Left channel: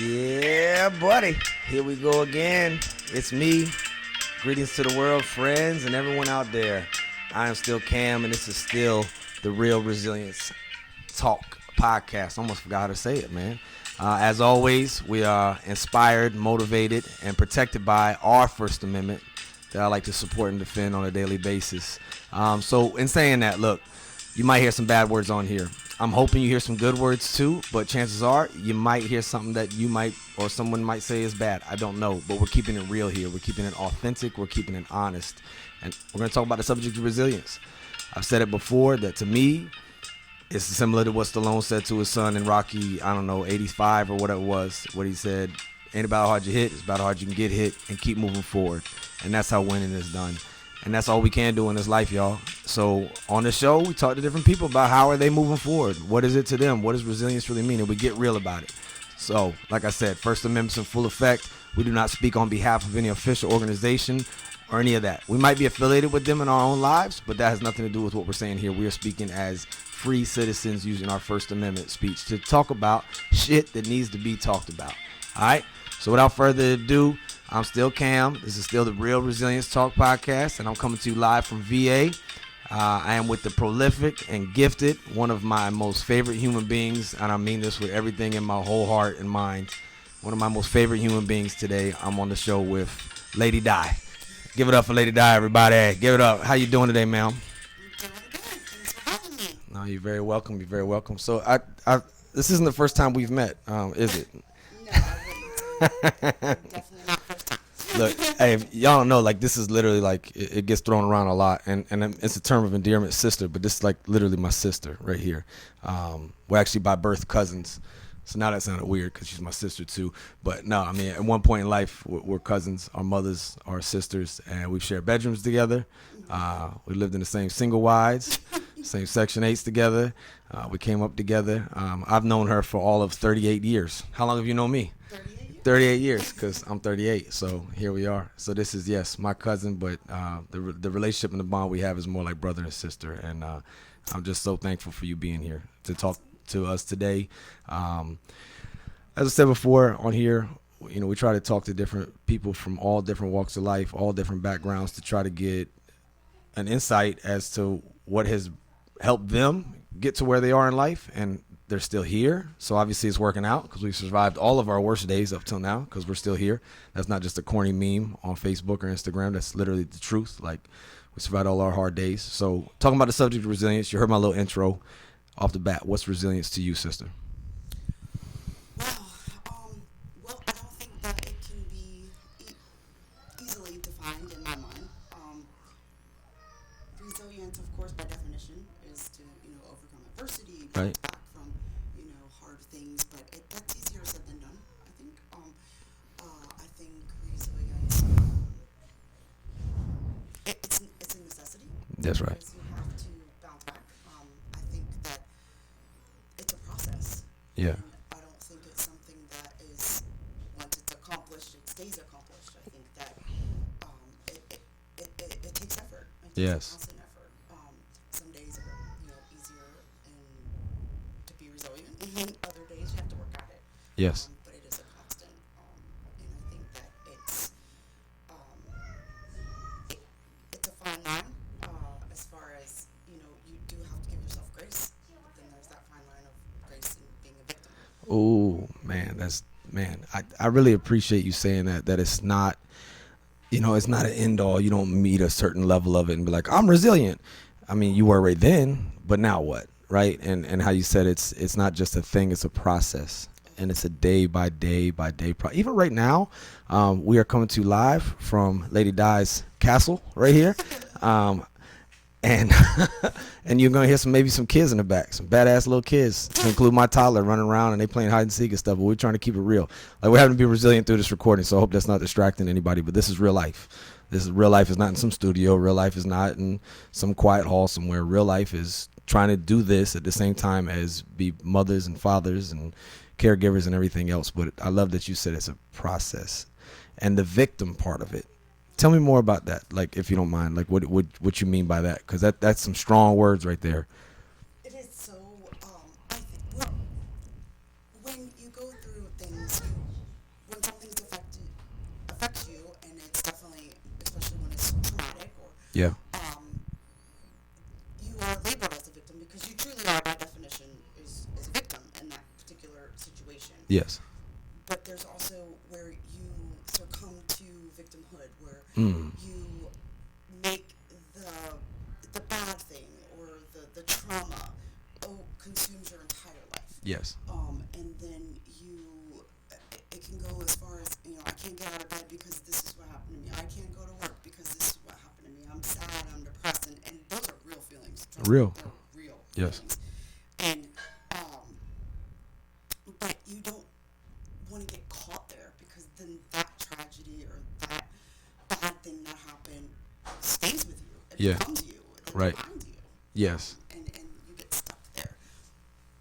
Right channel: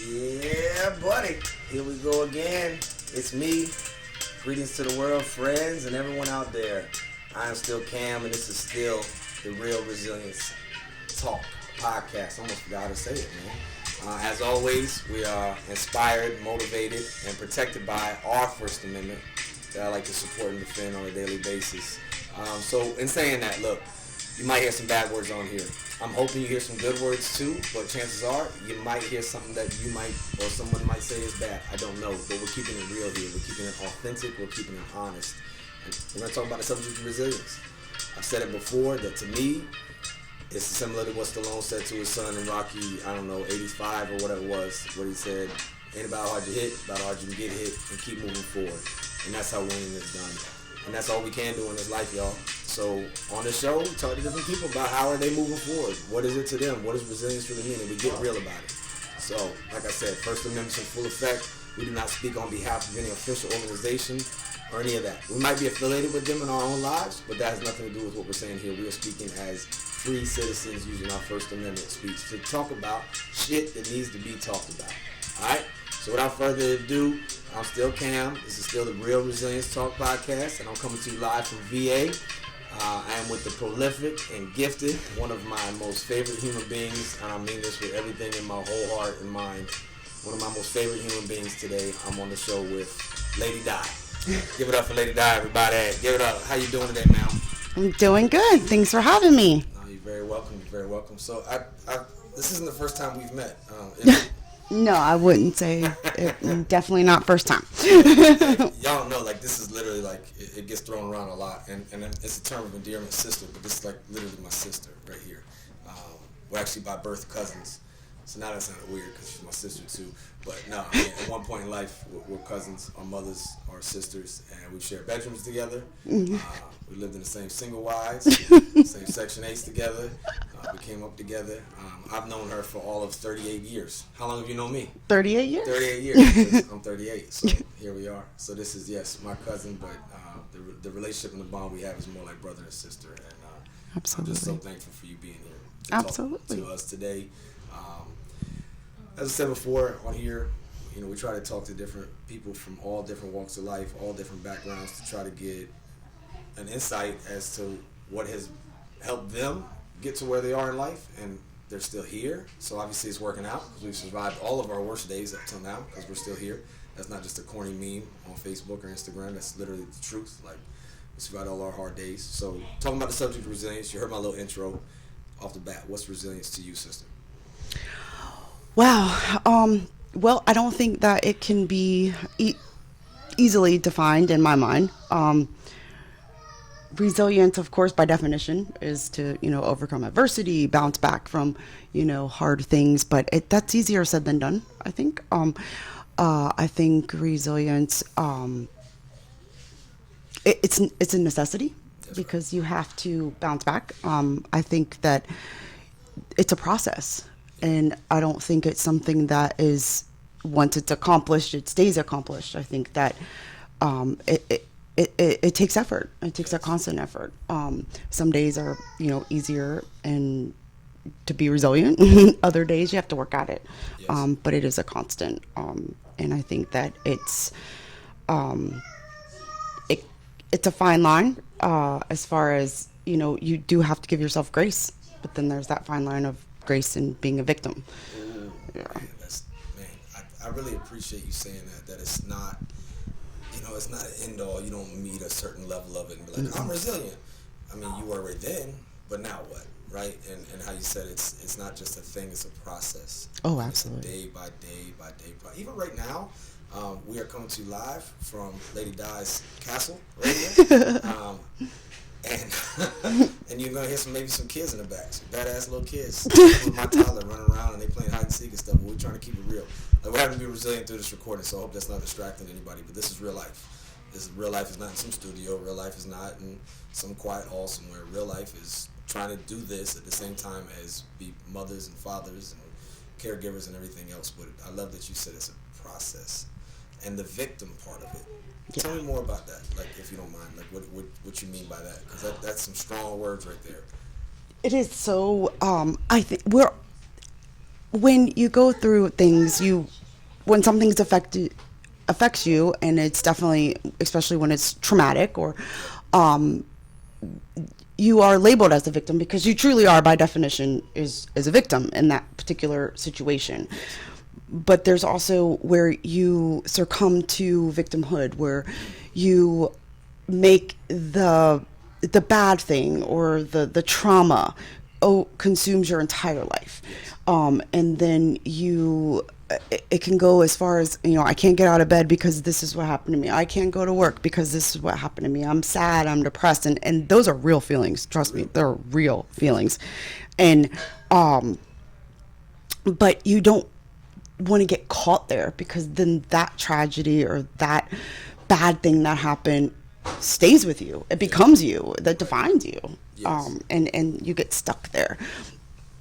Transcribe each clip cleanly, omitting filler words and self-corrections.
Yeah, buddy. Here we go again. It's me. Greetings to the world, friends, and everyone out there. I am still Cam, and this is still the Real Resilience Talk podcast. Almost forgot how to say it, man. As always, we are inspired, motivated, and protected by our First Amendment that I like to support and defend on a daily basis. So in saying that, look, you might hear some bad words on here. I'm hoping you hear some good words too, but chances are you might hear something that you might or someone might say is bad. I don't know, but we're keeping it real here. We're keeping it authentic. We're keeping it honest. And we're going to talk about the subject of resilience. I've said it before that to me, it's similar to what Stallone said to his son in Rocky, 85 or whatever it was, what he said, ain't about how hard you hit, it's about how hard you can get hit and keep moving forward. And that's how winning is done. And that's all we can do in this life, y'all. So on the show, we talk to different people about how are they moving forward. What is it to them? What does resilience really mean? And we get real about it. So, like I said, First Amendment's in full effect. We do not speak on behalf of any official organization or any of that. We might be affiliated with them in our own lives, but that has nothing to do with what we're saying here. We are speaking as free citizens using our First Amendment speech to talk about shit that needs to be talked about. All right? So without further ado, I'm still Cam. This is still the Real Resilience Talk podcast, and I'm coming to you live from VA. I am with the prolific and gifted, one of my most favorite human beings, and I mean this with everything in my whole heart and mind. One of my most favorite human beings today. I'm on the show with Lady Di. Give it up for Lady Di, everybody. Give it up. How you doing today, ma'am? I'm doing good. Thanks for having me. No, you're very welcome. You're very welcome. So this isn't the first time we've met. No, I wouldn't say it. Definitely not first time. Look, hey, y'all don't know, like, this is literally, like, it gets thrown around a lot, and it's a term of endearment, sister, but this is, like, literally my sister right here. We're actually by birth cousins, so now that sounded weird because she's my sister, too. But, no, I mean, at one point in life, we're cousins. Our mothers are sisters, and we've shared bedrooms together. We lived in the same single wides, same Section 8s together. We came up together. I've known her for all of 38 years. How long have you known me? 38 years? 38 years, because I'm 38, so here we are. So this is, yes, my cousin, but the relationship and the bond we have is more like brother and sister, and I'm just so thankful for you being here to talk to us today. As I said before on here, we try to talk to different people from all different walks of life, all different backgrounds, to try to get an insight as to what has helped them get to where they are in life, and they're still here. So obviously it's working out because we've survived all of our worst days up till now because we're still here. That's not just a corny meme on Facebook or Instagram. That's literally the truth. Like, we survived all our hard days. So talking about the subject of resilience, you heard my little intro off the bat. What's resilience to you, sister? Wow. Well, I don't think that it can be easily defined in my mind. Resilience, of course, by definition, is to, overcome adversity, bounce back from, hard things. But that's easier said than done, I think. I think resilience, it's a necessity. That's because right. You have to bounce back. I think that it's a process. Yeah. And I don't think it's something that is, once it's accomplished, it stays accomplished. I think that it takes effort. It takes a constant effort. Some days are, easier and to be resilient. Other days you have to work at it. Yes. But it is a constant. And I think that it's a fine line as far as, you do have to give yourself grace. But then there's that fine line of grace and being a victim. Ooh, man, I really appreciate you saying that it's not, it's not an end all. You don't meet a certain level of it and be like, I'm resilient. I mean, you were right then, but now what, right? And how you said it's not just a thing, it's a process. Oh, and absolutely. It's a day by day. Even right now, we are coming to you live from Lady Di's castle right here. And you're gonna hear maybe some kids in the back, some badass little kids, include my toddler running around and they playing hide and seek and stuff. But we're trying to keep it real. Like, we're having to be resilient through this recording, so I hope that's not distracting anybody. But this is real life. This is real life. Is not in some studio. Real life is not in some quiet hall somewhere. Real life is trying to do this at the same time as be mothers and fathers and caregivers and everything else. But I love that you said it's a process, and the victim part of it. Yeah. Tell me more about that, like, if you don't mind, like what you mean by that, because that's some strong words right there. It is so. I think when you go through things, when something's affects you, and it's definitely, especially when it's traumatic, or Yeah. you are labeled as a victim, because you truly are, by definition, is a victim in that particular situation. Yes. But there's also where you succumb to victimhood, where you make the bad thing, or the trauma consumes your entire life. Yes. And then it can go as far as, I can't get out of bed because this is what happened to me. I can't go to work because this is what happened to me. I'm sad, I'm depressed, and those are real feelings. Trust me, they're real feelings. And but you don't want to get caught there, because then that tragedy or that bad thing that happened stays with you. It becomes you, that defines you. Yes. And you get stuck there.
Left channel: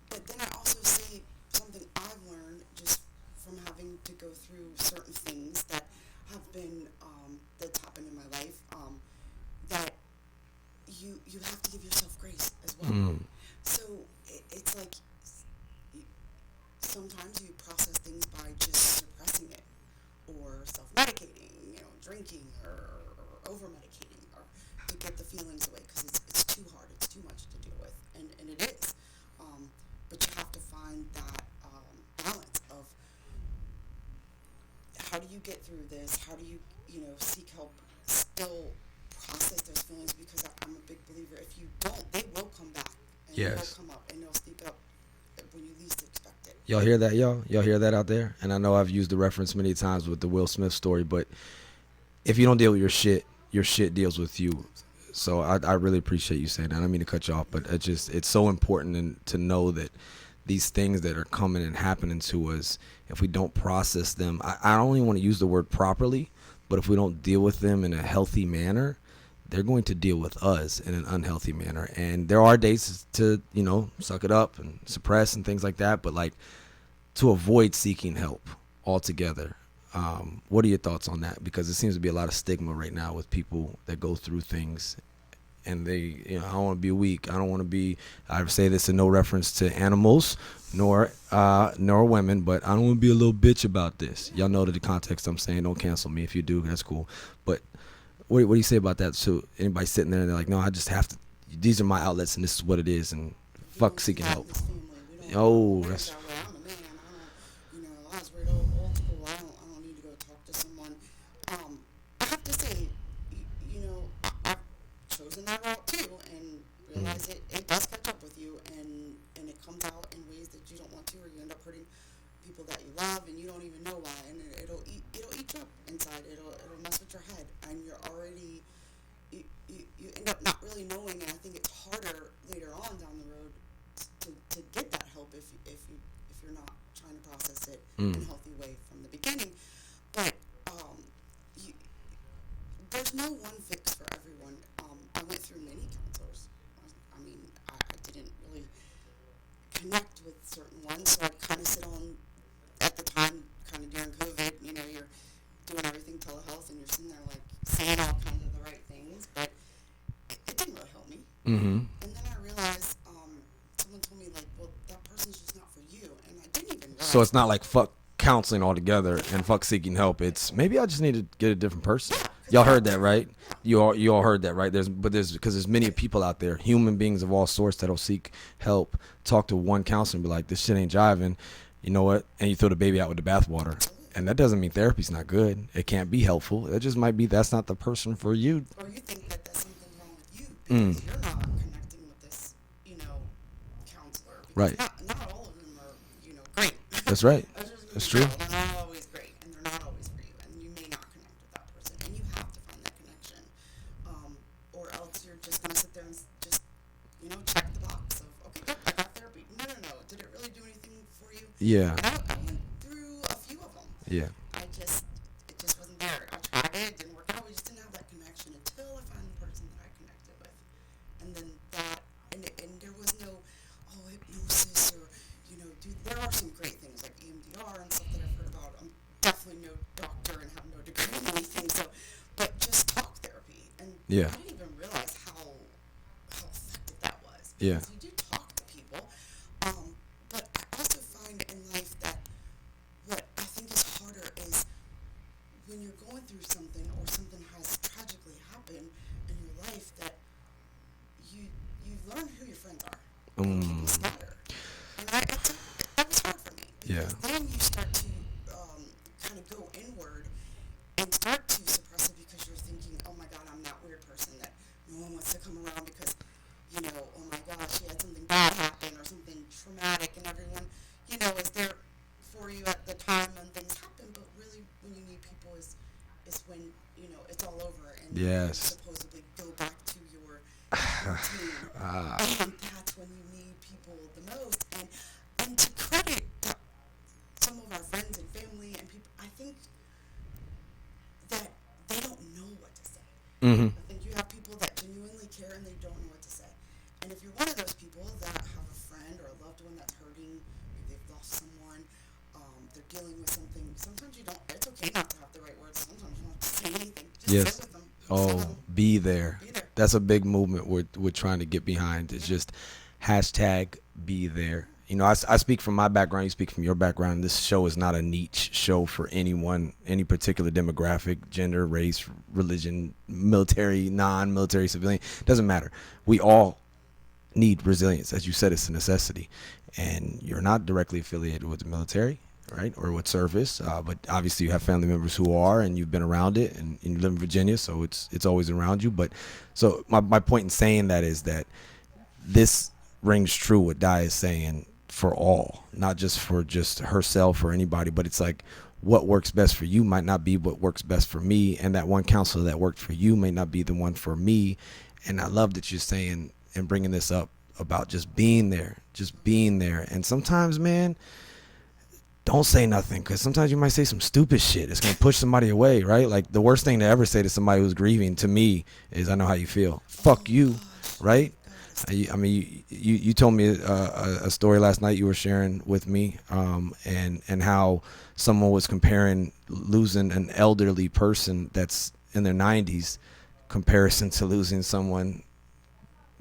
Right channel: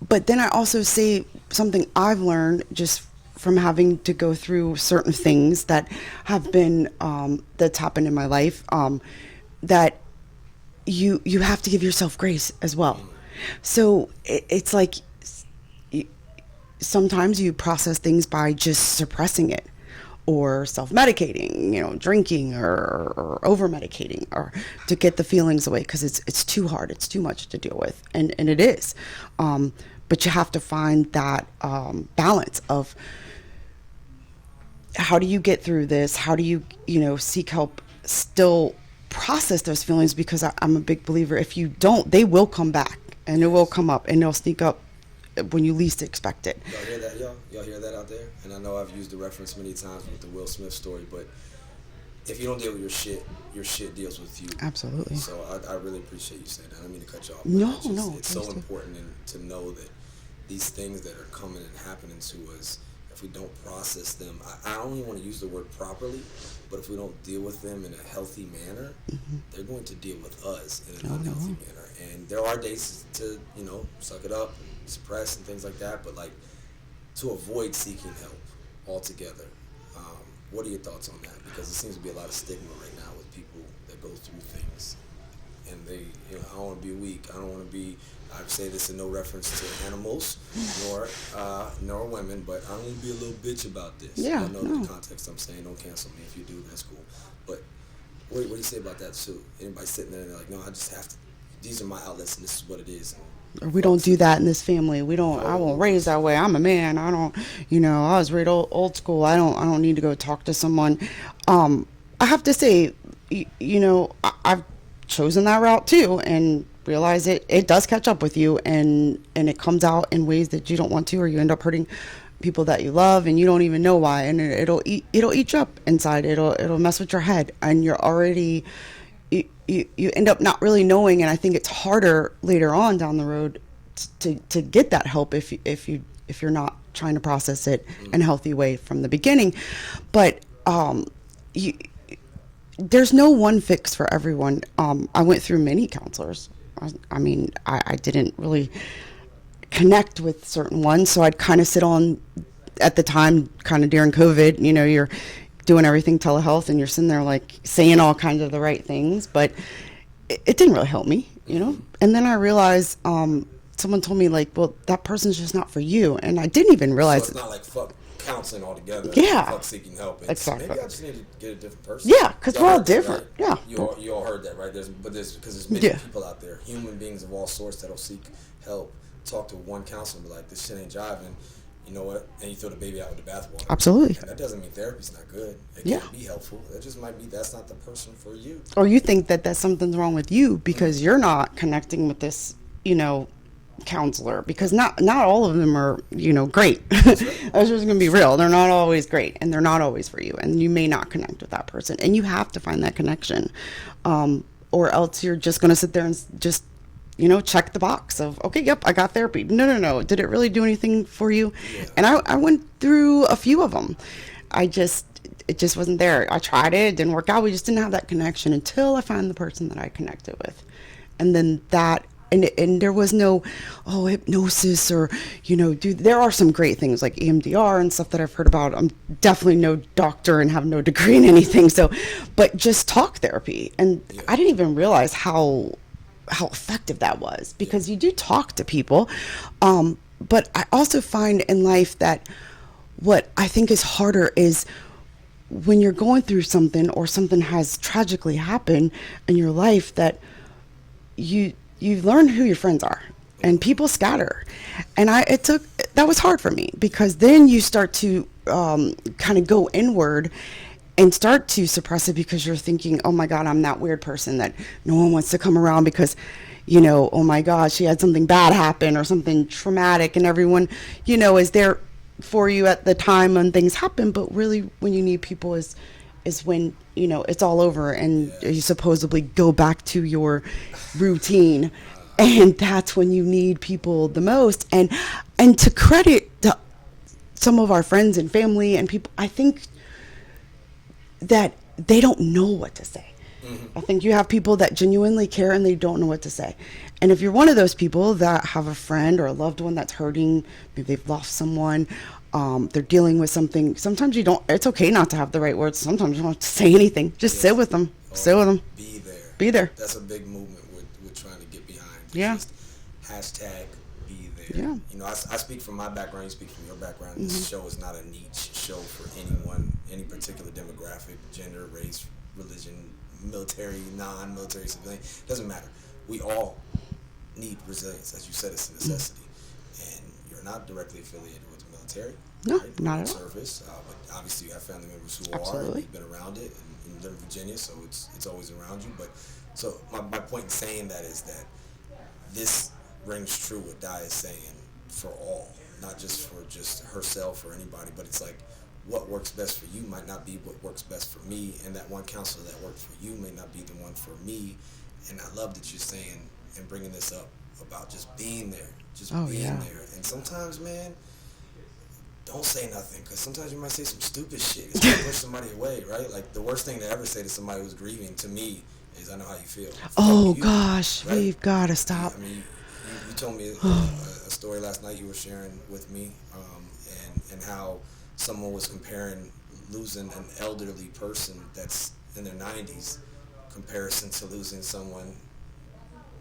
But then I also say something I've learned just from having to go through certain things that have been that's happened in my life, that you have to give yourself grace as well. So it's like, sometimes you process things by just suppressing it, or self-medicating, drinking, or over-medicating, or to get the feelings away, because it's too hard, it's too much to deal with, and it is. But you have to find that balance of, how do you get through this? How do you, seek help, still process those feelings? Because I'm a big believer, if you don't, they will come back, and it will come up, and they'll sneak up when you least expect it. Y'all hear that, y'all? Y'all hear that out there? And I know I've used the reference many times with the Will Smith story, but if you don't deal with your shit deals with you. Absolutely. So I really appreciate you saying that. I don't mean to cut you off, but it's so important to know that these things that are coming and happening to us, if we don't process them, I don't even want to use the word properly, but if we don't deal with them in a healthy manner, they're going to deal with us in an unhealthy manner. And there are days to, suck it up and suppress and things like that, but like, to avoid seeking help altogether. What are your thoughts on that? Because there seems to be a lot of stigma right now with people that go through things, and they, I don't want to be weak. I don't want to be, I say this in no reference to animals, nor women, but I don't want to be a little bitch about this. Yeah, y'all know the context I'm saying. Don't cancel me if you do. That's cool. But what do you say about that? So anybody sitting there and they're like, no, I just have to, these are my outlets and this is what it is. And we don't do that in this family. We don't. I won't raise that way. I'm a man. I don't. I was raised old school. I don't need to go talk to someone. I have to say, I've chosen that route too, and realize it does catch up with you, and it comes out in ways that you don't want to, or you end up hurting people that you love, and you don't even know why, and it'll eat you up inside. It'll mess with your head, and you're already. You end up not really knowing, and I think it's harder later on down the road to get that help if you're not trying to process it in a healthy way from the beginning. But there's no one fix for everyone. I went through many counselors. I didn't really connect with certain ones, so I'd kind of sit on, at the time, kind of during COVID, you're doing everything telehealth, and you're sitting there like saying all kinds of the right things, but it didn't really help me, And then I realized, someone told me, like, well, that person's just not for you, and I didn't even realize. So it's not like fuck counseling altogether. Yeah. Fuck seeking help. It's Exactly. maybe I just need to get a different person. Yeah, because y'all we're all heard that, different. right? Yeah. You all heard that, right? There's many people out there, human beings of all sorts, that'll seek help, talk to one counselor and be like, this shit ain't jiving. You know what? And you throw the baby out with the bathwater. Absolutely. And that doesn't mean therapy's not good. It can't be helpful. It just might be that's not the person for you. Or you think that something's wrong with you because you're not connecting with this, counselor, because not all of them are, great. That's right. I was just going to be real. They're not always great, and they're not always for you, and you may not connect with that person, and you have to find that connection, or else you're just going to sit there and just check the box of, okay, yep, I got therapy. No. Did it really do anything for you? Yeah. And I went through a few of them. Yeah. It just wasn't there. I tried it didn't work out. We just didn't have that connection until I found the person that I connected with. And then and there was no, hypnosis or, there are some great things like EMDR and stuff that I've heard about. I'm definitely no doctor and have no degree in anything. But just talk therapy. And I didn't even realize how effective that was, because you do talk to people. but I also find in life that what I think is harder is when you're going through something or something has tragically happened in your life, that you learn who your friends are, and people scatter. And it took, that was hard for me, because then you start to kind of go inward and start to suppress it, because you're thinking, oh my God, I'm that weird person that no one wants to come around because, oh my God, she had something bad happen or something traumatic, and everyone, is there for you at the time when things happen. But really, when you need people is when, it's all over, and you supposedly go back to your routine. And that's when you need people the most. And to credit some of our friends and family and people, I think that they don't know what to say. I think you have people that genuinely care and they don't know what to say. And if you're one of those people that have a friend or a loved one that's hurting, maybe they've lost someone, they're dealing with something, sometimes you don't, it's okay not to have the right words. Sometimes you don't have to say anything. Just sit with them. Sit with them. Be there. Be there. That's a big movement we're trying to get behind. It's just hashtag be there. I speak from my background, you speak from your background. This show is not a niche show for anyone, any particular demographic, gender, race, religion, military, non-military, civilian. Doesn't matter. We all need resilience. As you said, it's a necessity. And you're not directly affiliated with the military, right? Or with service, but obviously you have family members who are, and you've been around it, and you live in Virginia, so it's always around you. But so my point in saying that is that this rings true what Di is saying for all, not just for just herself or anybody, but it's like what works best for you might not be what works best for me, and that one counselor that worked for you may not be the one for me. And I love that you're saying and bringing this up about just being there, being there. And sometimes, man, don't say nothing, because sometimes you might say some stupid shit. It's going to push somebody away, right? Like, the worst thing to ever say to somebody who's grieving, to me, is, I know how you feel. Fuck you, gosh, right? You've got to stop. I mean, you told me a story last night you were sharing with me, and how someone was comparing losing an elderly person that's in their 90s comparison to losing someone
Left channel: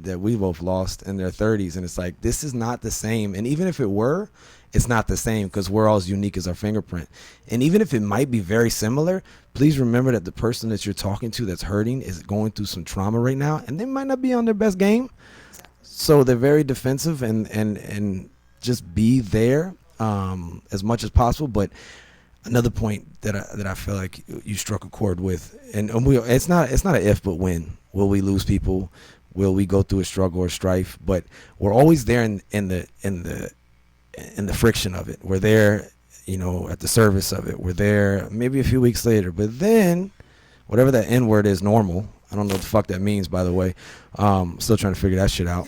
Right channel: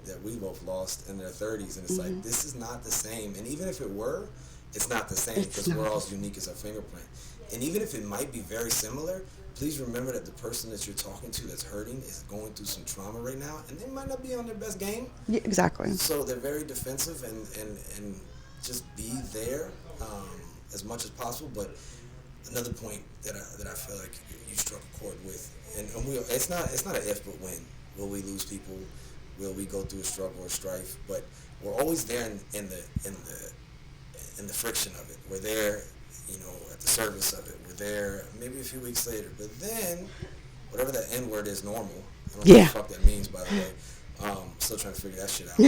that we both lost in their 30s. And it's like, this is not the same. And even if it were, it's not the same, because we're all as unique as our fingerprint. And even if it might be very similar, please remember that the person that you're talking to that's hurting is going through some trauma right now, and they might not be on their best game. Yeah, exactly. So they're very defensive, and just be there as much as possible. But another point that I feel like you struck a chord with, and it's not an if but when. Will we lose people? Will we go through a struggle or strife? But we're always there in the friction of it. We're there, at the service of it. We're there maybe a few weeks later. But then, whatever that N word is, normal. I don't know what the fuck that means, by the way. Still trying to figure that shit out,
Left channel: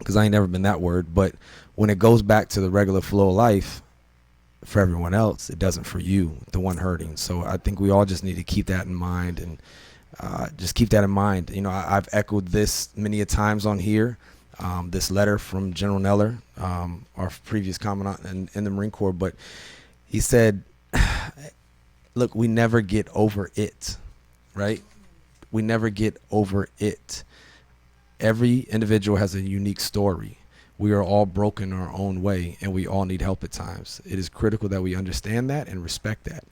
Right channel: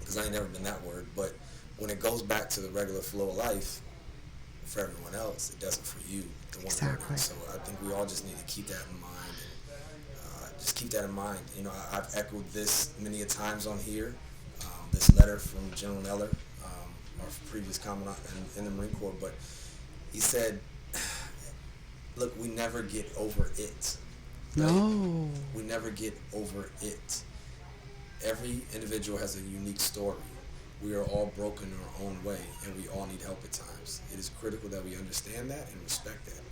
because I ain't never been that word. But when it goes back to the regular flow of life, for everyone else, it doesn't for you, the one hurting. So I think we all just need to keep that in mind, and just keep that in mind. I've echoed this many a times on here. This letter from General Neller, our previous commandant in the Marine Corps, but he said, look, we never get over it, right? Oh. We never get over it. Every individual has a unique story. We are all broken in our own way, and we all need help at times. It is critical that we understand that and respect that.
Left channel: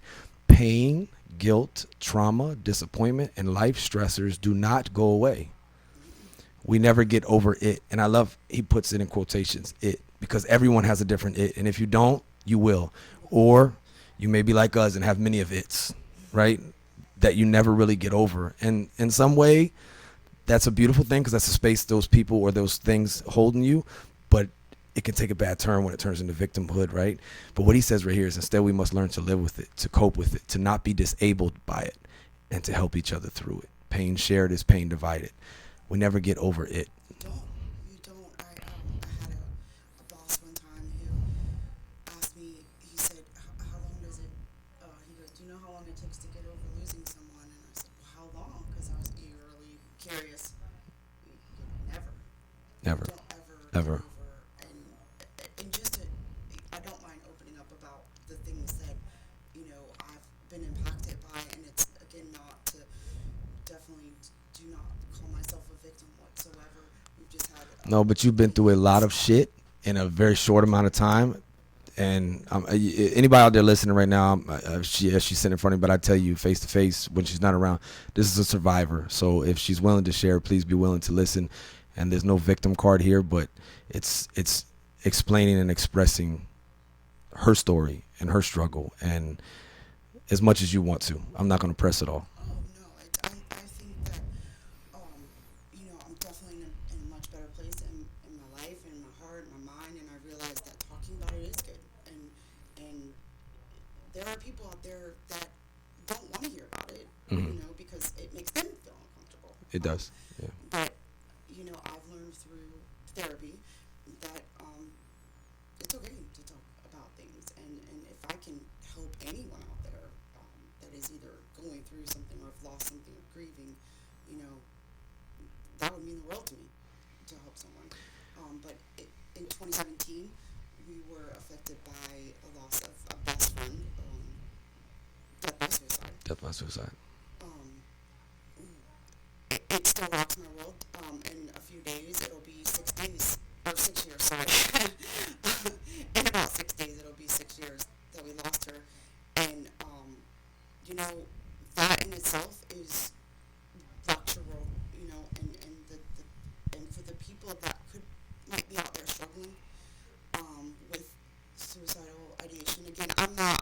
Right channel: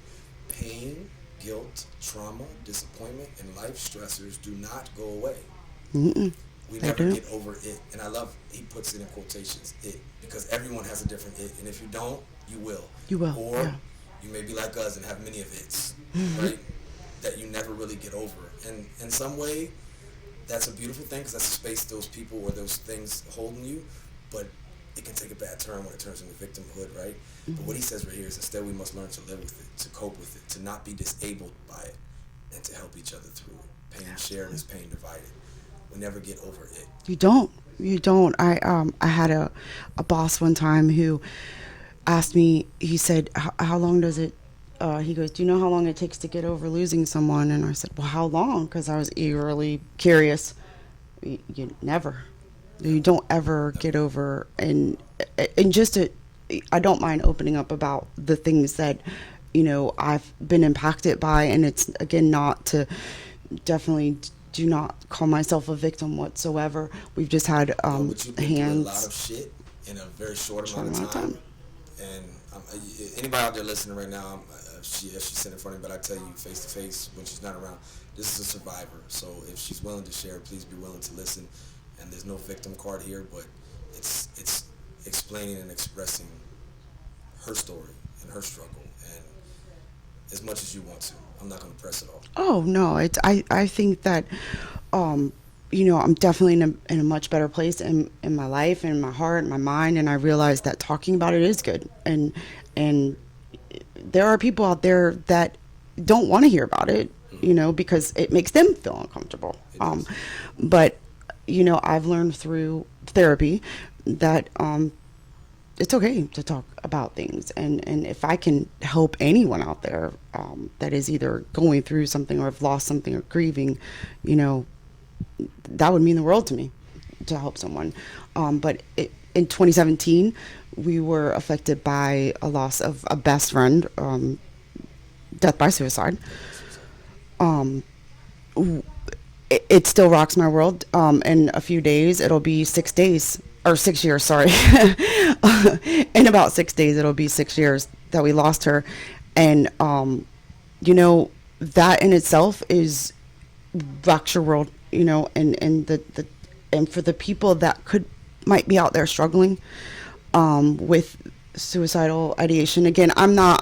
Pain, guilt, trauma, disappointment, and life stressors do not go away. We never get over it. And I love, he puts it in quotations, it, because everyone has a different it. And if you don't, you will. You will. Or you may be like us and have many of its, right? That you never really get over. And in some way, that's a beautiful thing, because that's a space those people or those things holding you. But it can take a bad turn when it turns into victimhood, right? But what he says right here is, instead we must learn to live with it, to cope with it, to not be disabled by it, and to help each other through it. Pain shared is pain divided. We never get over it. You don't. I had a boss one time who asked me, he said, how long does it, he goes, do you know how long it takes to get over losing someone? And I said, well, how long? Because I was eagerly curious. You never. You don't ever get over. And just I don't mind opening up about the things that, I've been impacted by. And it's, again, not to, definitely do not call myself a victim whatsoever. We've just had no, but you've been through a lot of shit, in a very short amount of time. And anybody out there listening right now, she's sitting in front of me, but I tell you face to face when she's not around, this is a survivor. So if she's willing to share, please be willing to listen. And there's no victim card here, but it's explaining and expressing her story and her struggle, and as much as you want to. I'm not going to press it all. Oh no, I think that I'm definitely in a much better place in my life and my heart and my mind, and I realize that talking about it is good, and there are people out there that don't want to hear about it, because it makes them feel uncomfortable. It does. But I've learned through therapy that it's okay to talk about things, and if I can help anyone out there that is either going through something or have lost something or grieving, that would mean the world to me to help someone. But in 2017, we were affected by a loss of a best friend, death by suicide. It still rocks my world. In a few days, it'll be 6 days, or 6 years, sorry. In about 6 days, it'll be 6 years that we lost her. And, that in itself rocks your world, and for the people that might be out there struggling with suicidal ideation. Again, I'm not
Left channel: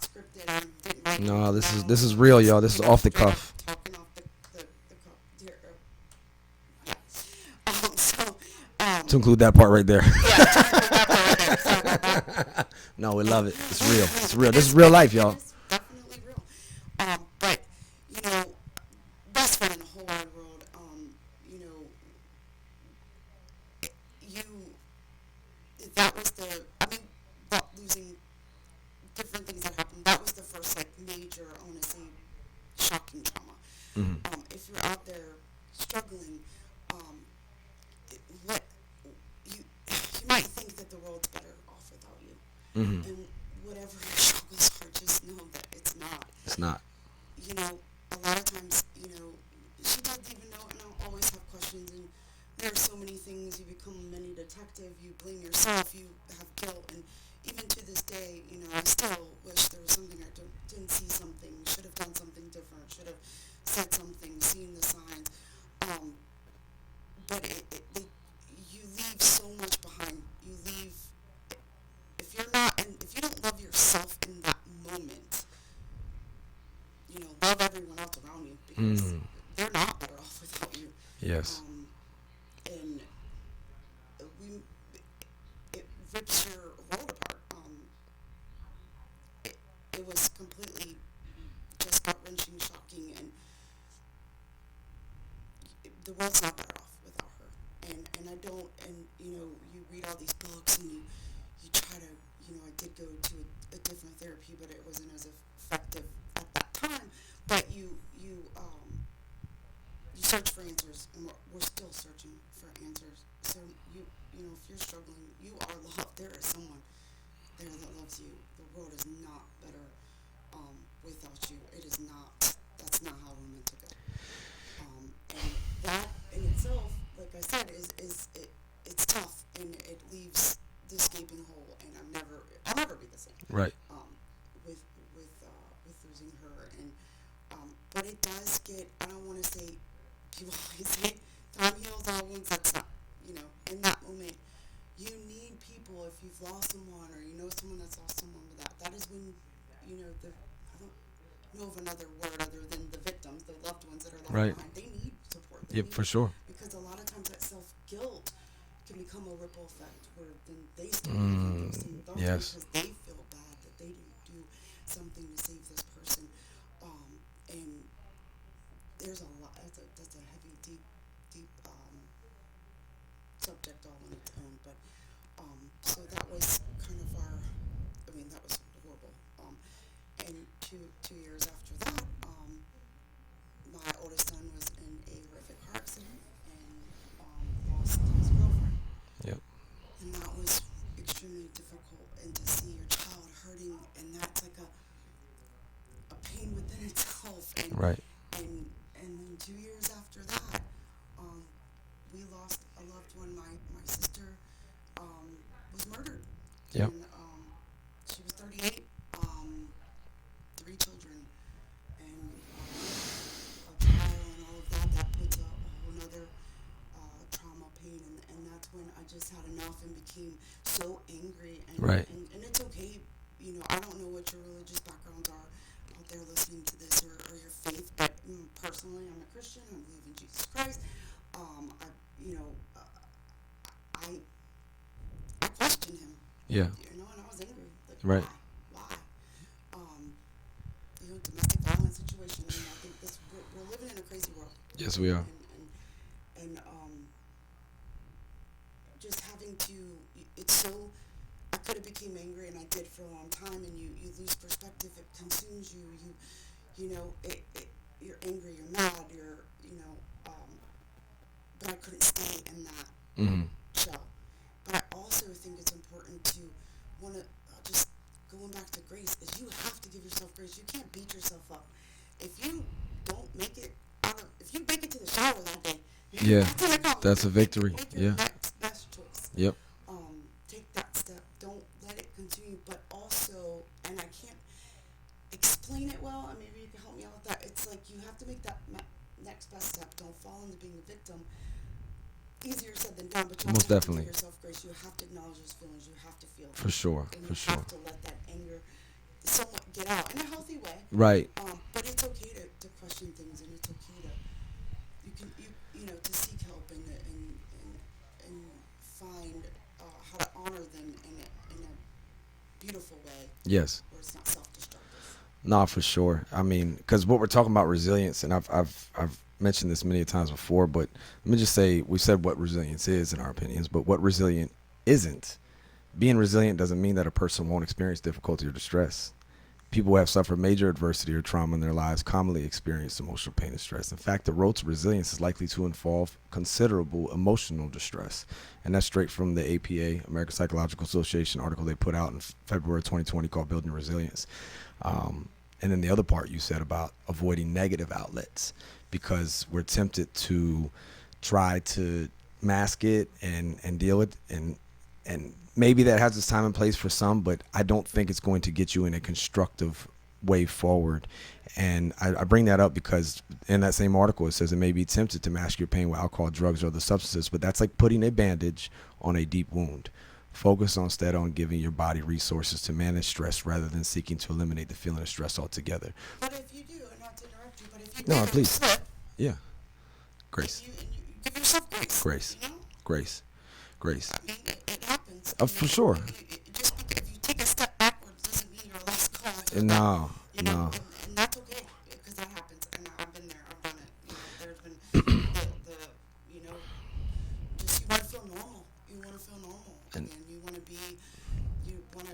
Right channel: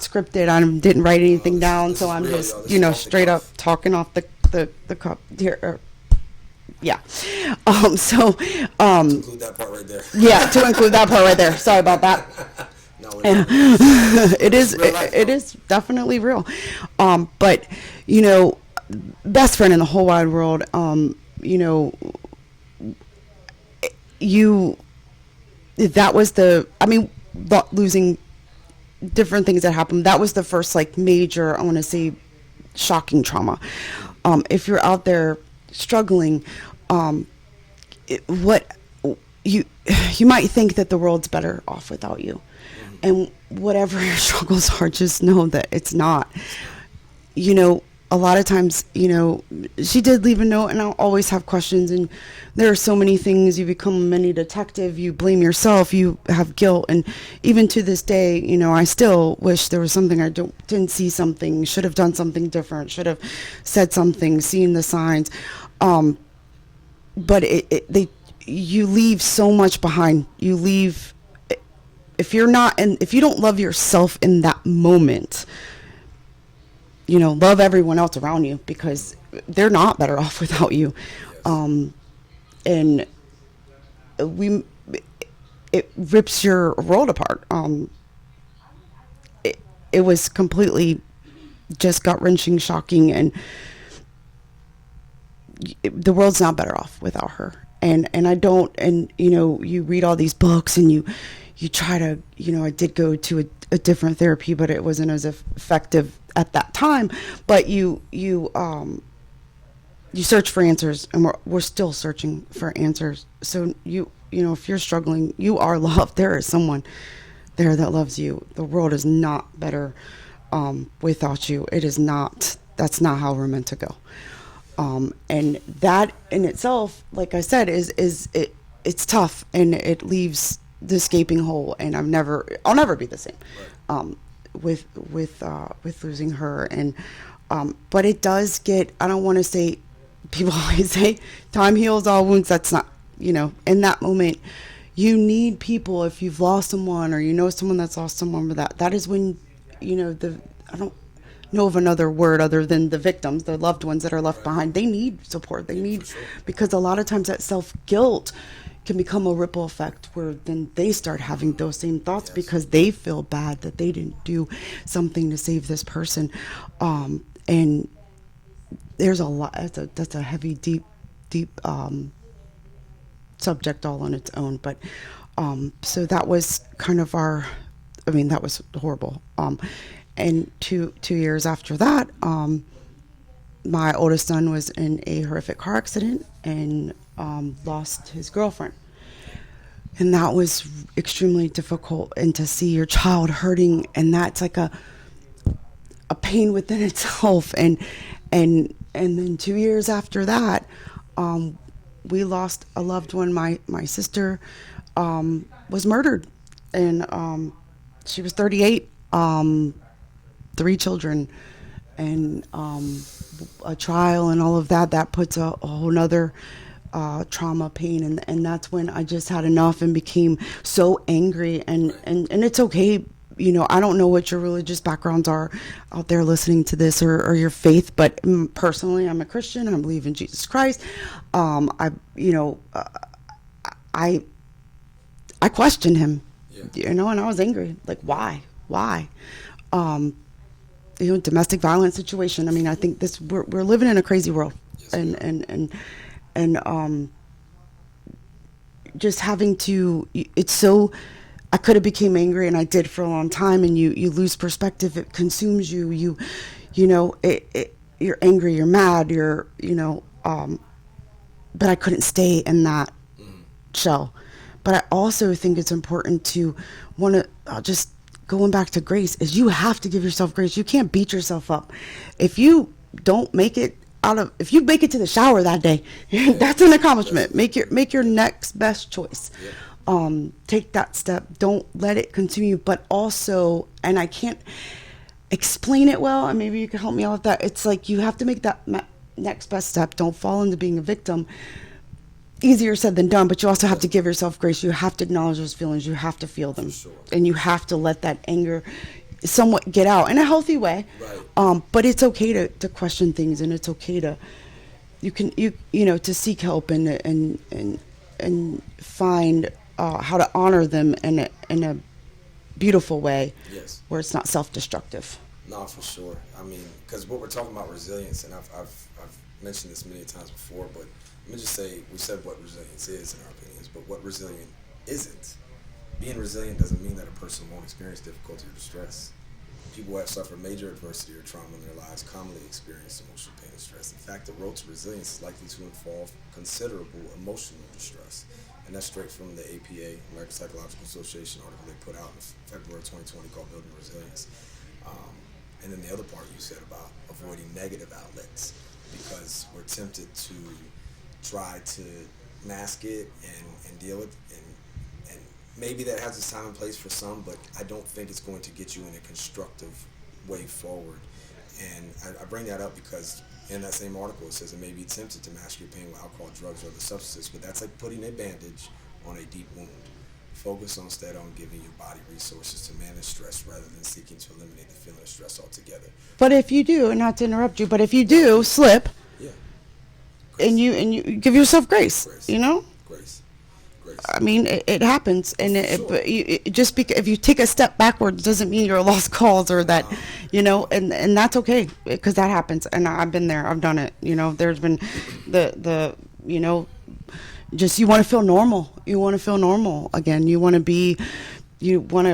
scripted. I didn't write anything down. This so is I'm real, just, y'all. This is off the straight up cuff. talking off the cup here. Yeah. To include that part right there. Yeah, to include that part right there. Sorry about that. No, it is real life, y'all. It is definitely real. But best friend in the whole wide world. Losing different things that happened. That was the first major, I want to say, shocking trauma. If you're out there struggling, you might think that the world's better off without you. And whatever your struggles are, just know that it's not. It's not. A lot of times, she did leave a note, and I'll always have questions, and there are so many things. You become a mini detective, you blame yourself, you have guilt, and even to this day, I still wish there was something I didn't see, something, should have done something different, should have said something, seen the signs. But you leave so much behind. You leave, if you don't love yourself in that moment, love everyone else around you, because they're not better off without you. Yes. And it rips your world apart. It was completely just gut-wrenching, shocking, and the world's not better off without her. And you read all these books, and you try to, I did go to a different therapy, but it wasn't as effective at that time. But you search for answers, and we're still searching for answers. So if you're struggling, you are loved. There is someone there that loves you. The world is not better without you. It is not. That's not how we're meant to go. And that in itself, like I said, it's tough, and it leaves this gaping hole. And I'll never be the same. Right. With losing her, and but it does get. I don't want to say. People always say time heals all wounds. That's not. In that moment, you need people. If you've lost someone, or someone that's lost someone, that is when, I don't know of another word other than the victims, the loved ones that are left Right. behind. They need support. They need, for sure. because a lot of times that self-guilt can become a ripple effect, where then they start having those same thoughts, Yes. because they feel bad that they didn't do something to save this person. And there's a lot. That's a heavy, deep subject all on its own. But so that was kind of that was horrible. And two years after that, my oldest son was in a horrific car accident and lost his girlfriend. Yeah. And that was extremely difficult. And to see your child hurting, and that's like a pain within itself. And Right. and then 2 years after that, we lost a loved one. My sister was murdered, and she was 38, 3 children, and a trial and all of that. That puts a whole nother trauma, pain, and that's when I just had enough and became so angry. And Right. and it's okay. I don't know what your religious backgrounds are out there listening to this, or your faith, but personally, I'm a Christian. I believe in Jesus Christ. I questioned him. Yeah. And I was angry. Like, why? Domestic violence situation. I mean, I think we're living in a crazy world. Yes, and, we are. and just having to, it's so, I could have became angry, and I did for a long time, and you lose perspective. It consumes you. You're angry, you're mad, but I couldn't stay in that shell. But I also think it's important to just going back to grace, is you have to give yourself grace. You can't beat yourself up. If you don't make it if you make it to the shower that day, that's an accomplishment. Make your next best choice. Yep. Take that step. Don't let it consume you. But also, and I can't explain it well, and maybe you can help me out with that. It's like you have to make that next best step. Don't fall into being a victim. Easier said than done, but you also have to give yourself grace. You have to acknowledge those feelings. You have to feel them. For sure. And you have to let that anger somewhat get out in a healthy way. Right. But it's okay to question things, and it's okay to to seek help and find how to honor them in a beautiful way. Yes. Where it's not self-destructive. No, for sure. I mean, because what we're talking about resilience, and I've mentioned this many times before, but let me just say, we said what resilience is in our opinions, but what resilient isn't. Being resilient doesn't mean that a person won't experience difficulty or distress. People who have suffered major adversity or trauma in their lives commonly experience emotional pain and stress. In fact, the road to resilience is likely to involve considerable emotional distress. And that's straight from the APA, American Psychological Association article they put out in February 2020 called Building Resilience. And then the other part you said about avoiding negative outlets, because we're tempted to try to mask it and deal with it, and maybe that has its time and place for some, but I don't think it's going to get you in a constructive way forward. And I bring that up because in that same article it says it may be tempted to mask your pain with alcohol, drugs, or other substances, but that's like putting a bandage on a deep wound. Focus instead on giving your body resources to manage stress rather than seeking to eliminate the feeling of stress altogether. But if you do, and not to interrupt you, but if you do slip, grace. and you give yourself grace. Grace. I mean, it happens, and just because if you take a step backwards doesn't mean you're a lost cause, or and that's okay, because that happens, and I've been there, I've done it. There's been just you want to feel normal. You want to feel normal again. You want to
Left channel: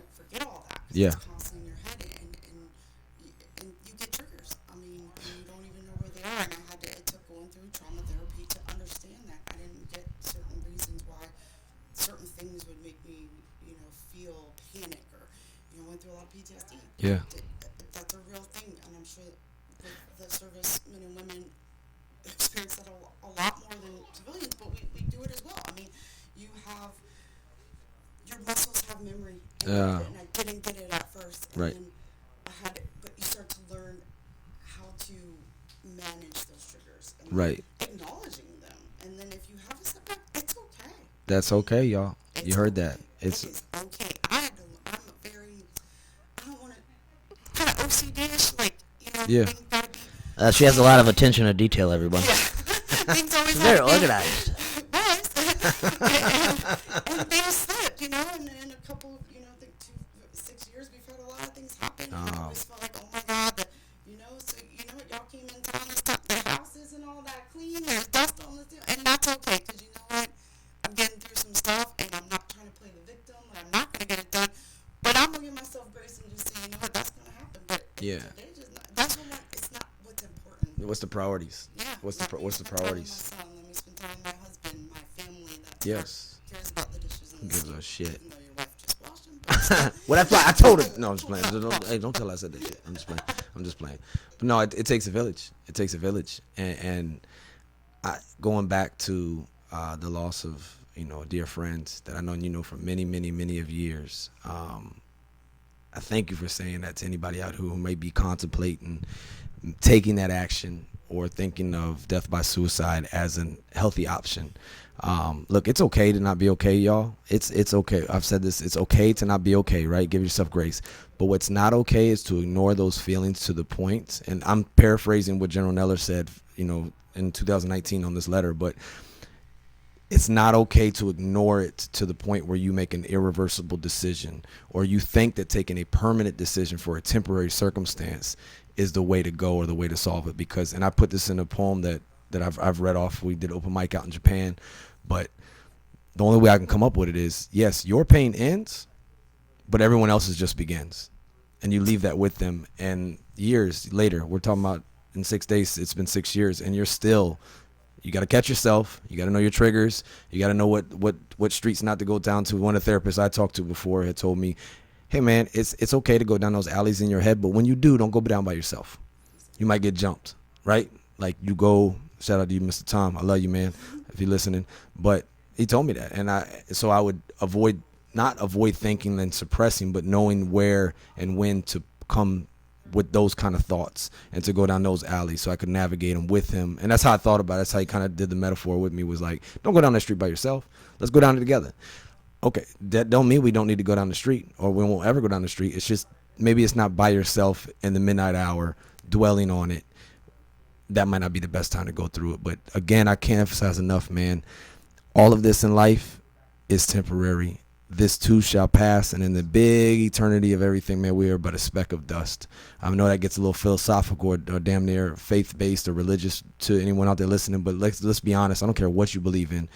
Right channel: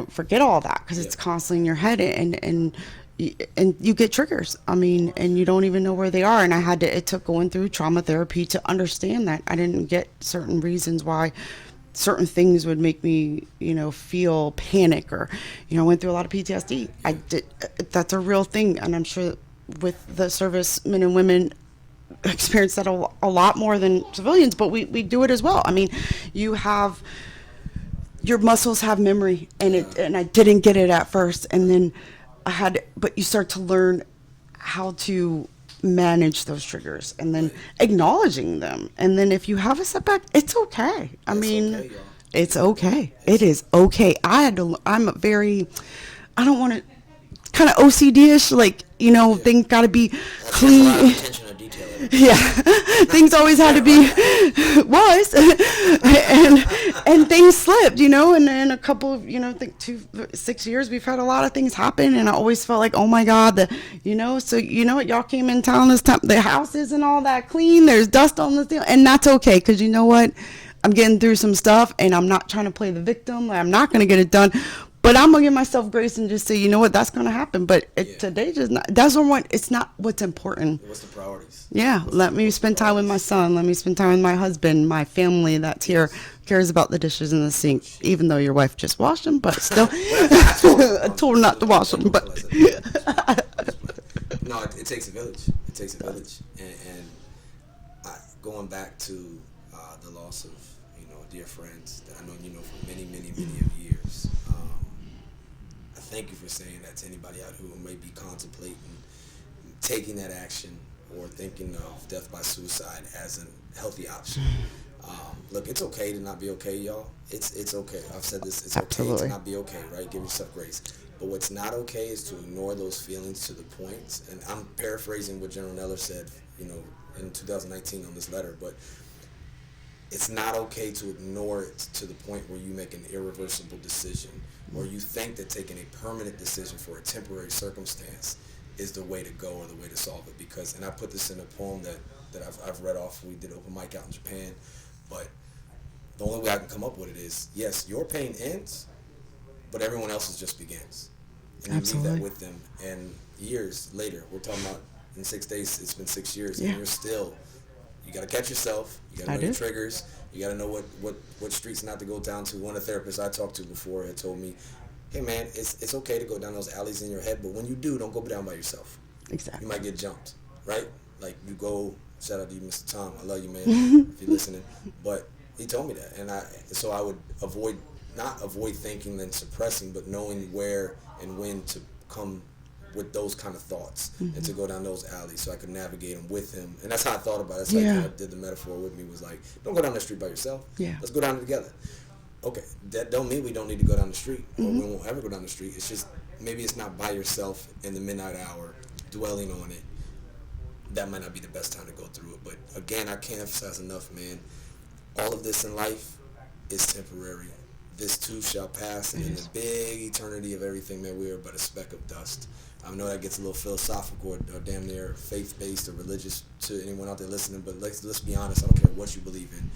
forget all that because it's constantly in your head, and you get triggers. I mean, and you don't even know where they are. And it took going through trauma therapy to understand that I didn't get certain reasons why certain things would make me, feel panic, or, I went through a lot of PTSD. Yeah. That's a real thing. And I'm sure with the servicemen and women experience that a lot more than civilians, but we do it as well. I mean, your muscles have memory, and I didn't get it at first. And then but you start to learn how to manage those triggers, and then acknowledging them. And then if you have a setback, it's okay. That's okay, y'all. It's okay. It is okay. I don't want to, kind of OCD-ish, things got to be she has a lot of attention to detail, everybody. Yeah. Things always had to be and things slipped, and in a couple of, I think 6 years, we've had a lot of things happen, and I always felt like, oh my God, so what, y'all came in town this time, the house isn't all that clean, there's dust on the ceiling, and that's okay, because you know what, I'm getting through some stuff, and I'm not trying to play the victim, I'm not going to get it done. But I'm going to give myself grace and just say, you know what, that's going to happen. But today, it's not what's important. What's the priorities? Yeah. Let me spend time with my son. Let me spend time with my husband, my family that's here, cares about the dishes in the sink, even though your wife just washed them. But still, I told her not to wash them. But I'm just playing. No, it takes a village. It takes a village. And going back to the loss of, dear friends that I know for many, many, many of years. I thank you for saying that to anybody out who may be contemplating taking that action or thinking of death by suicide as a healthy option. Look, it's okay to not be okay, y'all. It's okay. I've said this. It's okay to not be okay, right? Give yourself grace. But what's not okay is to ignore those feelings to the point, and I'm paraphrasing what General Neller said, in 2019 on this letter, but it's not okay to ignore it to the point where you make an irreversible decision or you think that taking a permanent decision for a temporary circumstance is the way to go or the way to solve it. Because, and I put this in a poem that I've read off. We did open mic out in Japan, but the only way I can come up with it is, yes, your pain ends, but everyone else's just begins. And you leave that with them. And years later, we're talking about in 6 days, it's been 6 years, and you're still, you got to catch yourself. You got to know your triggers. You got to know what streets not to go down to. One of the therapists I talked to before had told me, hey, man, it's okay to go down those alleys in your head, but when you do, don't go down by yourself. Exactly. You might get jumped, right? Like you go, shout out to you, Mr. Tom. I love you, man, if you're listening. But he told me that. And so I would not avoid thinking and suppressing, but knowing where and when to come with those kind of thoughts and to go down those alleys so I could navigate them with him. And that's how I thought about it. That's how he kind of did the metaphor with me, was like, don't go down that street by yourself. Yeah. Let's go down it together. Okay, that don't mean we don't need to go down the street or we won't ever go down the street. It's just maybe it's not by yourself in the midnight hour dwelling on it. That might not be the best time to go through it. But again, I can't emphasize enough, man. All of this in life is temporary. This too shall pass, and in the big eternity of everything, man, we are but a speck of dust. I know that gets a little philosophical or damn near faith-based or religious to anyone out there listening, but let's be honest. I don't care what you believe in.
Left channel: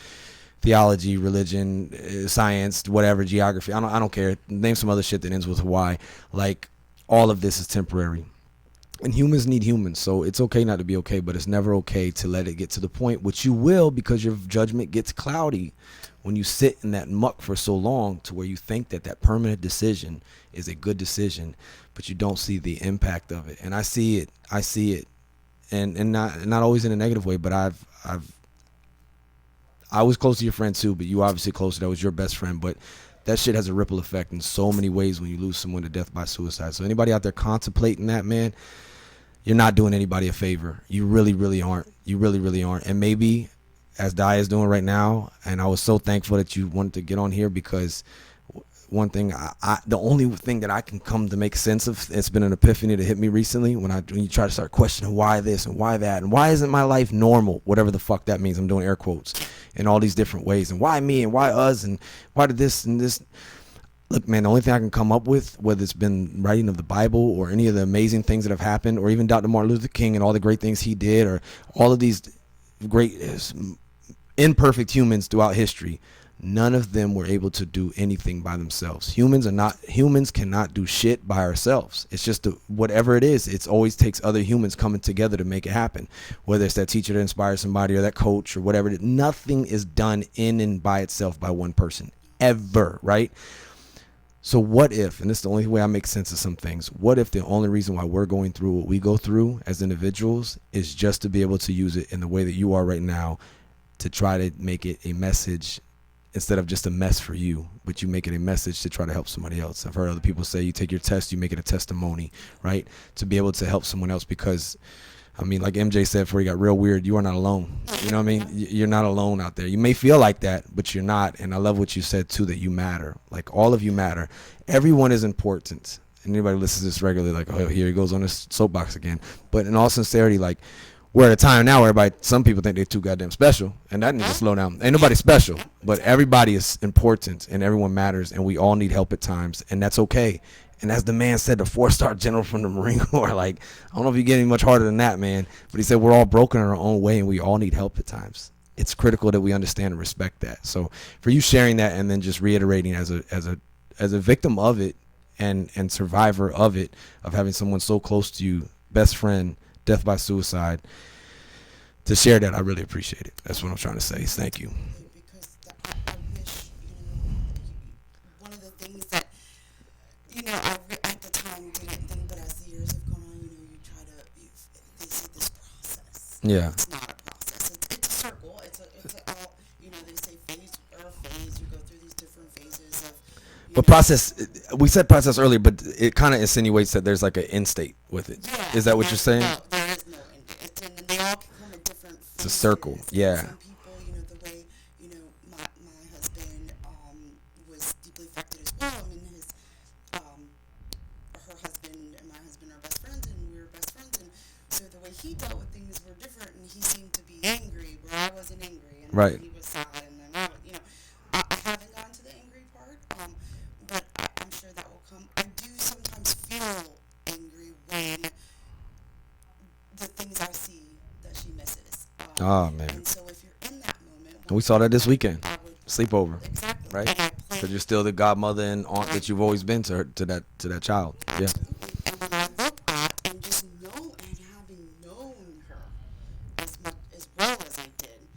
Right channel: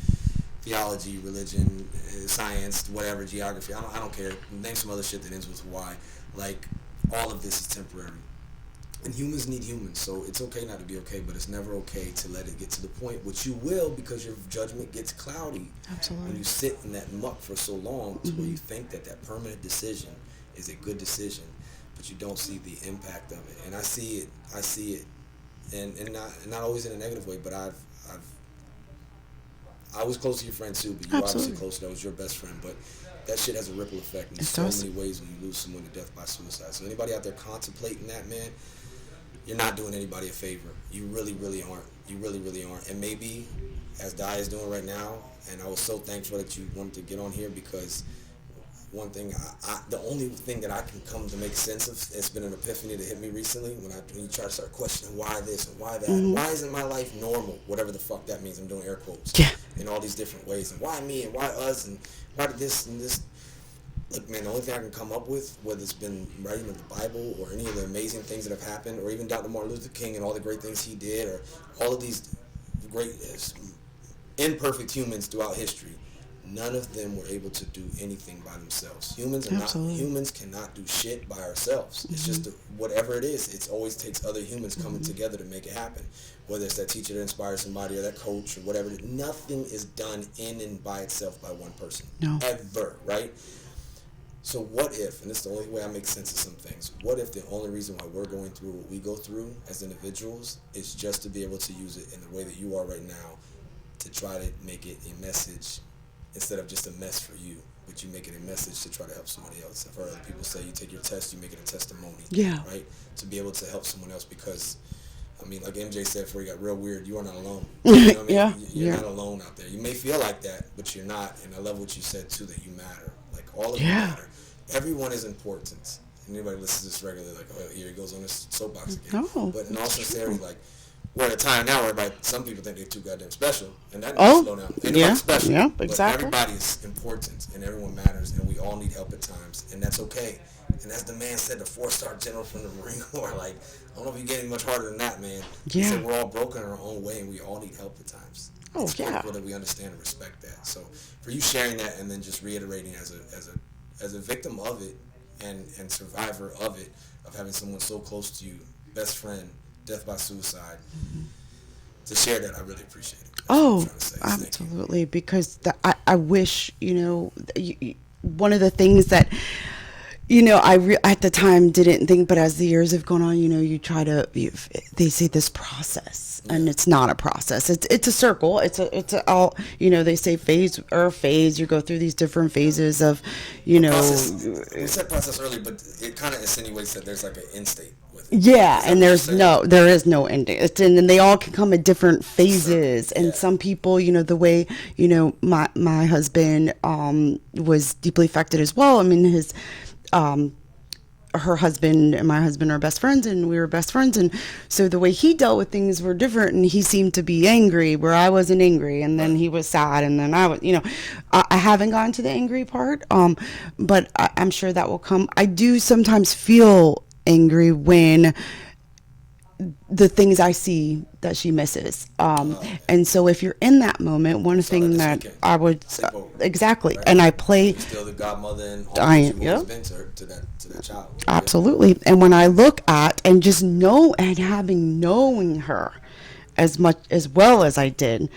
Theology, religion, science, whatever, geography. I don't care. Name some other shit that ends with Y. Like, all of this is temporary. And humans need humans, so it's okay not to be okay, but it's never okay to let it get to the point, which you will, because your judgment gets cloudy. Absolutely. When you sit in that muck for so long to where you think that permanent decision is a good decision, but you don't see the impact of it. And I see it, and not always in a negative way, but I was close to your friend too, but you obviously closer. That was your best friend, but that shit has a ripple effect in so many ways when you lose someone to death by suicide. So anybody out there contemplating that, man, you're not doing anybody a favor. You really, really aren't. You really, really aren't. And maybe, as Di is doing right now, and I was so thankful that you wanted to get on here, because one thing, the only thing that I can come to make sense of, it's been an epiphany that hit me recently when you try to start questioning why this and why that, and why isn't my life normal, whatever the fuck that means. I'm doing air quotes in all these different ways, and why me and why us and why did this and this. Look, man, the only thing I can come up with, whether it's been writing of the Bible or any of the amazing things that have happened, or even Dr. Martin Luther King and all the great things he did, or all of these great imperfect humans throughout history, none of them were able to do anything by themselves. Humans cannot do shit by ourselves. It's just whatever it is, it always takes other humans coming together to make it happen. Whether it's that teacher that inspires somebody or that coach or whatever it is, nothing is done in and by itself by one person. No. Ever, right? So what if, and this is the only way I make sense of some things, what if the only reason why we're going through what we go through as individuals is just to be able to use it in the way that you are right now, to try to make it a message instead of just a mess for you, but you make it a message to try to help somebody else. I've heard other people say you take your test, you make it a testimony, right? To be able to help someone else, because, I mean, like MJ said before he got real weird, you are not alone. You know what I mean? You're not alone out there. You may feel like that, but you're not. And I love what you said, too, that you matter. Like, all of you matter. Everyone is important. And anybody listens to this regularly, like, oh, here he goes on this soapbox again. No. But in all sincerity, like, we're at a time now where some people think they're too goddamn special, and that needs to slow down. Ain't nobody special, but everybody is important, and everyone matters, and we all need help at times, and that's okay. And as the man said, the 4-star general from the Marine Corps, like, I don't know if you get any much harder than that, man. He said we're all broken in our own way, and we all need help at times. It's critical that we understand and respect that. So for you sharing that, and then just reiterating as a victim of it and survivor of it, of having someone so close to you, best friend, death by suicide, to share that, I really appreciate it. That's what I'm trying to say. Thank you. Absolutely, because I wish, one of the things that, at the time didn't think, but as the years have gone on, you try to, they say this process, and Yeah. it's not a process. It's a circle. It's a all, they say phase. You go through these different phases of, But process, we said process earlier, but it kind of insinuates that there's like an end state with it. Yeah, Is that and what you're there's saying? there is no ending. And they all can come at different circle, phases. yeah. And some people, the way, my husband was deeply affected as well. I mean, her husband and my husband are best friends, and we were best friends, and so the way he dealt with things were different, and he seemed to be angry where I wasn't angry, and then Right. he was sad, and then I was, I haven't gotten to the angry part, but I'm sure that will come. I do sometimes feel angry when the things I see that she misses. Oh, man. And so if you're in that moment, one We saw thing that this weekend. I would Sleepover. exactly, Right? and I 'Cause play you're still the godmother and all I- that you've always yep. been to her, to that child. Yeah. absolutely. And when I look at and just know and knowing her as much as well as I did,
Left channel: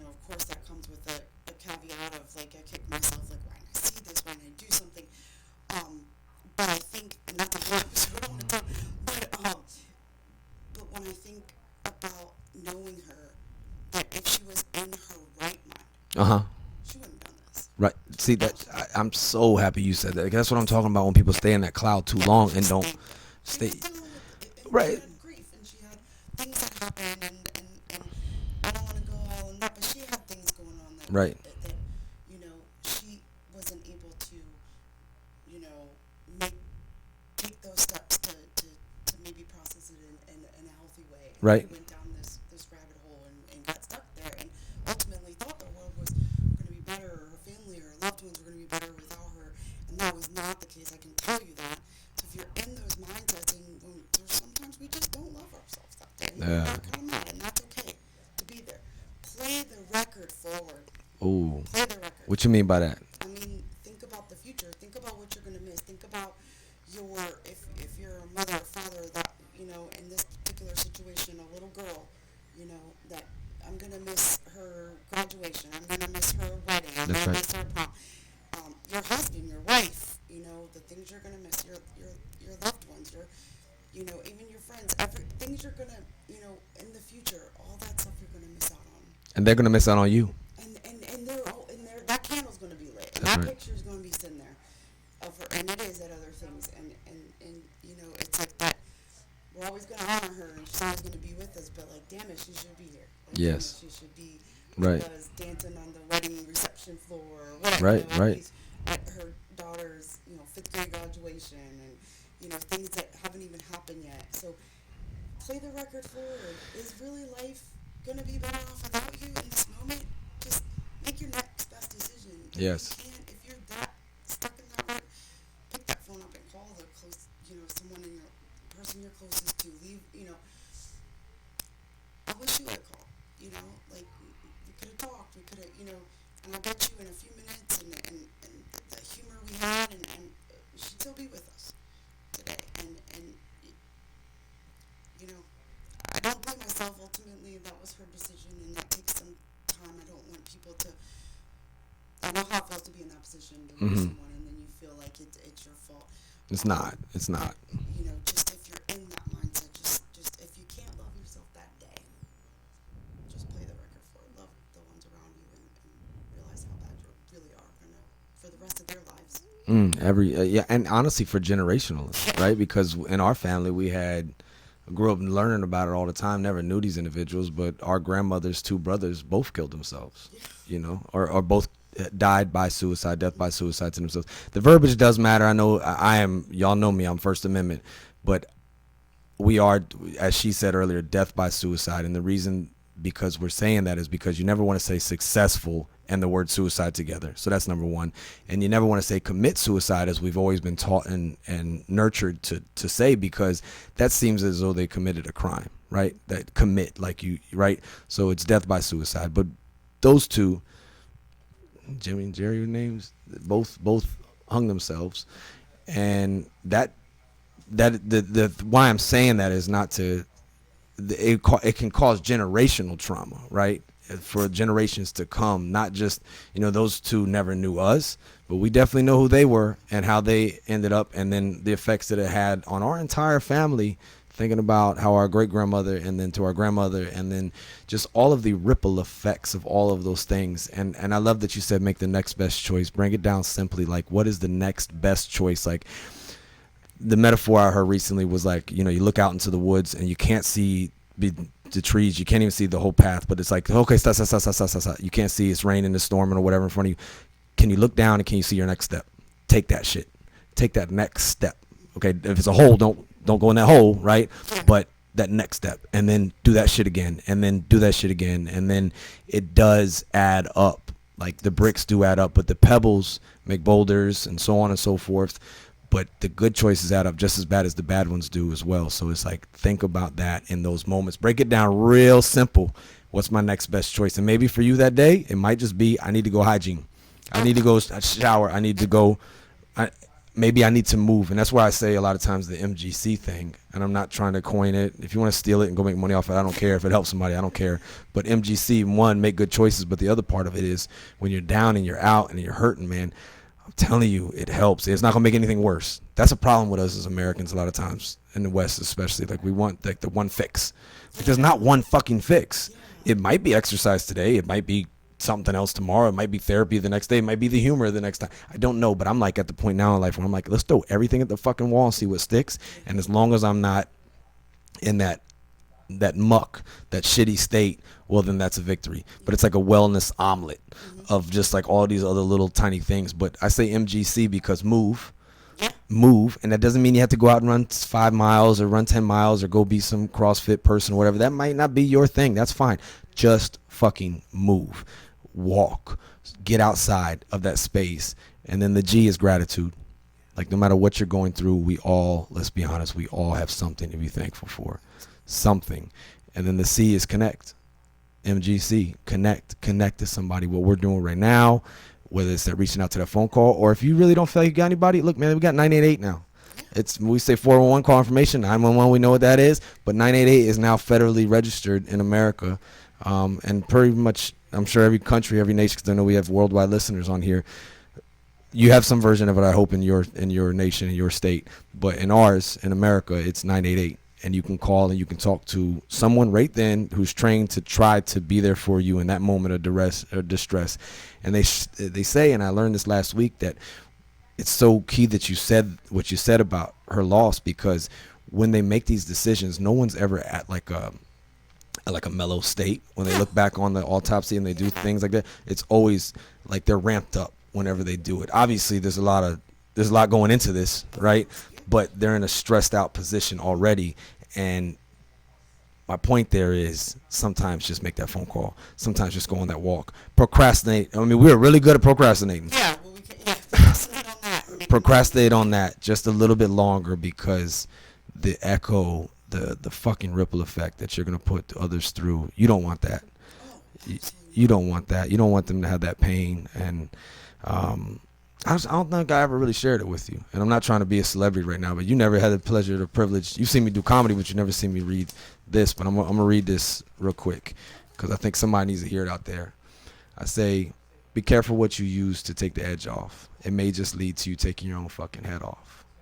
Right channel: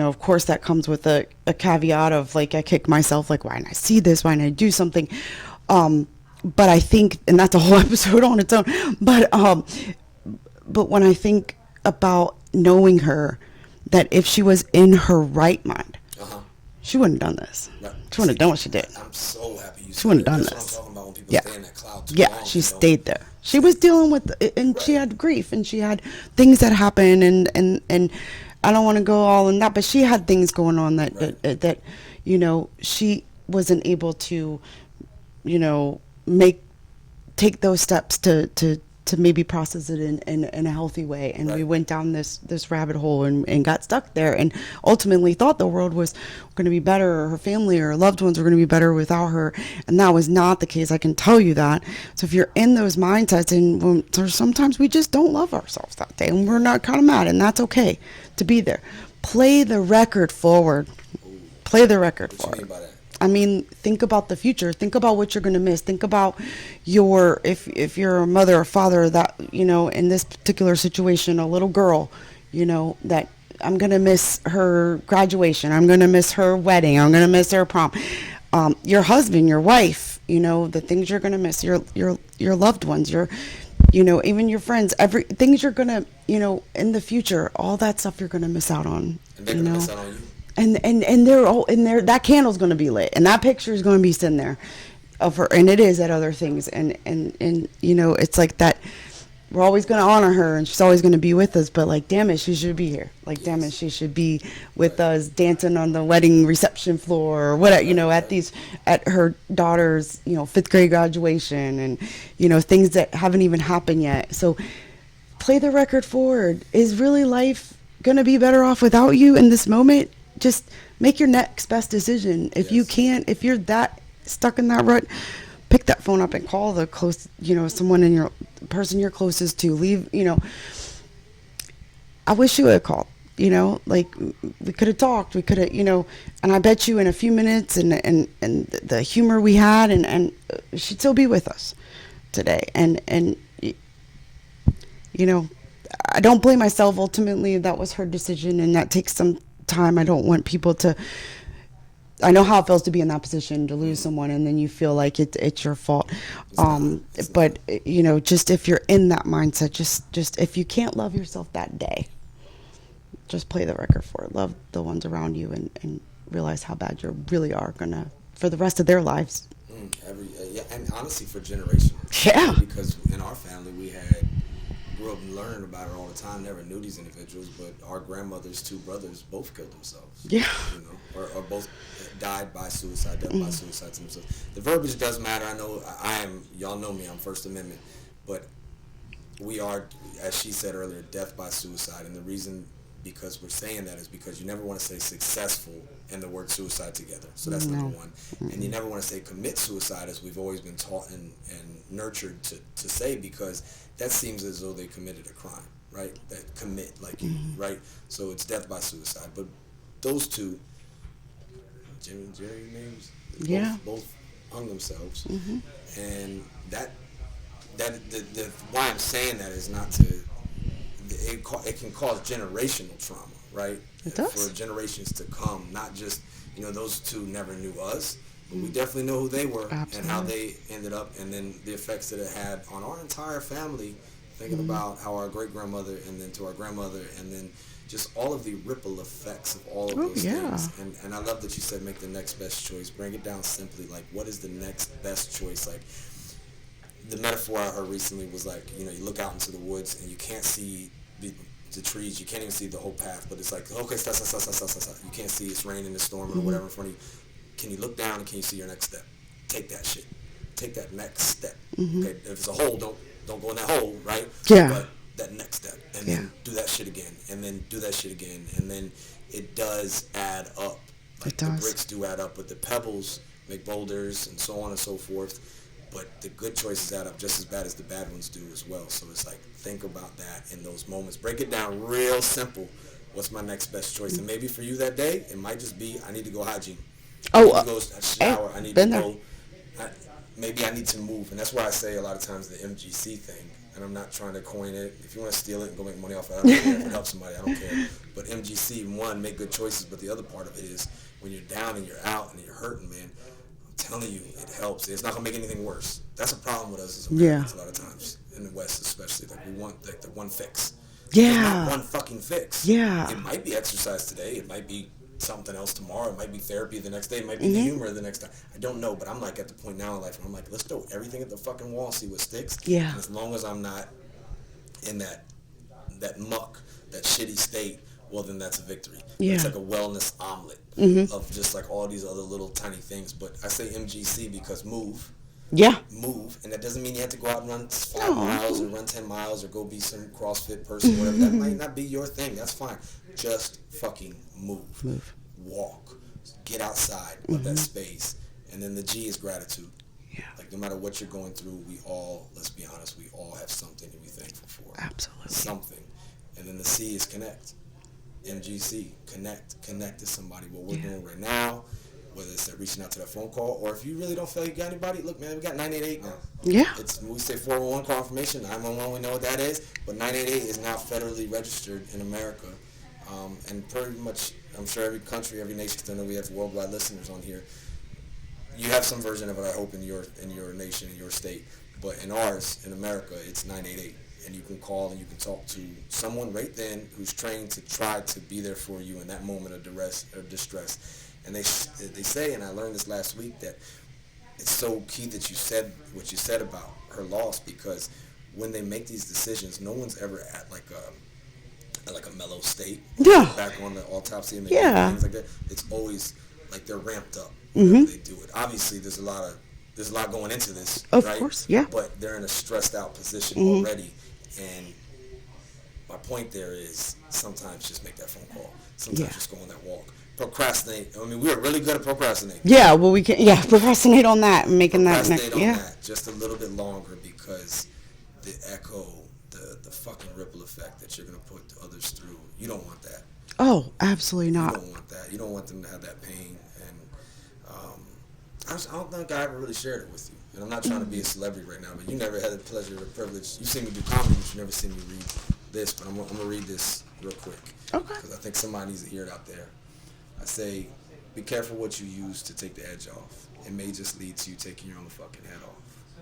of course that comes with a caveat of like I kick myself like why didn't I see this? Why didn't I do something? But I think, and that's a whole episode on its own. But when I think about knowing her, that if she was in her right mind, Uh-huh. she wouldn't have done this. Right. She wouldn't have done what she did. I'm so happy you said wouldn't that. have done That's what I'm this. talking about when people Yeah. stay in that cloud too Yeah, long she and don't stayed there. She stay- was dealing with it, and she Right. had grief, and she had things that happened, and I don't want to go all in that, but she had things going on that Right. that she wasn't able to take those steps to maybe process it in a healthy way, and Right. we went down this rabbit hole and got stuck there, and ultimately thought the world was going to be better, or her family or her loved ones were going to be better without her, and that was not the case. I can tell you that. So if you're in those mindsets, and sometimes we just don't love ourselves that day, and we're not kind of mad, and that's okay to be there. Play the record forward. Ooh. Play the record. What you mean by that? I mean, think about the future. Think about what you're going to miss. Think about if you're a mother or father that, in this particular situation, a little girl, that I'm going to miss her graduation. I'm going to miss her wedding. I'm going to miss her prom. Your husband, your wife, the things you're going to miss, your loved ones, even your friends, things you're going to, in the future, all that stuff you're going to miss out on. And they're going to miss out on you. And they're all in there. That candle's going to be lit, and that picture is going to be sitting there of her, and it is at other things, and it's like that. We're always going to honor her, and she's always going to be with us. But like, damn it, she should be here. Like, damn it, Yes. she should be with Right. us, dancing on the wedding reception floor, or whatever. Right. At her daughter's 5th grade graduation, and things that haven't even happened yet. So, play the record forward. Is really life going to be better off without you in this moment? Just make your next best decision. If you Yes. can't, if you're that stuck in that rut, pick that phone up and call the close, someone in your person you're closest to. Leave, I wish you would have called, like we could have talked, we could have, and I bet you in a few minutes and the humor we had and she'd still be with us today. And I don't blame myself. Ultimately, that was her decision, and that takes some time. I don't want people to. I know how it feels to be in that position, to lose someone, and then you feel like it's your fault. It's not. It's but not. just if you're in that mindset, just if you can't love yourself that day, just play the record for it. Love the ones around you, and realize how bad you really are gonna for the rest of their lives. Yeah, and honestly, for generational. Yeah. Right? Because in our family, we grew up learning about it all the time. Never knew these individuals, but our grandmother's 2 brothers both killed themselves. Yeah. Or both died by suicide, death by suicide to themselves. The verbiage does matter. I know y'all know me, I'm First Amendment, but we are, as she said earlier, death by suicide. And the reason because we're saying that is because you never want to say successful and the word suicide together. So that's number one. And you never want to say commit suicide, as we've always been taught and nurtured to say, because that seems as though they committed a crime, right? That commit, like you, right? So it's death by suicide. But those 2, Jimmy and Jerry names, both hung themselves. And that the why I'm saying that is not to, it can cause generational trauma, right? It does. For generations to come. Not just, those 2 never knew us, but we definitely know who they were and how Absolutely. they ended up, and then the effects that it had on our entire family, thinking about how our great-grandmother and then to our grandmother, and then just all of the ripple effects of all of Oh, those yeah. things. And I love that you said make the next best choice. Bring it down simply, like, what is the next best choice? Like, the metaphor I heard recently was like, you know, you look out into the woods and you can't see the trees, you can't even see the whole path, but it's like, okay, stop, stop, stop, stop, stop, stop, stop. You can't see, it's raining, it's storming, or whatever in front of you. Can you look down and can you see your next step? Take that shit. Take that next step. Okay, if it's a hole, don't go in that hole, right? Yeah. But that next step, and then do that shit again, and then do that shit again, and then it does add up. Like, the does. bricks do add up, but the pebbles make boulders, and so on and so forth. But the good choices add up just as bad as the bad ones do as well. So it's like, think about that in those moments. Break it down real simple. What's my next best choice? And maybe for you that day, it might just be, I need to go hygiene. I need to go shower. I need to go. Maybe I need to move. And that's why I say a lot of times the MGC thing. And I'm not trying to coin it. If you want to steal it and go make money off it, I don't care. If it helps somebody, I don't care. But MGC, one, make good choices. But the other part of it is when you're down and you're out and you're hurting, man, I'm telling you, it helps. It's not going to make anything worse. That's a problem with us as Americans a lot of times, in the West especially. Like, we want like the one fix. There's not one fucking fix. Yeah. It might be exercise today. It might be something else tomorrow. It might be therapy the next day. It might be the humor the next time. I don't know, but I'm like at the point now in life where I'm like, let's throw everything at the fucking wall and see what sticks. Yeah. And as long as I'm not in that muck, that shitty state, well, then that's a victory. But it's Yeah. like a wellness omelet of just like all these other little tiny things. But I say MGC because move, and that doesn't mean you have to go out and run 5 miles or run 10 miles or go be some CrossFit person or whatever. That might not be your thing. That's fine. Just fucking move. Walk, get outside of that space. And then the G is gratitude. Like, no matter what you're going through, we all, let's be honest, we all have something to be thankful for. Absolutely. Something. And then the C is connect. MGC, connect to somebody. What we're doing right now, whether it's that reaching out to that phone call, or if you really don't feel like you got anybody, look, man, we got 988 now. Yeah. It's, we say 411 call information, 911, we know what that is, but 988 is now federally registered in America. And pretty much, I'm sure every country, every nation, because I know we have worldwide listeners on here, you have some version of it, I hope, in your nation, in your state. But in ours, in America, it's 988. And you can call and you can talk to someone right then who's trained to try to be there for you in that moment of duress or distress. And they say, and I learned this last week, that it's so key that you said what you said about her loss, because when they make these decisions, no one's ever at like a mellow state when they look back on the autopsy and they do things like that. It's always like they're ramped up whenever they do it. Obviously, there's a lot going into this, right? Of course, yeah. But they're in a stressed out position already. And my point there is, sometimes just make that phone call. Sometimes just go on that walk. Procrastinate. I mean, we're really good at procrastinating. Yeah, well, we can, procrastinate on that and making Procrastinate that on that just a little bit longer, because the echo, the fucking ripple effect that you're going to put others through, you don't want that. Oh, absolutely not. You don't want that. You don't want them to have that pain. And I don't think I ever really shared it with you. And I'm not trying to be a celebrity right now, but you never had the pleasure or privilege. You've seen me do comedy, but you never seen me read this. But I'm going to read this real quick, because I think somebody needs to hear it out there. I say, be careful what you use to take the edge off. It may just lead to you taking your own fucking head off.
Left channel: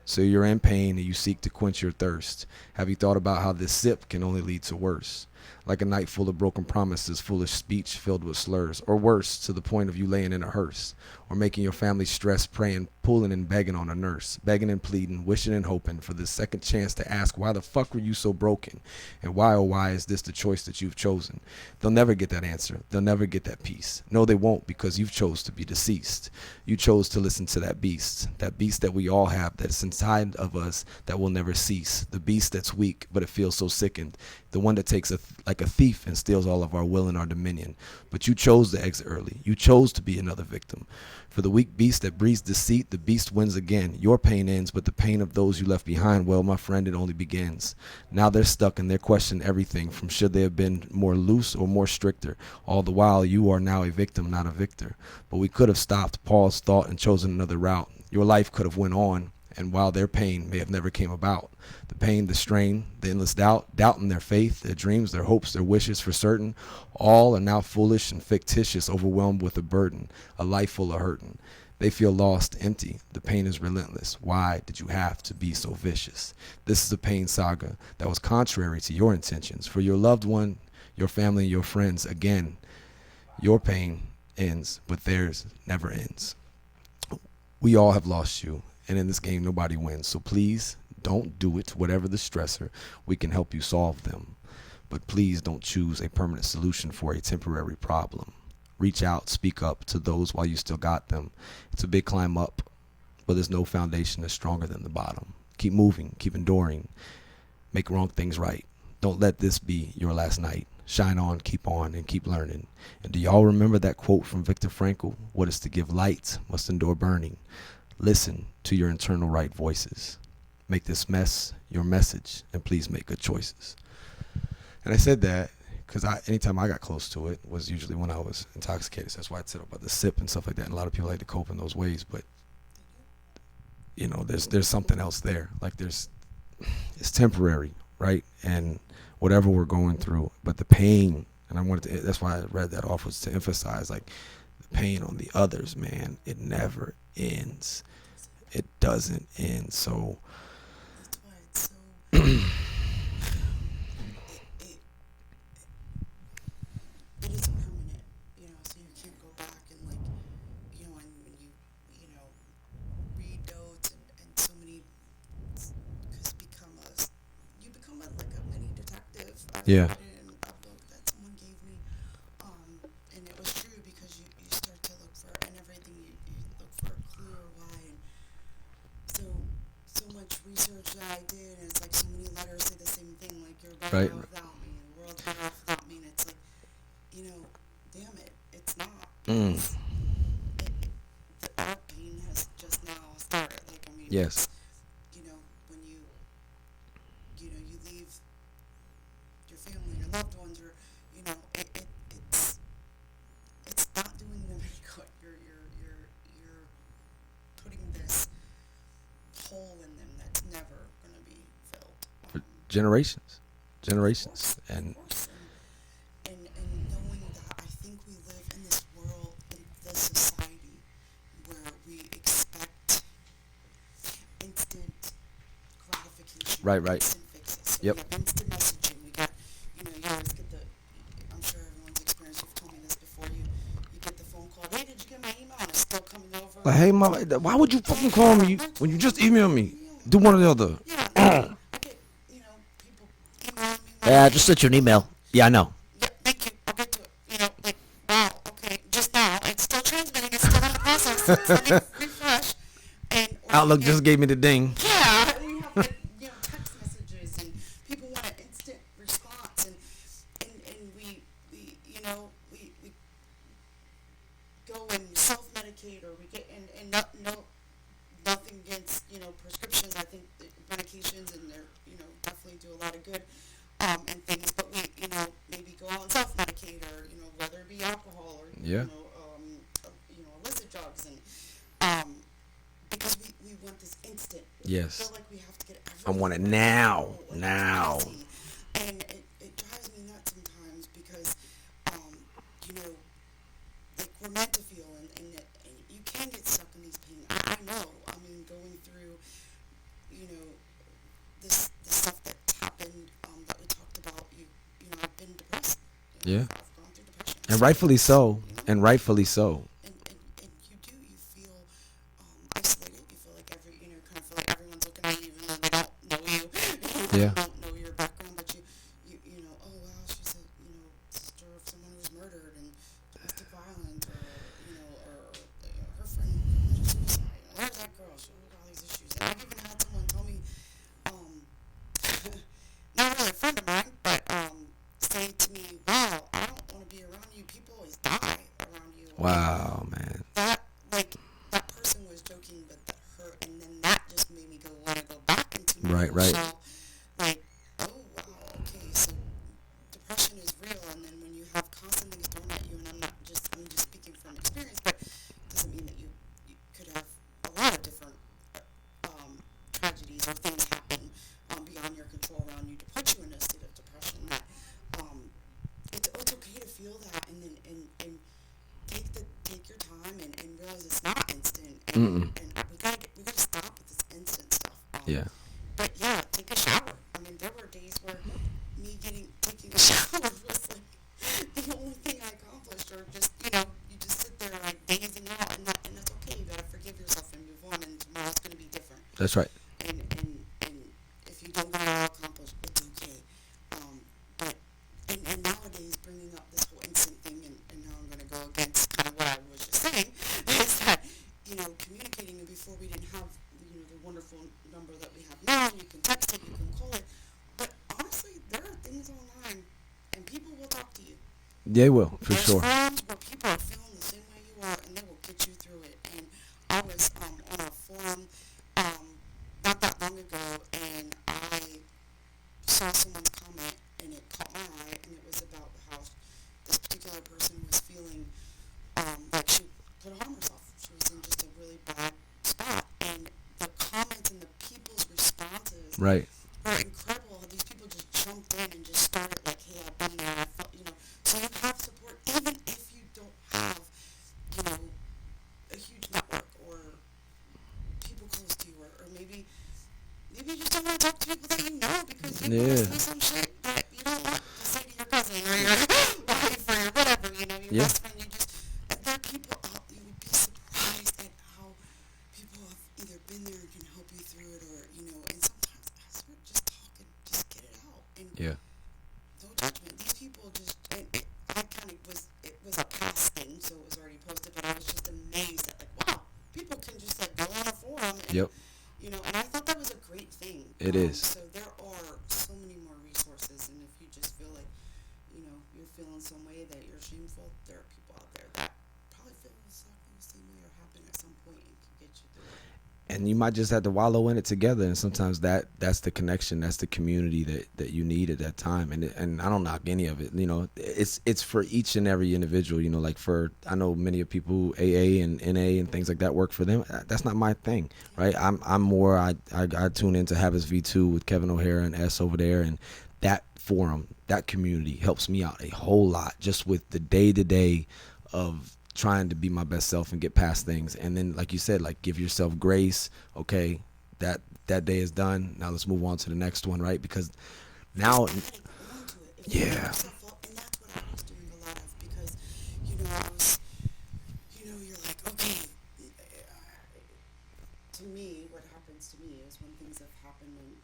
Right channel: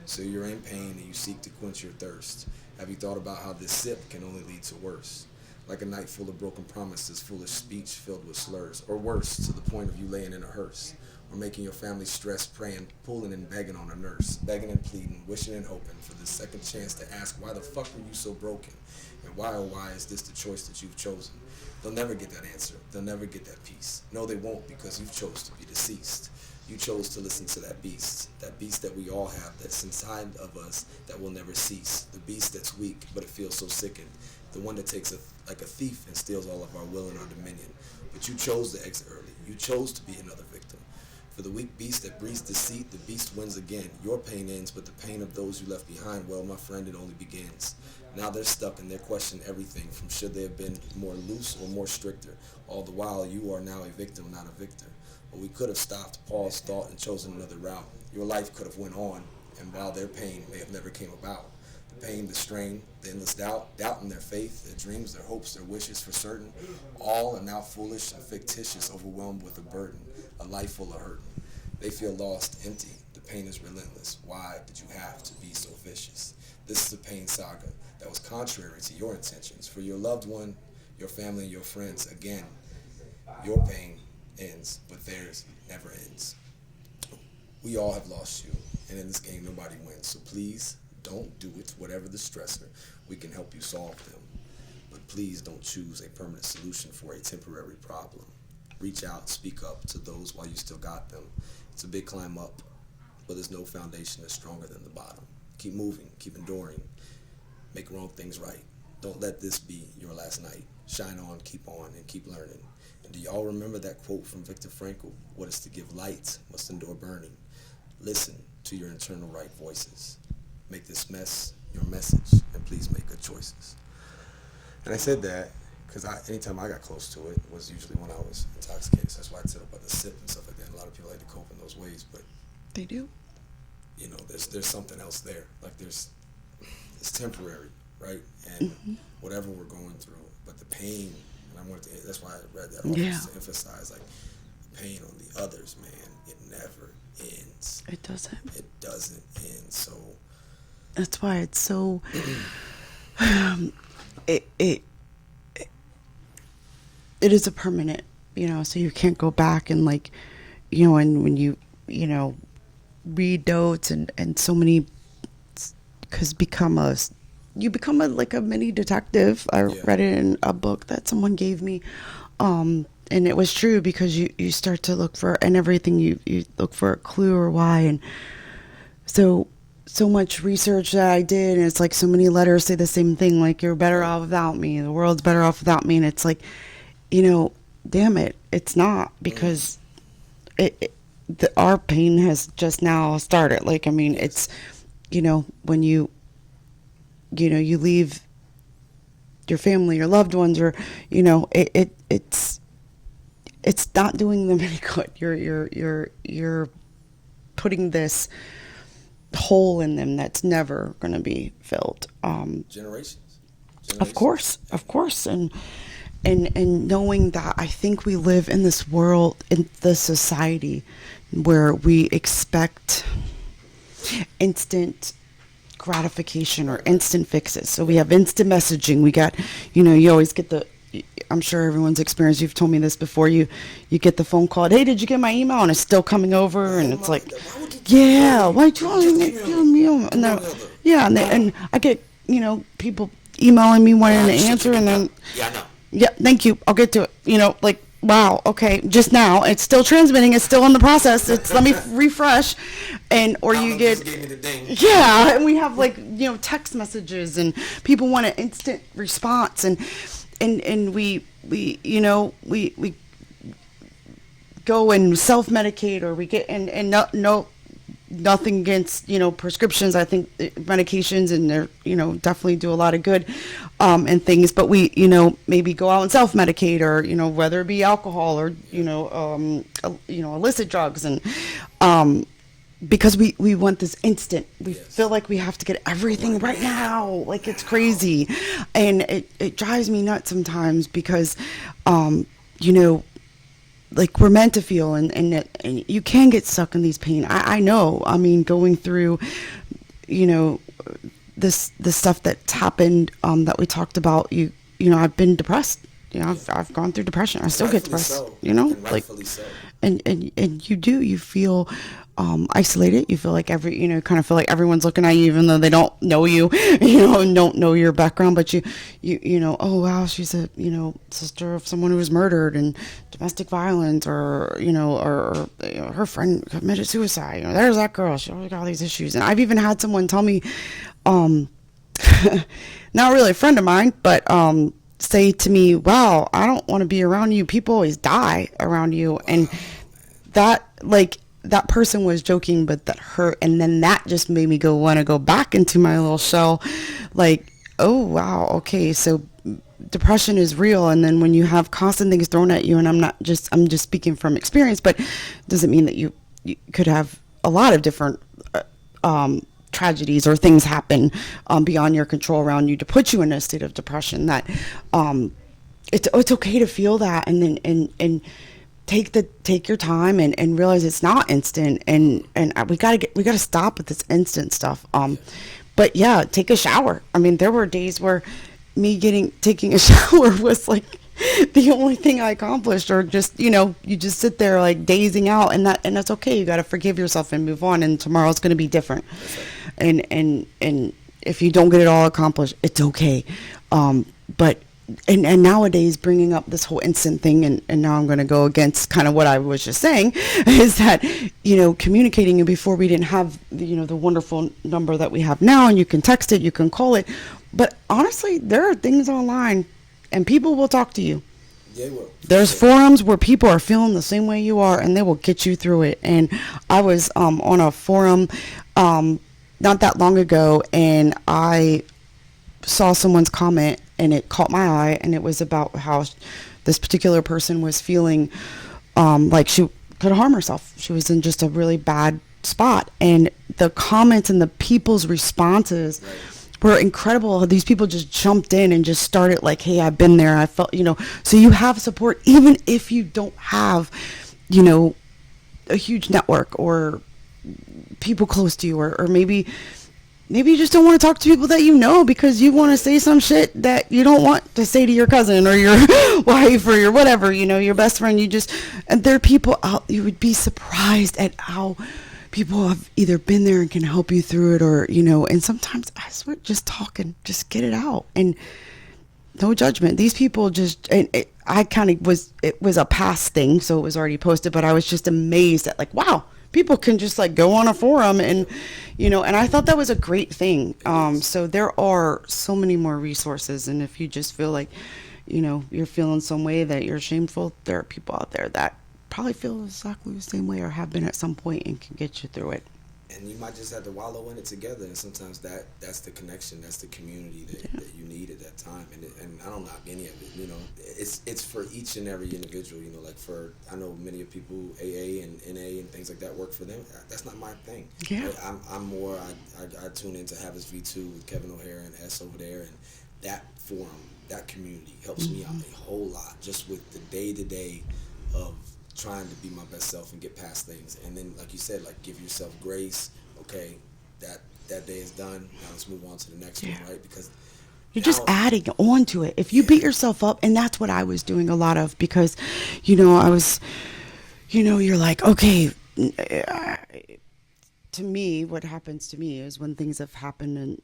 So you're in pain and you seek to quench your thirst. Have you thought about how this sip can only lead to worse? Like a night full of broken promises, foolish speech filled with slurs, or worse, to the point of you laying in a hearse, or making your family stress, praying, pulling and begging on a nurse, begging and pleading, wishing and hoping for this second chance to ask, why the fuck were you so broken? And why, oh why, is this the choice that you've chosen? They'll never get that answer. They'll never get that peace. No, they won't, because you've chose to be deceased. You chose to listen to that beast that we all have, that's inside of us, that will never cease. The beast that's weak, but it feels so sickened. The one that takes like a thief and steals all of our will and our dominion. But you chose to exit early. You chose to be another victim. For the weak beast that breeds deceit, the beast wins again. Your pain ends, but the pain of those you left behind, well, my friend, it only begins. Now they're stuck and they're questioning everything, from should they have been more loose or more stricter. All the while, you are now a victim, not a victor. But we could have stopped, paused, thought, and chosen another route. Your life could have went on, and while their pain may have never came about. The pain, the strain, the endless doubt in their faith, their dreams, their hopes, their wishes for certain, all are now foolish and fictitious, overwhelmed with a burden, a life full of hurting. They feel lost, empty. The pain is relentless. Why did you have to be so vicious? This is a pain saga that was contrary to your intentions. For your loved one, your family, your friends, again, your pain ends, but theirs never ends. We all have lost you, and in this game, nobody wins. So please don't do it. Whatever the stressor, we can help you solve them. But please don't choose a permanent solution for a temporary problem. Reach out, speak up to those while you still got them. It's a big climb up, but there's no foundation that's stronger than the bottom. Keep moving, keep enduring, make wrong things right. Don't let this be your last night. Shine on, and keep learning. And do y'all remember that quote from Viktor Frankl? What is to give light must endure burning. Listen to your internal right voices. Make this mess your message, and please make good choices. And I said that because anytime I got close to it was usually when I was intoxicated. So that's why I said about the sip and stuff like that. And a lot of people like to cope in those ways, but They do. you know, there's something else there. Like it's temporary, right? And whatever we're going through, but the pain, and I wanted to, that's why I read that off, is to emphasize, like, the pain on the others, man, it never ends. It doesn't. It doesn't end. So That's why it's so. It is a permanent, so you can't go back and, like, and when you read notes and so many, because you become like a mini detective. I read it in a book that someone gave me, and it was true, because you start to look for, and everything you look for a clue or why. And so much research that I did, and it's like so many letters say the same thing, like, you're better off without me, the world's better off without me. And it's like, damn it, it's not, because our pain has just now started. Like, I mean, it's, when you leave your family, your loved ones, or, it's not doing them any good. You're putting this hole in them that's never going to be filled. generations. Of course. And knowing that, I think we live in this world, in the society, where we expect instant gratification, or instant fixes. So we have instant messaging. We got, you always get I'm sure everyone's experienced, you've told me this before, you get the phone call, hey, did you get my email? And it's still coming over. Hey, and it's like, why would you call me? Why you just email me? Do one or the other. Yeah, and I get, people emailing me wanting to answer. And then, I know. yeah, thank you, I'll get to it. Like, wow, okay, just now, it's still transmitting, it's still in the process. Let me refresh. Or Outlook you get, just gave me the ding. Yeah, and we have, like, text messages, and people want an instant response, and we go and self-medicate, or we get, and nothing against, prescriptions. I think medications, and they're, definitely do a lot of good, and things, but we, maybe go out and self-medicate, or, whether it be alcohol, or, illicit drugs, and, because we want this instant. We feel like we have to get everything right now. Like, it's crazy. And it drives me nuts sometimes, because, like, we're meant to feel, and you can get stuck in these pain. I know. I mean, going through, this stuff that's happened, that we talked about, I've been depressed. I've gone through depression. I still get depressed. So. And rightfully so. And you feel isolated. You feel like kind of feel like everyone's looking at you, even though they don't know you, and don't know your background. But you oh wow, she's a sister of someone who was murdered, and domestic violence, or her friend committed suicide. There's that girl. She always got all these issues. And I've even had someone tell me, not really a friend of mine, but say to me, wow, I don't want to be around you. People always die around you. Wow, and man. that, like, that person was joking, but that hurt. And then that just made me want to go back into my little shell. Like, oh, wow. Okay. So depression is real. And then when you have constant things thrown at you, and I'm just speaking from experience, but doesn't mean that you could have a lot of different, tragedies or things happen, beyond your control around you to put you in a state of depression. That, it's okay to feel that. And then, take your time and realize it's not instant, and we gotta stop with this instant stuff. But yeah, take a shower. I mean, there were days where taking a shower was like the only thing I accomplished, or just, you just sit there like dazing out, and that's okay. You got to forgive yourself and move on, and tomorrow's going to be different. That's right. And if you don't get it all accomplished, it's okay. But nowadays, bringing up this whole instant thing, and now I'm going to go against kind of what I was just saying, is that, communicating, and before we didn't have, the wonderful number that we have now, and you can text it, you can call it. But honestly, there are things online, and people will talk to you. They will. There's forums where people are feeling the same way you are, and they will get you through it. And I was on a forum not that long ago, and I saw someone's comment, and it caught my eye, and it was about how this particular person was feeling like she could harm herself. She was in just a really bad spot, and the comments and the people's responses were incredible. These people just jumped in and just started like, hey, I've been there. I felt, so you have support, even if you don't have, a huge network or people close to you, or maybe you just don't want to talk to people that because you want to say some shit that you don't want to say to your cousin or your wife or your whatever, your best friend. And there are people out, you would be surprised at how people have either been there and can help you through it, or, and sometimes I swear, just talking, just get it out, and no judgment. These people just, and it was a past thing, so it was already posted, but I was just amazed at like, wow, people can just like go on a forum and, and I thought that was a great thing. So there are so many more resources, and if you just feel like, you're feeling some way that you're shameful, there are people out there that probably feel exactly the same way or have been at some point and can get you through it. And you might just have to wallow in it together, and sometimes that's the connection, that's the community that you need at that time. And I don't knock any of it. It's for each and every individual. Like I know many of people who AA and NA and things like that work for them. That's not my thing, right? I'm more I tune into Habits V2 with Kevin O'Hara and S over there, and that forum, that community helps me out a whole lot, just with the day-to-day of trying to be my best self and get past things. And then, like you said, like, give yourself grace. Okay, that day is done, now let's move on to the next one, right? Because you're just adding on to it. If you beat yourself up, and that's what I was doing a lot of, because I was, you're like, okay, to me, what happens to me is when things have happened and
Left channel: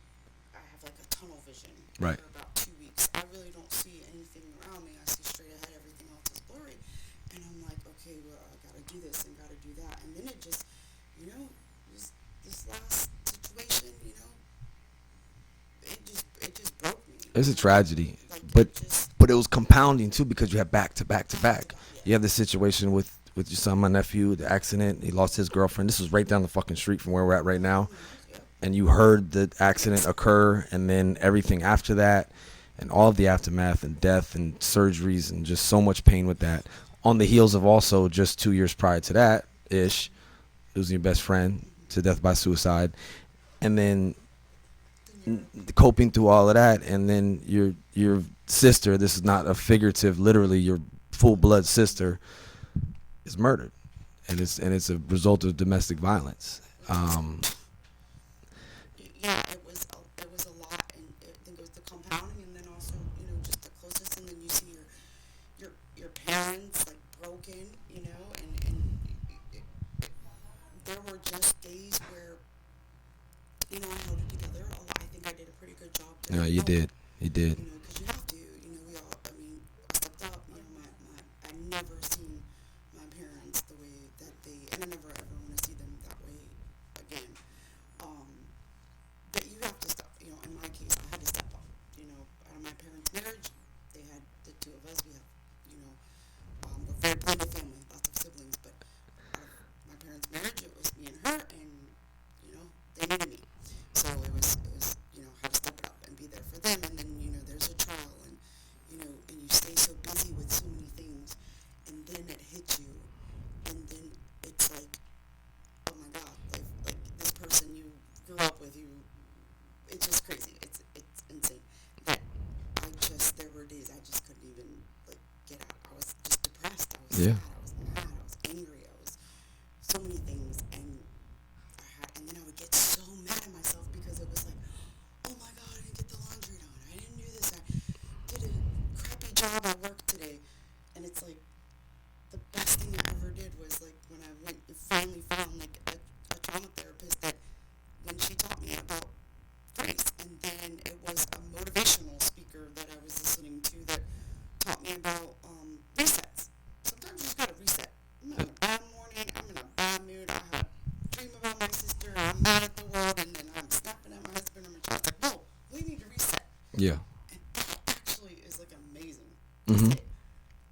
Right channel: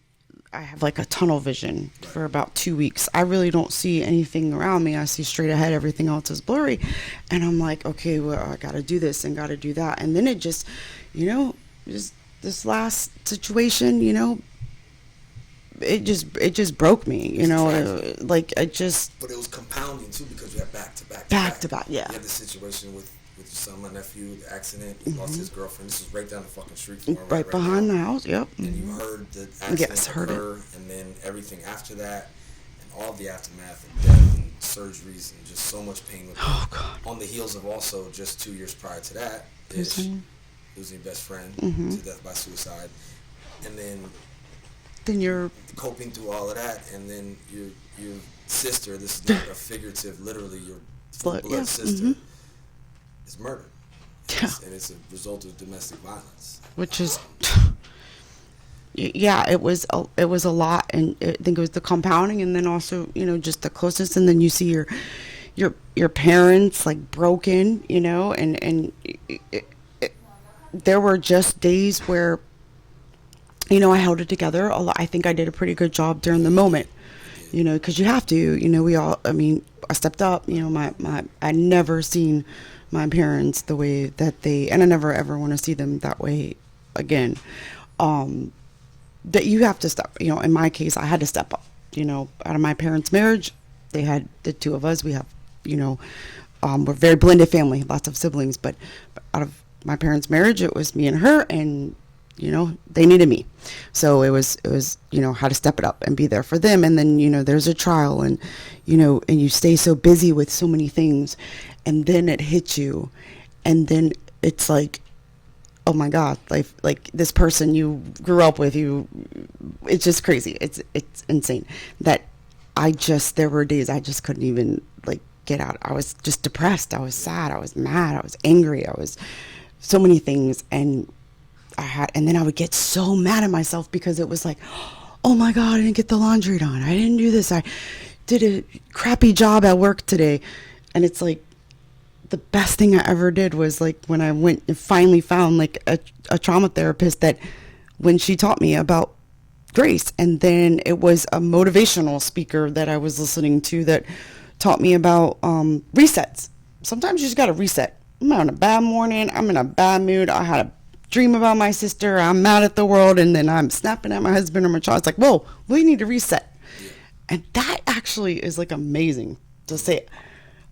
I have like a tunnel vision for about 2 weeks. I really don't see anything around me. I see straight ahead. Everything else is blurry. And I'm like, okay, well, I got to do this and got to do that. And then it just, just this last situation, it just broke me, it's a tragedy. But it was compounding too, because you have back to back. Yeah. You have the situation with your son, my nephew, the accident. He lost his girlfriend. This was right down the fucking street from where we're at right now. Behind the house, yep. And you heard the accident occur, and then everything after that, and all of the aftermath and death and surgeries and just so much pain with that. On the heels of also just 2 years prior to that, losing your best friend to death by suicide, and then you're coping through all of that, and then your sister. This is not a figurative, literally your full blood sister. Is murdered, and it's a result of domestic violence, which is it was a lot. And I think it was the compounding, and then also just the closeness, and then you see your parents like broken, and there were just days where I held it together a lot. I think I did a pretty good job during the moment. You did. Because you have to. We all. I mean, I stepped up. I never seen my parents the way that and I never ever want to see them that way again. That you have to step, in my case, I had to step up, out of my parents' marriage. They had the two of us. We have, we're a very blended family, lots of siblings, but out of my parents' marriage, it was me and her, and, they needed me. So it was, how to step it up and be there for them. And then, there's a trial, and, and you stay so busy with so many things, and then it hits you, and then it's like, oh my God, like this person you grew up with, it's just crazy. It's insane that there were days I just couldn't even like get out. I was just depressed. I was sad. I was mad. I was angry. I was so many things. And then I would get so mad at myself because it was like, oh my God, I didn't get the laundry done. I didn't do this. I did a crappy job at work today. And it's like, the best thing I ever did was like when I went and finally found like a trauma therapist, that when she taught me about grace, and then it was a motivational speaker that I was listening to that taught me about resets. Sometimes you just got to reset. I'm on a bad morning. I'm in a bad mood. I had a dream about my sister. I'm mad at the world. And then I'm snapping at my husband or my child. It's like, whoa, we need to reset. Yeah. And that actually is like amazing to say.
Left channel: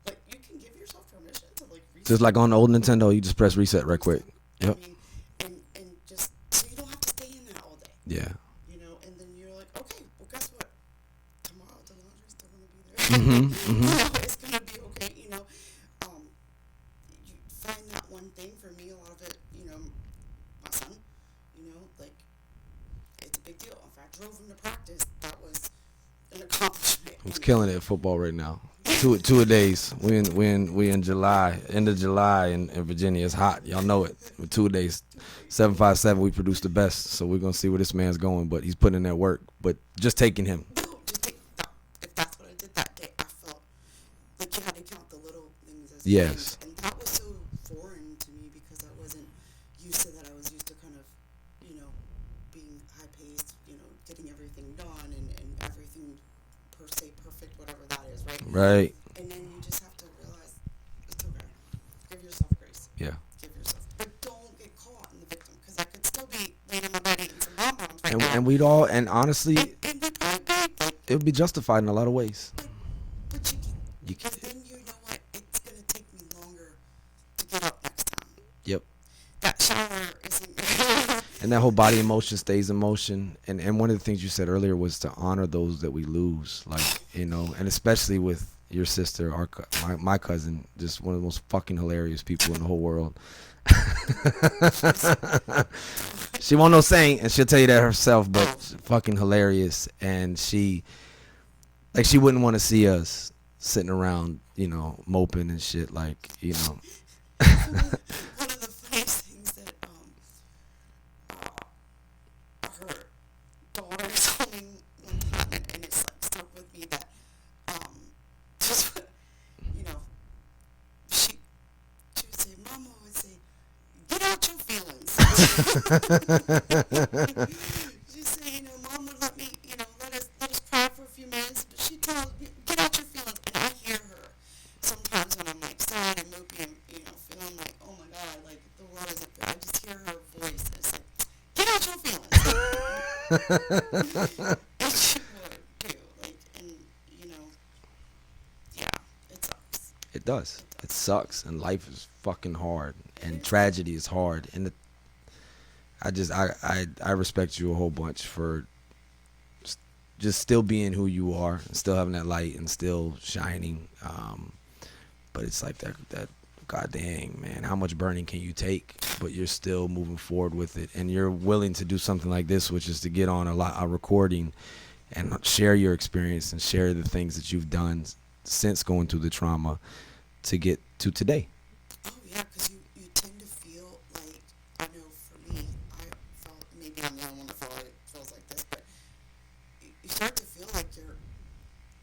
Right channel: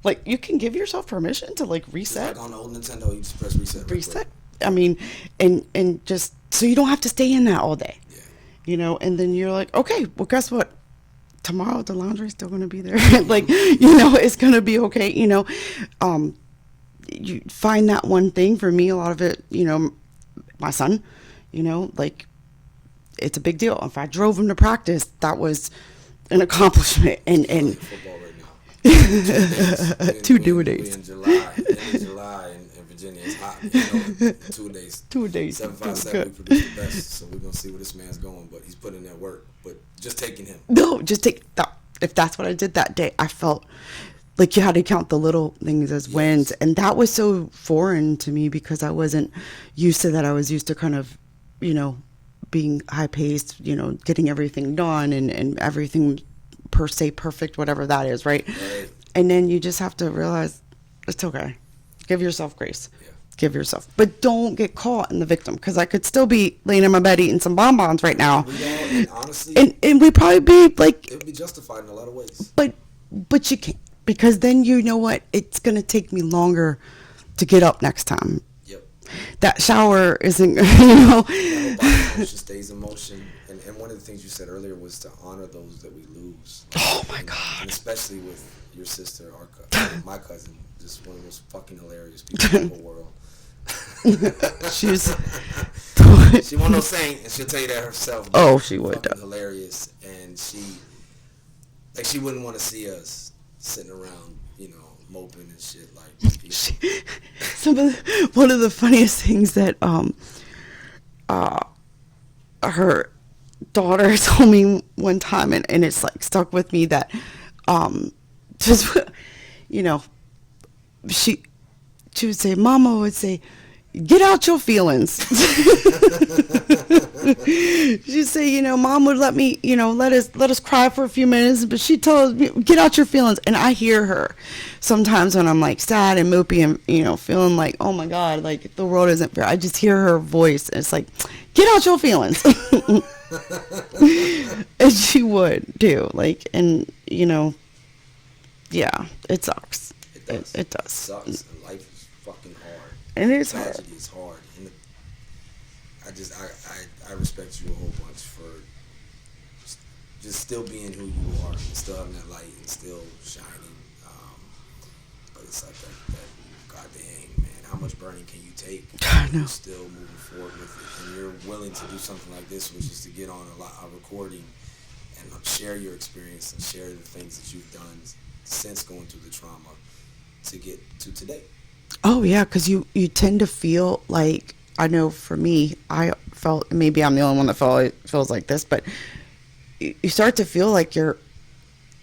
Like, you can give yourself permission to like reset. Just like on the old Nintendo, you just press reset right quick. I mean, and just so you don't have to stay in that all day. Yeah. You know, and then you're like, okay, well, guess what? Tomorrow the laundry's still going to be there. Like, you know, it's going to be okay. You know, you find that one thing. For me, a lot of it, you know, my son, you know, like, it's a big deal. If I drove him to practice, that was an accomplishment. He's killing it at football right now. Two days. We in July, end of July in Virginia. It's hot. Y'all know it. 2 days. 2 days. 757. We produce the best. So we're gonna see where this man's going. But he's putting in that work. But just taking him. No, just take that. If that's what I did that day, I felt like you had to count the little things as wins, and that was so foreign to me because I wasn't used to that. I was used to kind of, you know, being high paced, you know, getting everything done and everything per se perfect, whatever that is, right? Right. And then you just have to realize it's okay. Give yourself grace. Yeah. Give yourself, but don't get caught in the victim, because I could still be laying in my bed eating some bonbons right now. And we'd all, and honestly, and we'd probably be like, it would be justified in a lot of ways. But you can't, because then you know what? It's gonna take me longer to get up next time. Yep. That shower isn't, you know. And that whole body emotion stays in motion. And one of the things you said earlier was to honor those that we lose. Like, Oh my God. And especially with your sister, my cousin, just one of the most fucking hilarious people in the whole world. She won't know saying, and she'll tell you that herself. But she would. Fucking hilarious. And she wouldn't want to see us sitting around, you know, moping and shit, like, you know. One of the funniest things that her daughter told me one time, and it's like stuck with me, that just, you know, she would say, Mama would say, get out your feelings. She'd say, you know, Mom would let me, you know, let us cry for a few minutes, but she told me, get out your feelings. And I hear her sometimes when I'm like sad and mopey and, you know, feeling like, oh my God, like the world isn't fair. I just hear her voice, and it's like, get out your feelings. And she would do, like, and, you know, yeah, it sucks. It does. It does. It sucks, and life is fucking hard. And it's tragedy is hard, and I respect you a whole bunch for just still being who you are, still having that light, and still shining. But it's like that. God dang, man, how much burning can you take? You're still moving forward with it, and you're willing to do something like this, which is to get on a recording and share your experience and share the things that you've done since going through the trauma to get to today. Oh yeah, because you tend to feel like, I know for me, I felt, maybe I'm the only one that feels like this, but you start to feel like you're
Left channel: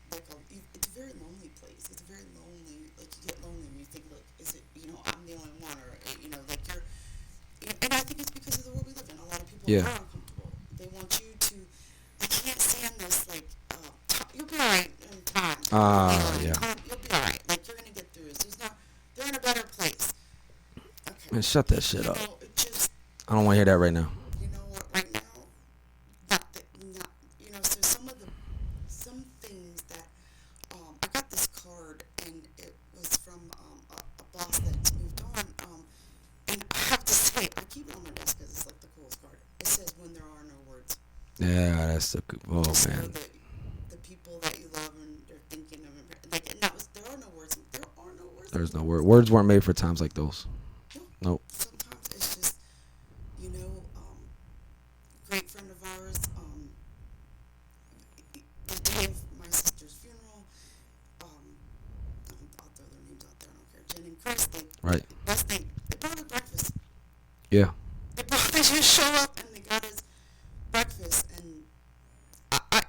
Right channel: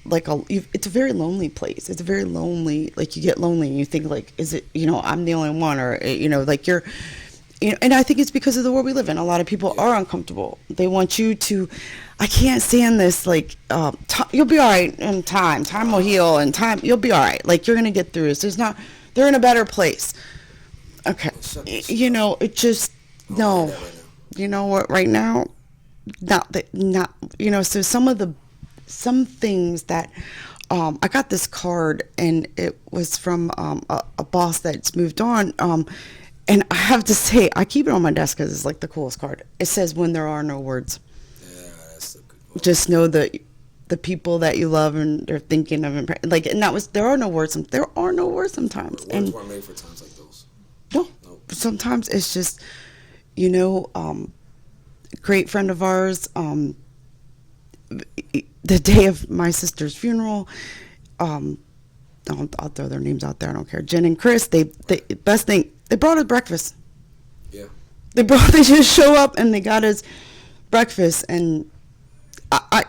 like it's a very lonely place. It's a very lonely, like, you get lonely and you think like, is it, you know, I'm the only one, or, you know, like you're, you know, and I think it's because of the world we live in. A lot of people are uncomfortable. They want you to, I can't stand this, like, you'll be all right in time. Time will heal, and time, you'll be all right. Like, you're going to get through this. They're in a better place. Okay. Man, shut that shit you up. know, it just, I don't want to hear that right now. You know what, right now, not, you know, so some things that, I got this card, and it was from a boss that's moved on, and I have to say, I keep it on my desk because it's like the coolest card. It says, when there are no words. Yeah, that's the good. Just know that the people that you love and they're thinking of, like, and that was, there are no words. There are no words sometimes. Words weren't made for times like those. No. Nope. Sometimes it's just, you know, great friend of ours, the day of my sister's funeral, I'll throw their names out there. I don't care. Jen and Chris, they best thing, they brought us breakfast. Yeah. They just show up and they got us breakfast, and I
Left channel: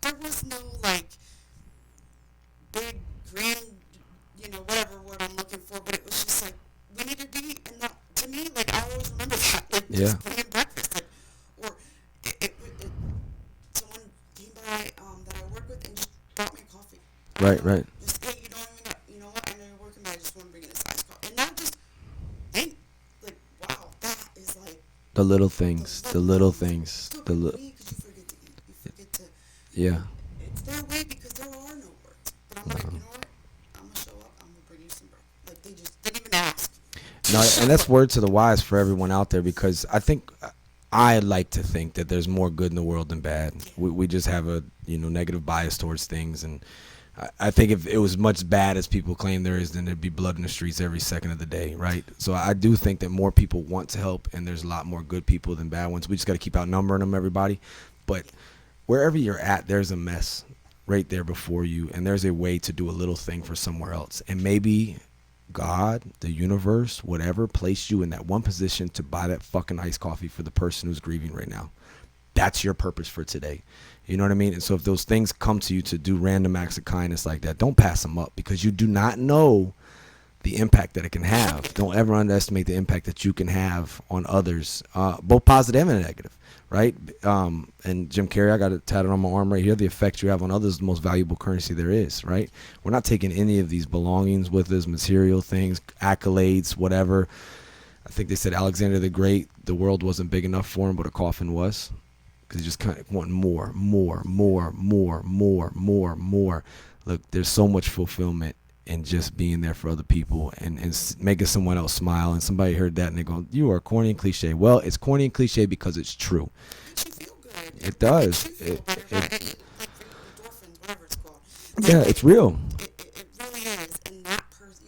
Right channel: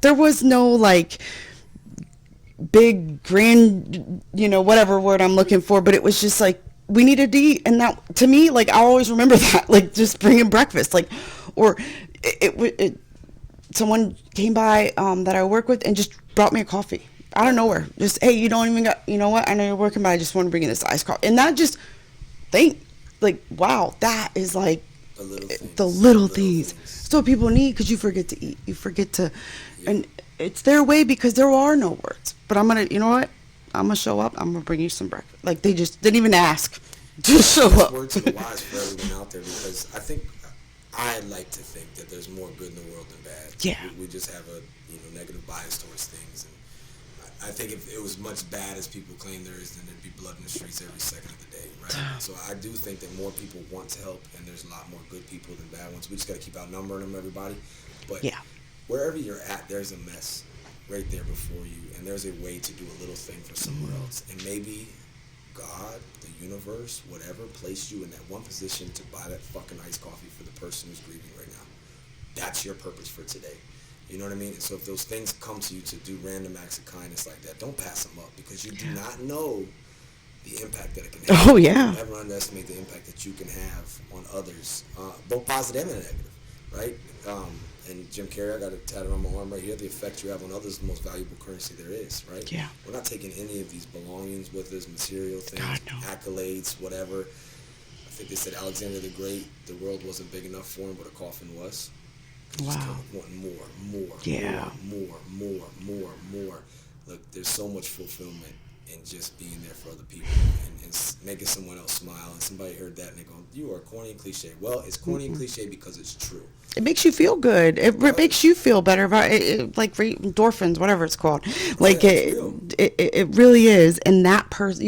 there was no like big grand, whatever word I'm looking for, but it was just like we needed to eat, and that to me, like I always remember that, like just bringing breakfast, like, or someone came by that I work with and just brought me a coffee out of nowhere. Right. Just, hey, you don't even got, you know what? I know you're working, but I just want to bring you this iced coffee, and that just wow, that is like The little things. The little things. So people need, because you forget to eat. You forget to, and it's their way because there are no words. But I'm going to, you know what? I'm going to show up. I'm going to bring you some breakfast. Like, they just didn't even ask. Just show that's up. word to the wise for everyone out there, because I like to think that there's more good in the world than bad. Yeah. We just have a, negative bias towards things, and I think if it was much bad as people claim there is, then there'd be blood in the streets every second of the day, right? So I do think that more people want to help, and there's a lot more good people than bad ones. We just got to keep outnumbering them, everybody. But wherever you're at, there's a mess right there before you, and there's a way to do a little thing for somewhere else. And maybe God, the universe, whatever, placed you in that one position to buy that fucking iced coffee for the person who's grieving right now. That's your purpose for today. You know what I mean? And so if those things come to you to do random acts of kindness like that, don't pass them up, because you do not know the impact that it can have. Oh, yeah. Don't ever underestimate the impact that you can have on others, both positive and negative, right? And Jim Carrey, I got it tatted on my arm right here. The effect you have on others is the most valuable currency there is, right? Yeah. We're not taking any of these belongings with us, material things, accolades, whatever. I think they said Alexander the Great, the world wasn't big enough for him, but a coffin was. Because you just kind of want more. Look, there's so much fulfillment in just being there for other people and making someone else smile. And somebody heard that and they go, you are corny and cliche. Well, it's corny and cliche because it's true. It makes you feel good. It makes you feel better. Like endorphins, whatever it's called. Like it's real. It really is. And that person,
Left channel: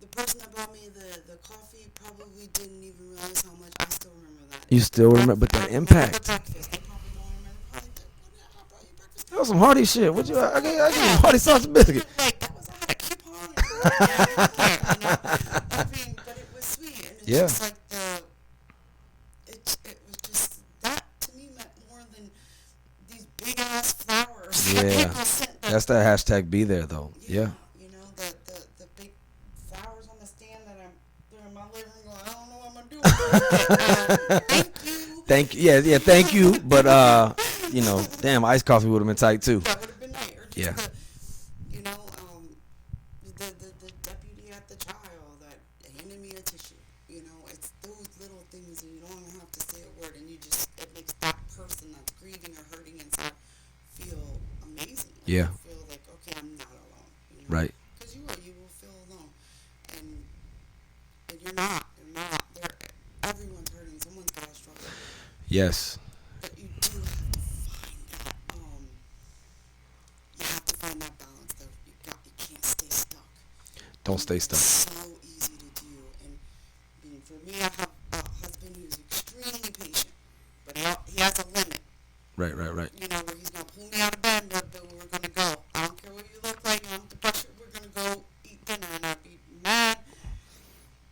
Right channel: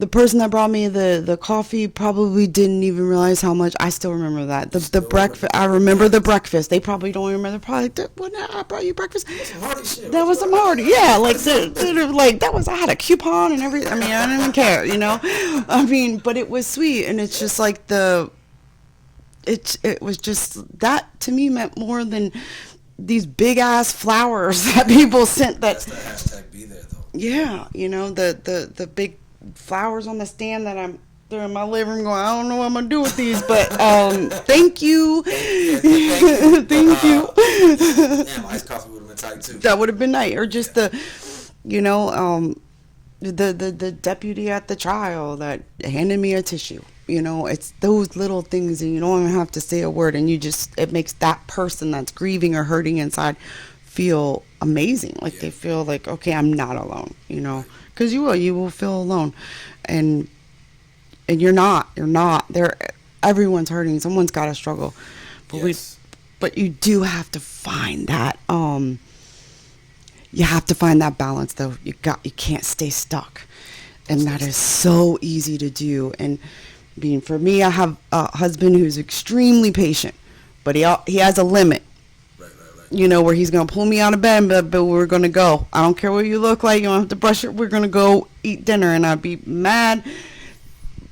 the person that brought me the coffee probably didn't even realize how much. I still remember that. The breakfast. I remember the breakfast. They probably don't remember. They're probably like, when I brought you breakfast. That was some hearty shit. That was some hearty. Yeah, like that was. I had a coupon and everything. I mean, I didn't even care. I mean, but it was sweet, and it's just like It was just, that to me meant more than these big ass flowers that people sent. That's the hashtag be there though. Yeah. The big flowers on the stand that I'm there in my living room going, I don't know what I'm gonna do with these, but thank you. Thank you. But damn, iced coffee would have been tight too. That would have been nice. Or just the deputy at the trial that handed me a tissue. It's those little things, and you don't even have to say a word, and it makes that person that's grieving or hurting inside feel amazing. Like they feel like, okay, I'm not alone, because you will feel alone, and you're not, everyone's hurting. Someone's got to struggle. But you do have to find that, you have to find that balance though. You can't stay stuck. That is so easy to do. And for me, I have a husband who's extremely patient, but he has a limit. Right. Where he's going to pull me out of bed, but we're going to go. I don't care what you look like. You don't have to brush it. We're going to go eat dinner, and I'd be mad,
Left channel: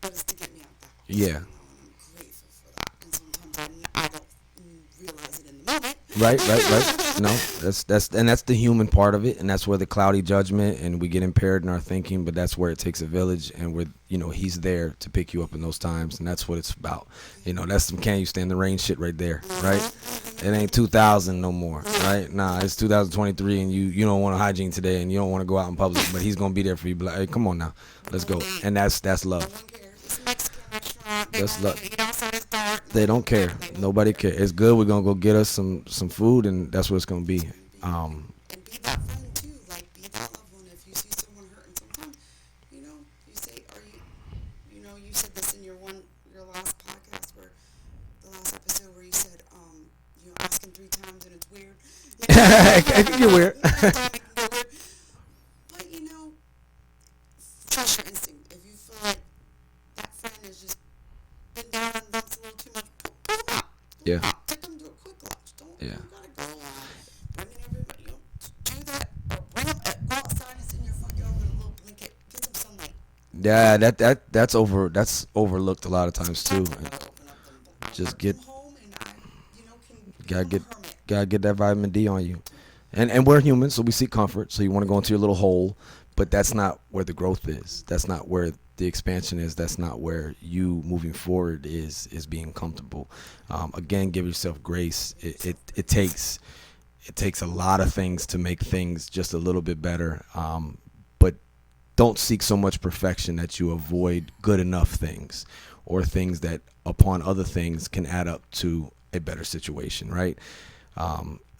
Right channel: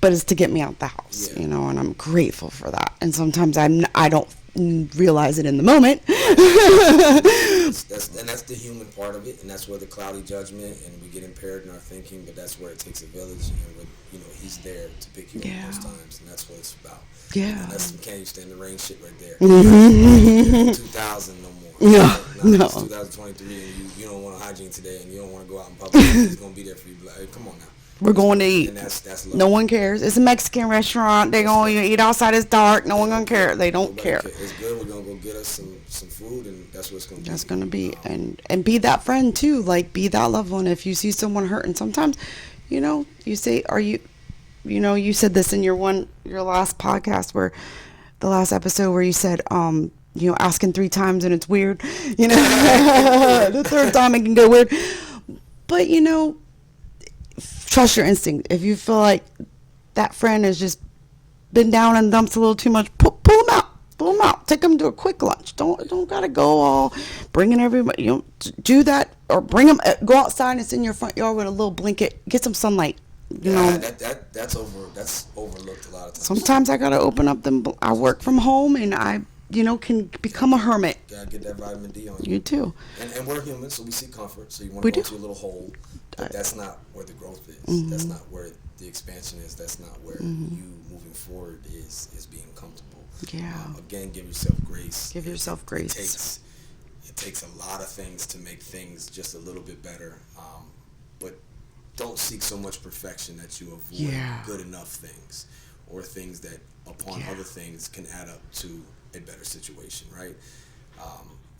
but it's to get me out the house. Yeah. And I'm grateful for that. And sometimes I don't realize it in the moment. Right. That's the human part of it, and that's where the cloudy judgment and we get impaired in our thinking. But that's where it takes a village, and he's there to pick you up in those times, and that's what it's about. Yeah. That's some can you stand the rain shit right there. Right? It ain't 2000 no more. Right? It's 2023, and you don't want a hygiene today, and you don't want to go out in public. And he's gonna be there for you. But like, hey, come on now. We're going to eat. And that's love. No one cares. It's a Mexican restaurant. They're going to eat outside. It's dark. No one don't care. They don't Nobody care. Cares. It's good. We're going to go get us some food, and that's what it's going to be. It's going to be. And be that friend, too. Like, be that loved one. If you see someone hurting, sometimes, you say, you said this in your last podcast, the last episode where you said, asking 3 times and it's weird. The third time it can get weird. But, trust your instinct. If you feel like that friend has just been down and dumps a little too much, pull them out. Throw them out. Take them to a quick lunch. Don't gotta go all bringing everybody. Do that or bring them. Go outside and sit in your front yard with a little blanket. Get some sunlight. Yeah, that's overlooked a lot of times. Sometimes too. I gotta open up them. I work from home and I can become a hermit. Gotta get that vitamin D on you. You too. And we're humans, so we seek comfort. So you want to We go do. into your little hole, but that's not where the growth is. That's not where the expansion is. That's not where you moving forward is being comfortable. Yeah. Again, give yourself grace. Give yourself grace. It takes a lot of things to make things just a little bit better. But don't seek so much perfection that you avoid good enough things, or things that upon other things can add up to a better situation, right?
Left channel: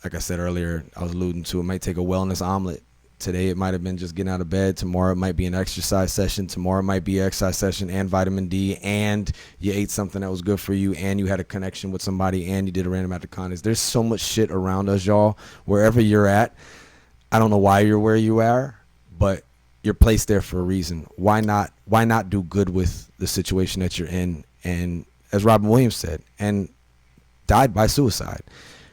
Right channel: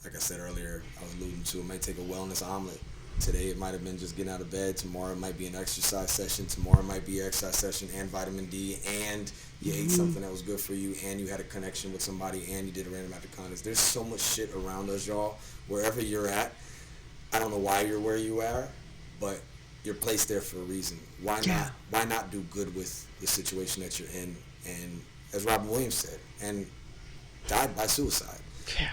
Like I said earlier, I was alluding to, it might take a wellness omelet. Today it might have been just getting out of bed. Tomorrow it might be an exercise session. Tomorrow it might be an exercise session and vitamin D, and you ate something that was good for you, and you had a connection with somebody, and you did a random act of kindness. There's so much shit around us, y'all. Wherever you're at, I don't know why you're where you are, but you're placed there for a reason. Why not do good with the situation that you're in? And as Robin Williams said, and died by suicide. Yeah.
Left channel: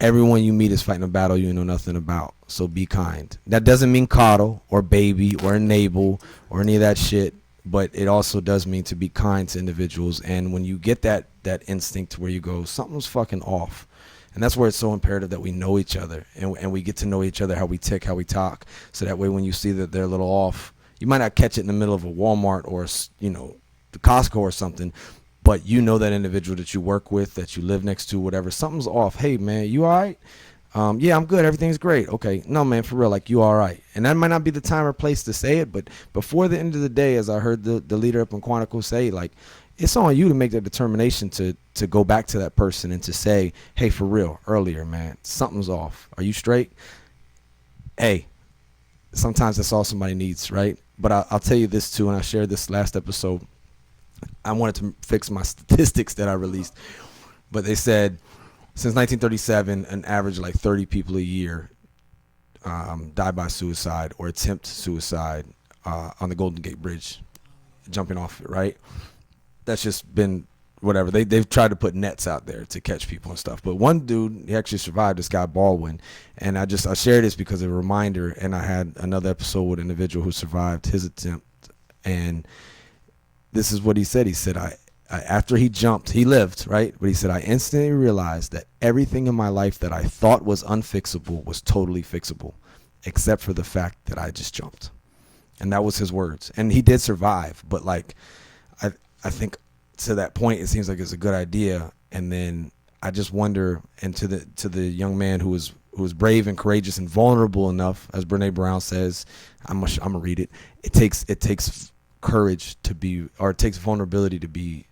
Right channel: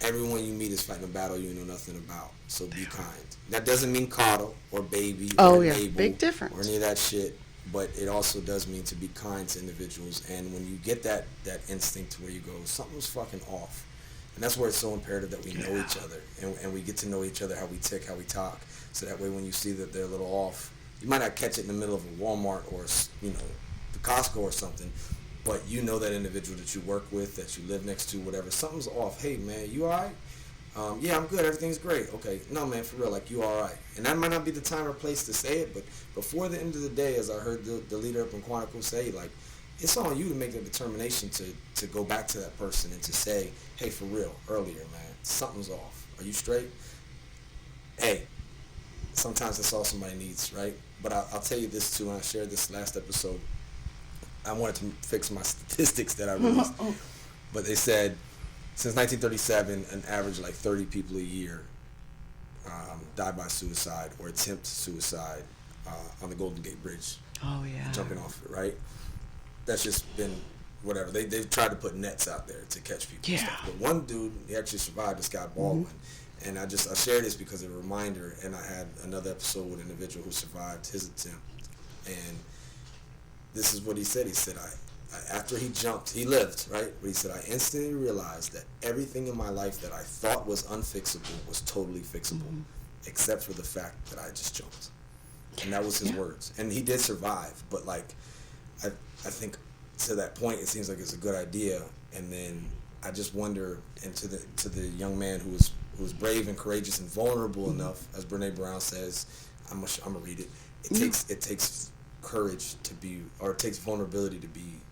Everyone you meet is fighting a battle you know nothing about. So be kind. That doesn't mean coddle or baby or enable Big difference. or any of that shit. But it also does mean to be kind to individuals. And when you get that instinct where you go, something's fucking off. And that's where it's so imperative that we know each other. And we get to know each other, how we tick, how we talk. So that way when you see that they're a little off, you might not catch it in the middle of a Walmart or, the Costco or something. But you know that individual that you work with, that you live next to, whatever, something's off. Hey, man, you all right? Yeah, I'm good. Everything's great. Okay. No, man, for real, like, you all right. And that might not be the time or place to say it, but before the end of the day, as I heard the leader up in Quantico say, like, it's on you to make that determination to go back to that person and to say, hey, for real, earlier, man, something's off. Are you straight? Hey, sometimes that's all somebody needs, right? But I'll tell you this, too, and I shared this last episode. I wanted to fix my statistics that I released, but they said since 1937, an average of like 30 people a year die by suicide or attempt suicide on the Golden Gate Bridge. Oh yeah. Jumping off it, right? That's just been whatever. They've tried to put nets out there to catch people and stuff. But one dude, he actually survived, this guy Baldwin. And I shared this because of a reminder, and I had another episode with an individual who survived his attempt, and this is what he said. He said, I after he jumped, he lived, right? But he said, I instantly realized that everything in my life that I thought was unfixable was totally fixable, except for the fact that I just jumped. And that was his words. And he did survive. But like, I think to that point, it seems like it's a good idea. And then I just wonder, and to the young man who was brave and courageous and vulnerable enough, as Brene Brown says, I'm gonna read it. It takes courage to be, or it takes vulnerability to be.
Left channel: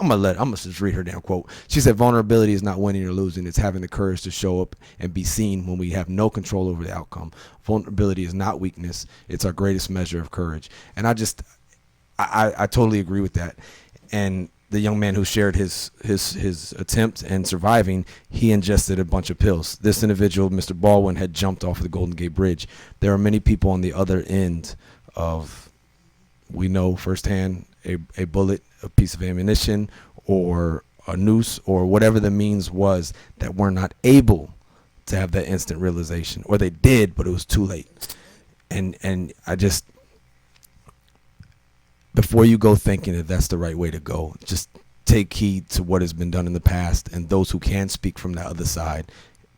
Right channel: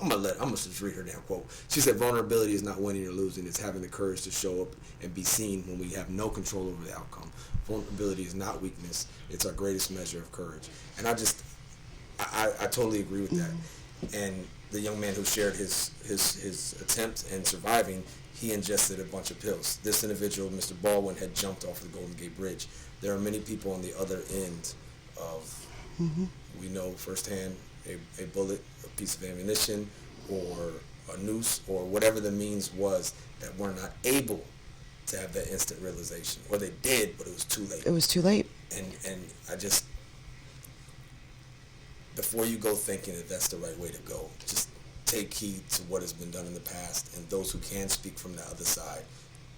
I'm gonna just read her damn quote. She said, vulnerability is not winning or losing. It's having the courage to show up and be seen when we have no control over the outcome. Vulnerability is not weakness. It's our greatest measure of courage. And I totally agree with that. And the young man who shared his attempt and surviving, he ingested a bunch of pills. This individual, Mr. Baldwin, had jumped off of the Golden Gate Bridge. There are many people on the other end of, we know firsthand, a bullet, a piece of ammunition, or a noose, or whatever the means was, that were not able to have that instant realization. Or they did, but it was too late. It was too late. And I just, before you go thinking that that's the right way to go, just take heed to what has been done in the past, and those who can speak from the other side,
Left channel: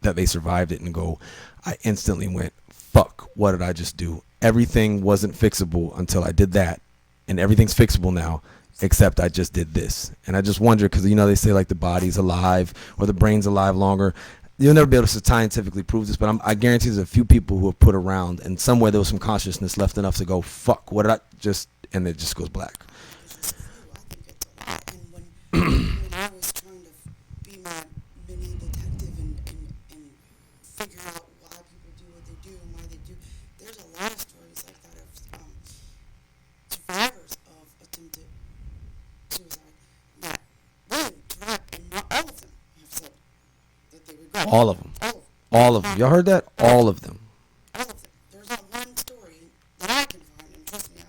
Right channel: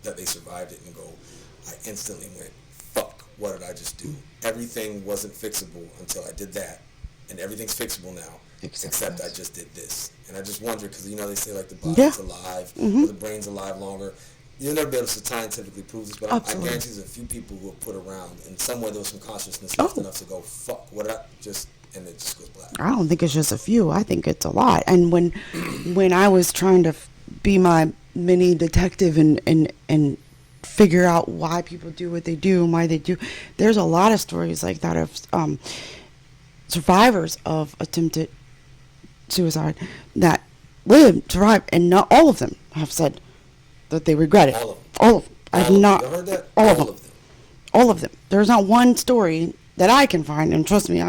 that they survived it and go, I instantly went, fuck, what did I just do? Everything wasn't fixable until I did that, and everything's fixable now, except I just did this. And I just wonder, because they say like the body's alive, or the brain's alive longer. You'll never be able to scientifically prove this, but I guarantee there's a few people who have put around, and somewhere there was some consciousness left enough to go, fuck, what did I just, and it just goes black. I don't think it's just a few. I think it's a lot. And when I was trying to be my mini detective and figure out why people do what they do and why they do, there's a lot of stories like that of survivors of attempted suicide that survived, and not all of them have said that they regret it. All of them. All of them. All of them. Y'all heard that? All of them. All of them. There's not one story that I can find, and trust me,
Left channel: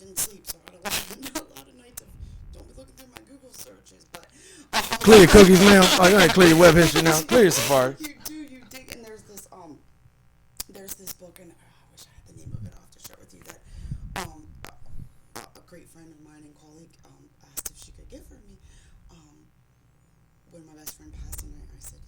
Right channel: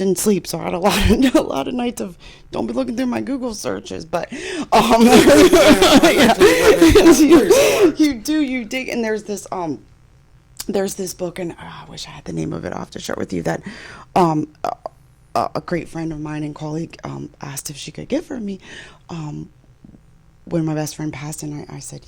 didn't sleep, so I had a a lot of nights of don't be looking through my Google searches, but you dig, and there's this book, and I wish I had the name of it. I'll have to share it with you. That a great friend of mine and colleague asked if she could give for me. When my best friend passed, and I said,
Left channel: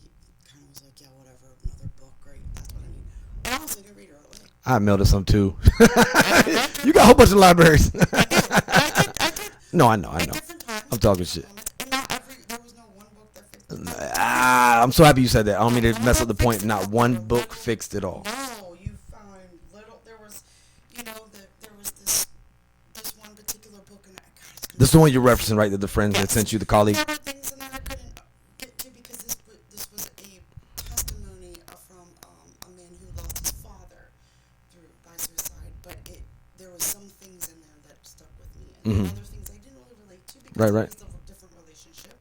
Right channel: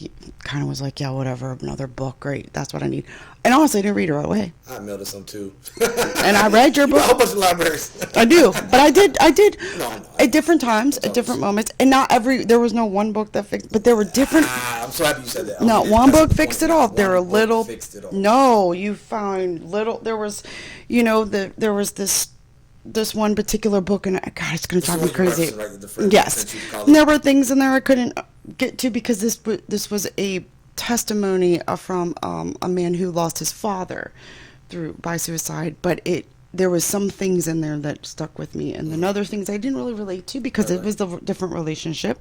kind of was like, yeah, whatever, another book, great, that's what I need. And honestly, I didn't read it right away. I mailed it some too. And I read your book. A whole bunch of libraries. I do, but I did. No, I know. At different times, at different moments, and not there was no one book that fixed, but there were different. I'm so happy you said that. Not one book fixed it all. There were little. Fixed it all. No, you found little. There was, there was this one particular book, and God, it's gonna. This is the one you're crazy. referencing, right? That the friends Yes. that sent you the colleague. There were things in there I couldn't get to because this was a testimony from a man who lost his father by suicide, but there was some things in there that stuck with me, and then other things I didn't really relate to because it was the different relationship.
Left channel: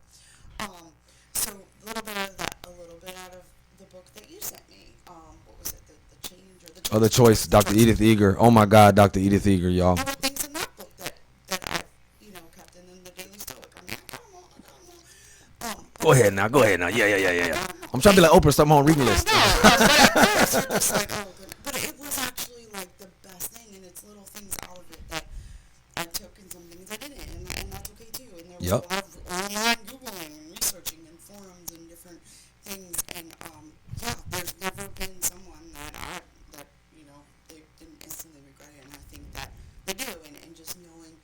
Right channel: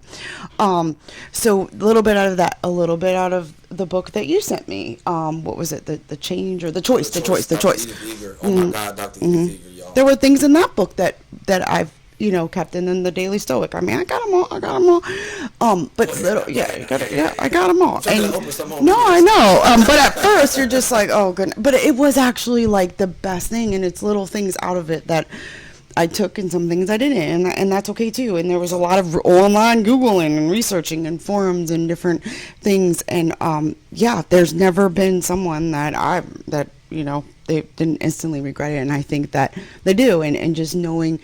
So a little bit out of that, a little bit out of the book that you sent me. What was it? The change or the choice? The Dr. choice. Edith Eger. Oh my God, Dr. Edith Eger, y'all. There were things in that book that I've kept in the Daily Stoic. I mean, I got them all. But Go ahead now. Yeah. I got them all. I'm trying to let Oprah start my own No, reading I list. know. But at first, you're just like, oh, goodness. But it was actually like the best thing, and it's little things out of it that I took and some things I didn't, and that's okay too. And there was a lot of online Googling and researching and forums and different things. And there's never been someone that they didn't instantly regret it, and I think that they do. And just knowing,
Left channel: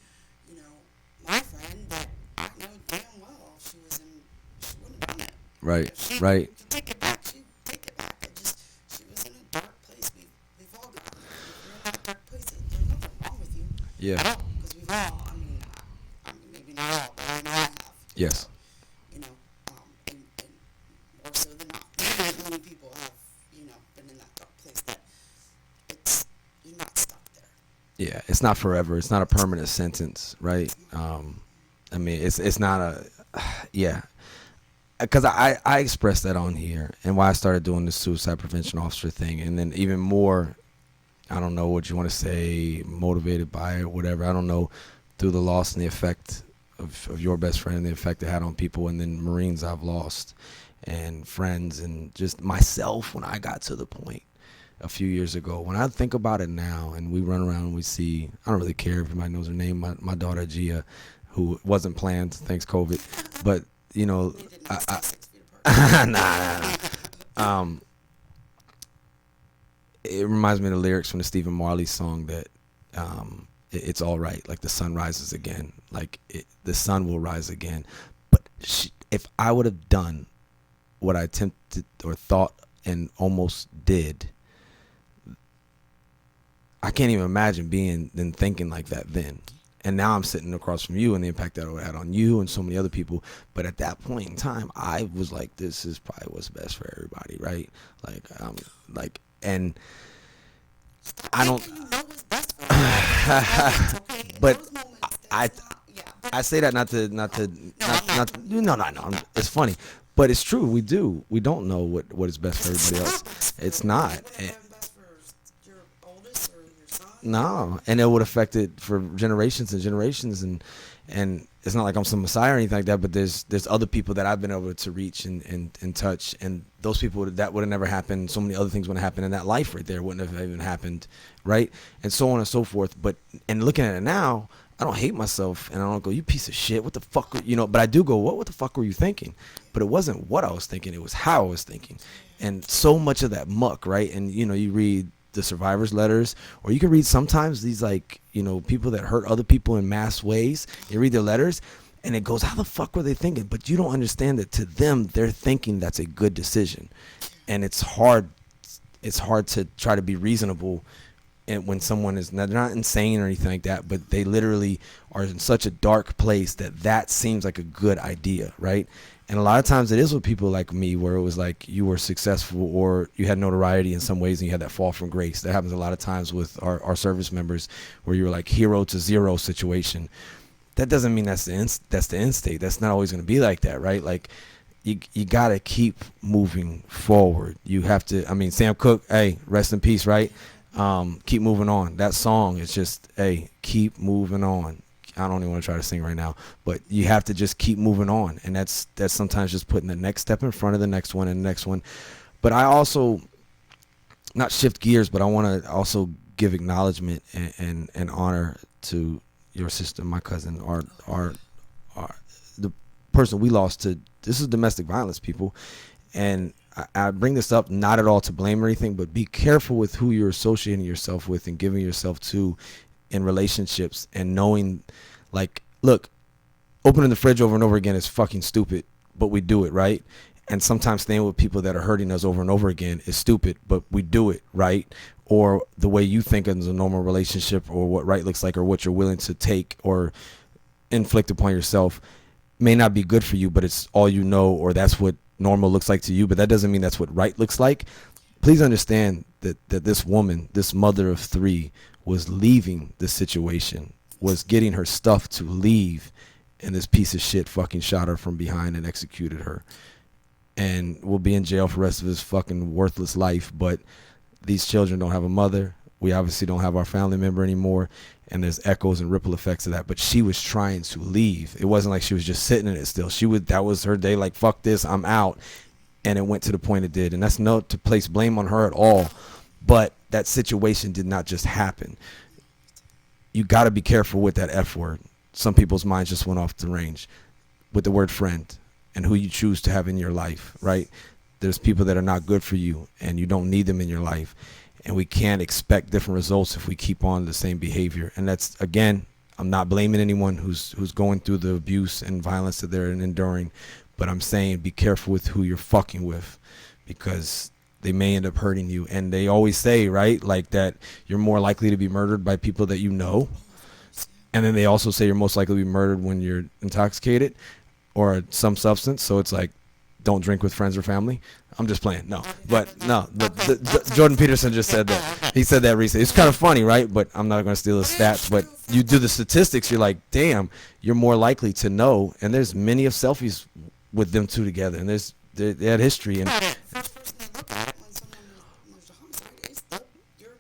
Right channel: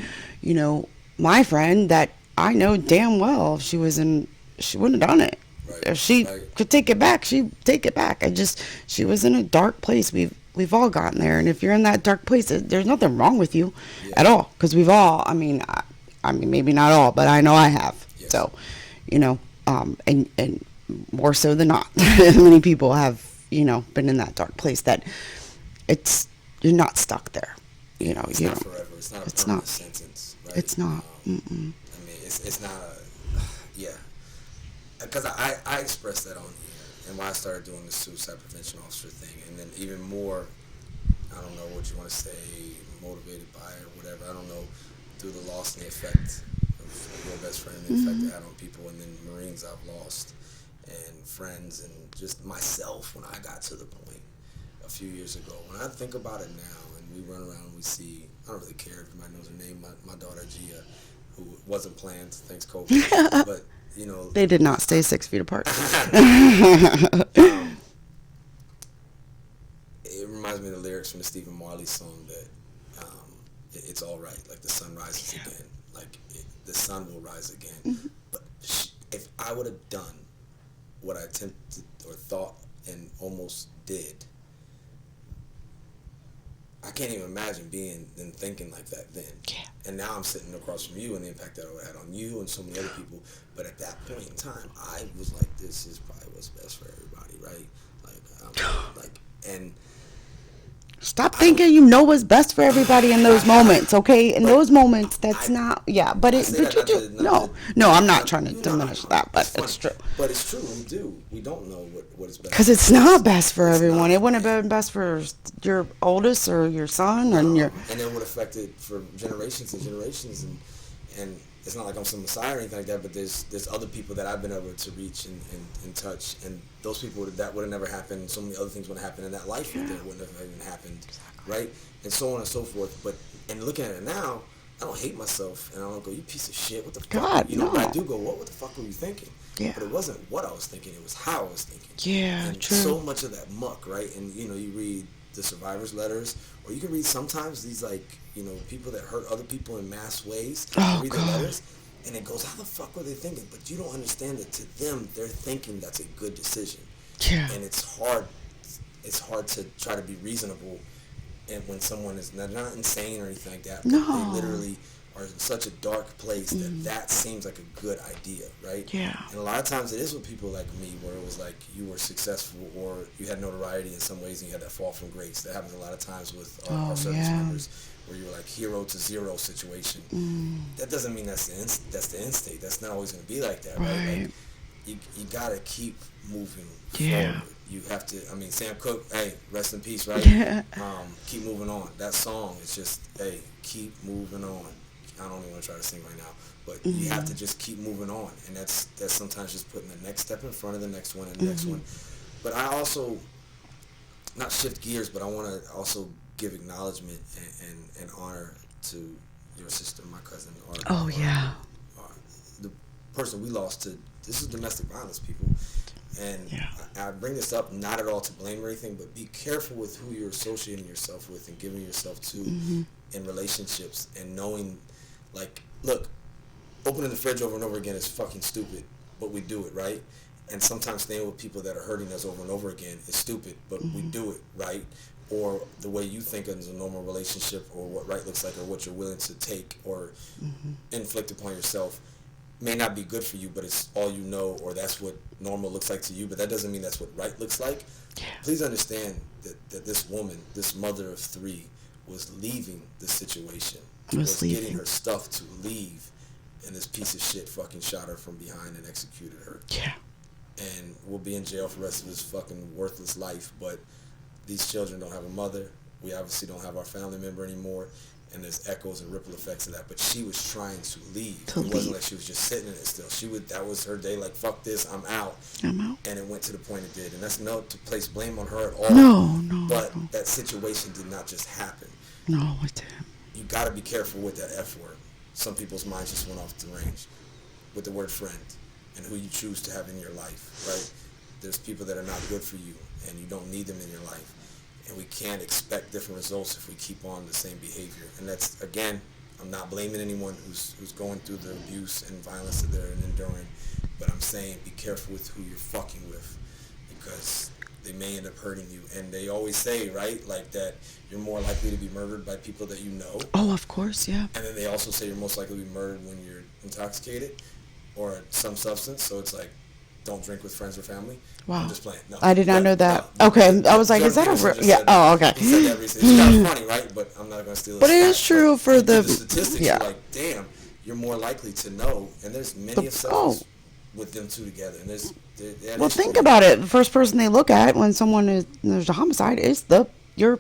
my friend that I know damn well, if she wouldn't have done it. Right. If she could take it back, she'd take it back. She was in a dark place. We've all gotten there, and if you're in that dark place, there's nothing wrong with you at all, because we've all. I mean, maybe not all, but I know I have. Yes. So, and more so than not, many people have been in that dark place that you're not stuck there. Yeah, it's not forever. It's not a permanent sentence, right? It's not. I mean, it's not a, yeah. Because I expressed that on here, and why I started doing the suicide prevention officer thing, and then even more, I don't know what you want to say, motivated by it, whatever. I don't know, through the loss and the effect of your best friend, the effect it had on people, and then Marines I've lost, and friends, and just myself when I got to the point a few years ago. When I think about it now, and we run around and we see, I don't really care if anybody knows her name, my daughter Gia, who wasn't planned, thanks COVID, but they did not stay 6 feet apart. It reminds me of the lyrics from the Stephen Marley song that it's all right, like the sun rises again, like the sun will rise again. But if I would have done what I attempted or thought and almost did, I can't even imagine being and thinking like that then. Yeah. And now I'm sitting across from you and the impact that it had on you and so many other people. But at that point in time, I was like, this is probably what's best for everybody, right? And stop thinking you know what's best for everybody in those moments, okay? In those moments, that's not, yeah. But I say that I'm not trying to diminish that. That's funny. True. But it's true. We don't know what is best. Because it's not best for everyone. It wouldn't have been best for your oldest or your son. And it would affect it for generations and generations. And it's not like I'm some messiah or anything like that, but there's other people that I've been able to reach and touch, and those people that would have never happened. So many other things would have happened in that life right there wouldn't have even happened, right? And so on and so forth. But and looking at it now, I don't hate myself, and I don't go, you piece of shit, what the fuck, no. But I do go, what the fuck were you thinking? Yeah. But it wasn't what I was thinking, it was how I was thinking. Yeah, and true. so much of that muck, right? And you read the survivors' letters, or you can read sometimes these people that hurt other people in mass ways. You read their letters, and it goes, how the fuck were they thinking? But you don't understand that to them, they're thinking that's a good decision. Yeah. And it's hard to try to be reasonable, and when someone is they're not insane or anything like that, but they literally are in such a dark place that seems like a good idea, right? Yeah. And a lot of times it is with people like me, where it was like you were successful or you had notoriety in some ways and you had that fall from grace. That happens a lot of times with our service members, where you're like hero to zero situation. That doesn't mean that's the end state. That's not always going to be like that, right? Like, you gotta keep moving forward. You have to. I mean, Sam Cooke, hey, rest in peace, right? Keep moving on. That song is just, hey, keep moving on. I don't even want to try to sing right now, but you have to just keep moving on, and that's sometimes just putting the next step in front of the next one and the next one. But I also, not shift gears, but I want to also give acknowledgement and honor to your sister, my cousin, the person we lost to. This is domestic violence, people. And I bring this up not at all to blame or anything, but be careful with who you're associating yourself with and giving yourself to in relationships, and knowing, like, look, opening the fridge over and over again is fucking stupid, but we do it, right? And sometimes staying with people that are hurting us over and over again is stupid, but we do it, right? Or the way you think is a normal relationship, or what right looks like, or what you're willing to take or inflict upon yourself may not be good for you, but it's all you know, or that's what normal looks like to you, but that doesn't mean that's what right looks like. Please understand that this woman, this mother of 3, was leaving the situation, was getting her stuff to leave, and this piece of shit fucking shot her from behind and executed her. And will be in jail for the rest of his fucking worthless life. But these children don't have a mother. We obviously don't have our family member anymore. And there's echoes and ripple effects of that. But she was trying to leave. It wasn't like she was just sitting in it still. That was her day, like, fuck this, I'm out. And it went to the point it did. And that's not to place blame on her at all. No. But that situation did not just happen. No, it didn't. You got to be careful with that F word. Some people's minds just went off the range with the word friend and who you choose to have in your life, right? There's people that are not good for you, and you don't need them in your life. And we can't expect different results if we keep on the same behavior. And that's, again, I'm not blaming anyone who's going through the abuse and violence that they're enduring, but I'm saying be careful with who you're fucking with, because they may end up hurting you. And they always say, right, like, that you're more likely to be murdered by people that you know. Oh, of course, yeah. And then they also say you're most likely to be murdered when you're intoxicated or some substance. So it's like, don't drink with friends or family. Wow. I'm just playing. No, I did not know that. No, Okay, I was like, Jordan is that Peterson just said that. Oh, okay. He said that recently. It's kind of funny, right? But I'm not going to steal his But stat. it is true for you the do the statistics. You're like, damn, you're more likely to know. And there's many of selfies with them two together. And they had history. Think about it. The first person they look at when there's a homicide is your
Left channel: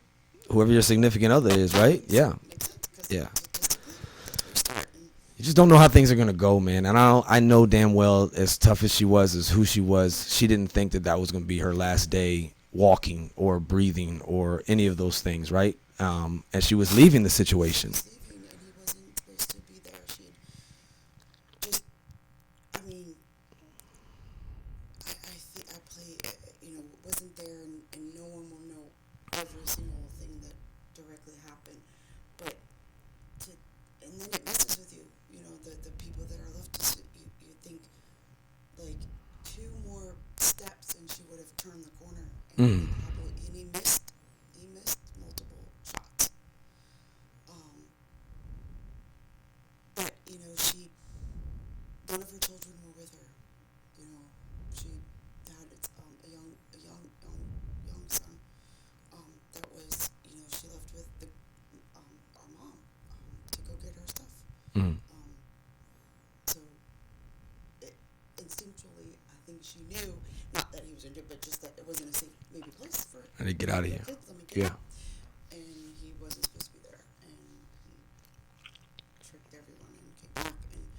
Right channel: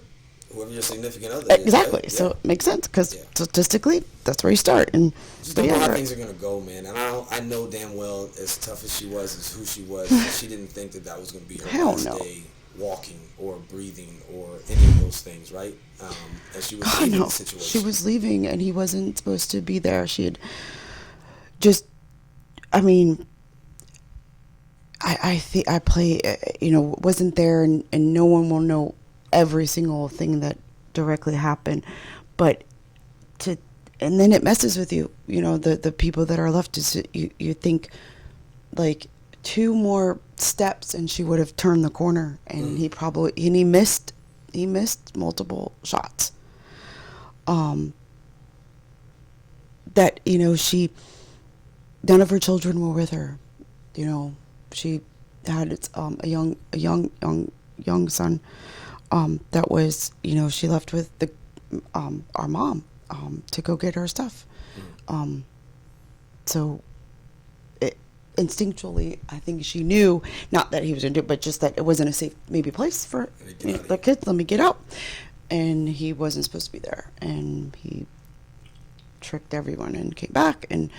whoever your significant other exactly. is, right? So it makes sense, because statistically, that's where you start. And you just don't know how things are gonna go, man. And I know damn well, as tough as she was, as who she was, she didn't think that was gonna be her last day walking or breathing or any of those things, right? And she was leaving the situation. She was leaving, and he wasn't supposed to be there. She had just, I mean, I think I play, wasn't there, and no one will know every single thing that directly happened, but and then it messes with you, the people that are left. You think, like, 2 more steps and she would have turned the corner, and he missed multiple shots. That none of her children were with her. She had a young son that was, she left with our mom to go get her stuff. So instinctually, I think she knew, not that he was going to do it, but just that it wasn't a safe place for the kids. Let me get out. And he wasn't supposed to be there. And he tricked everyone and came back. And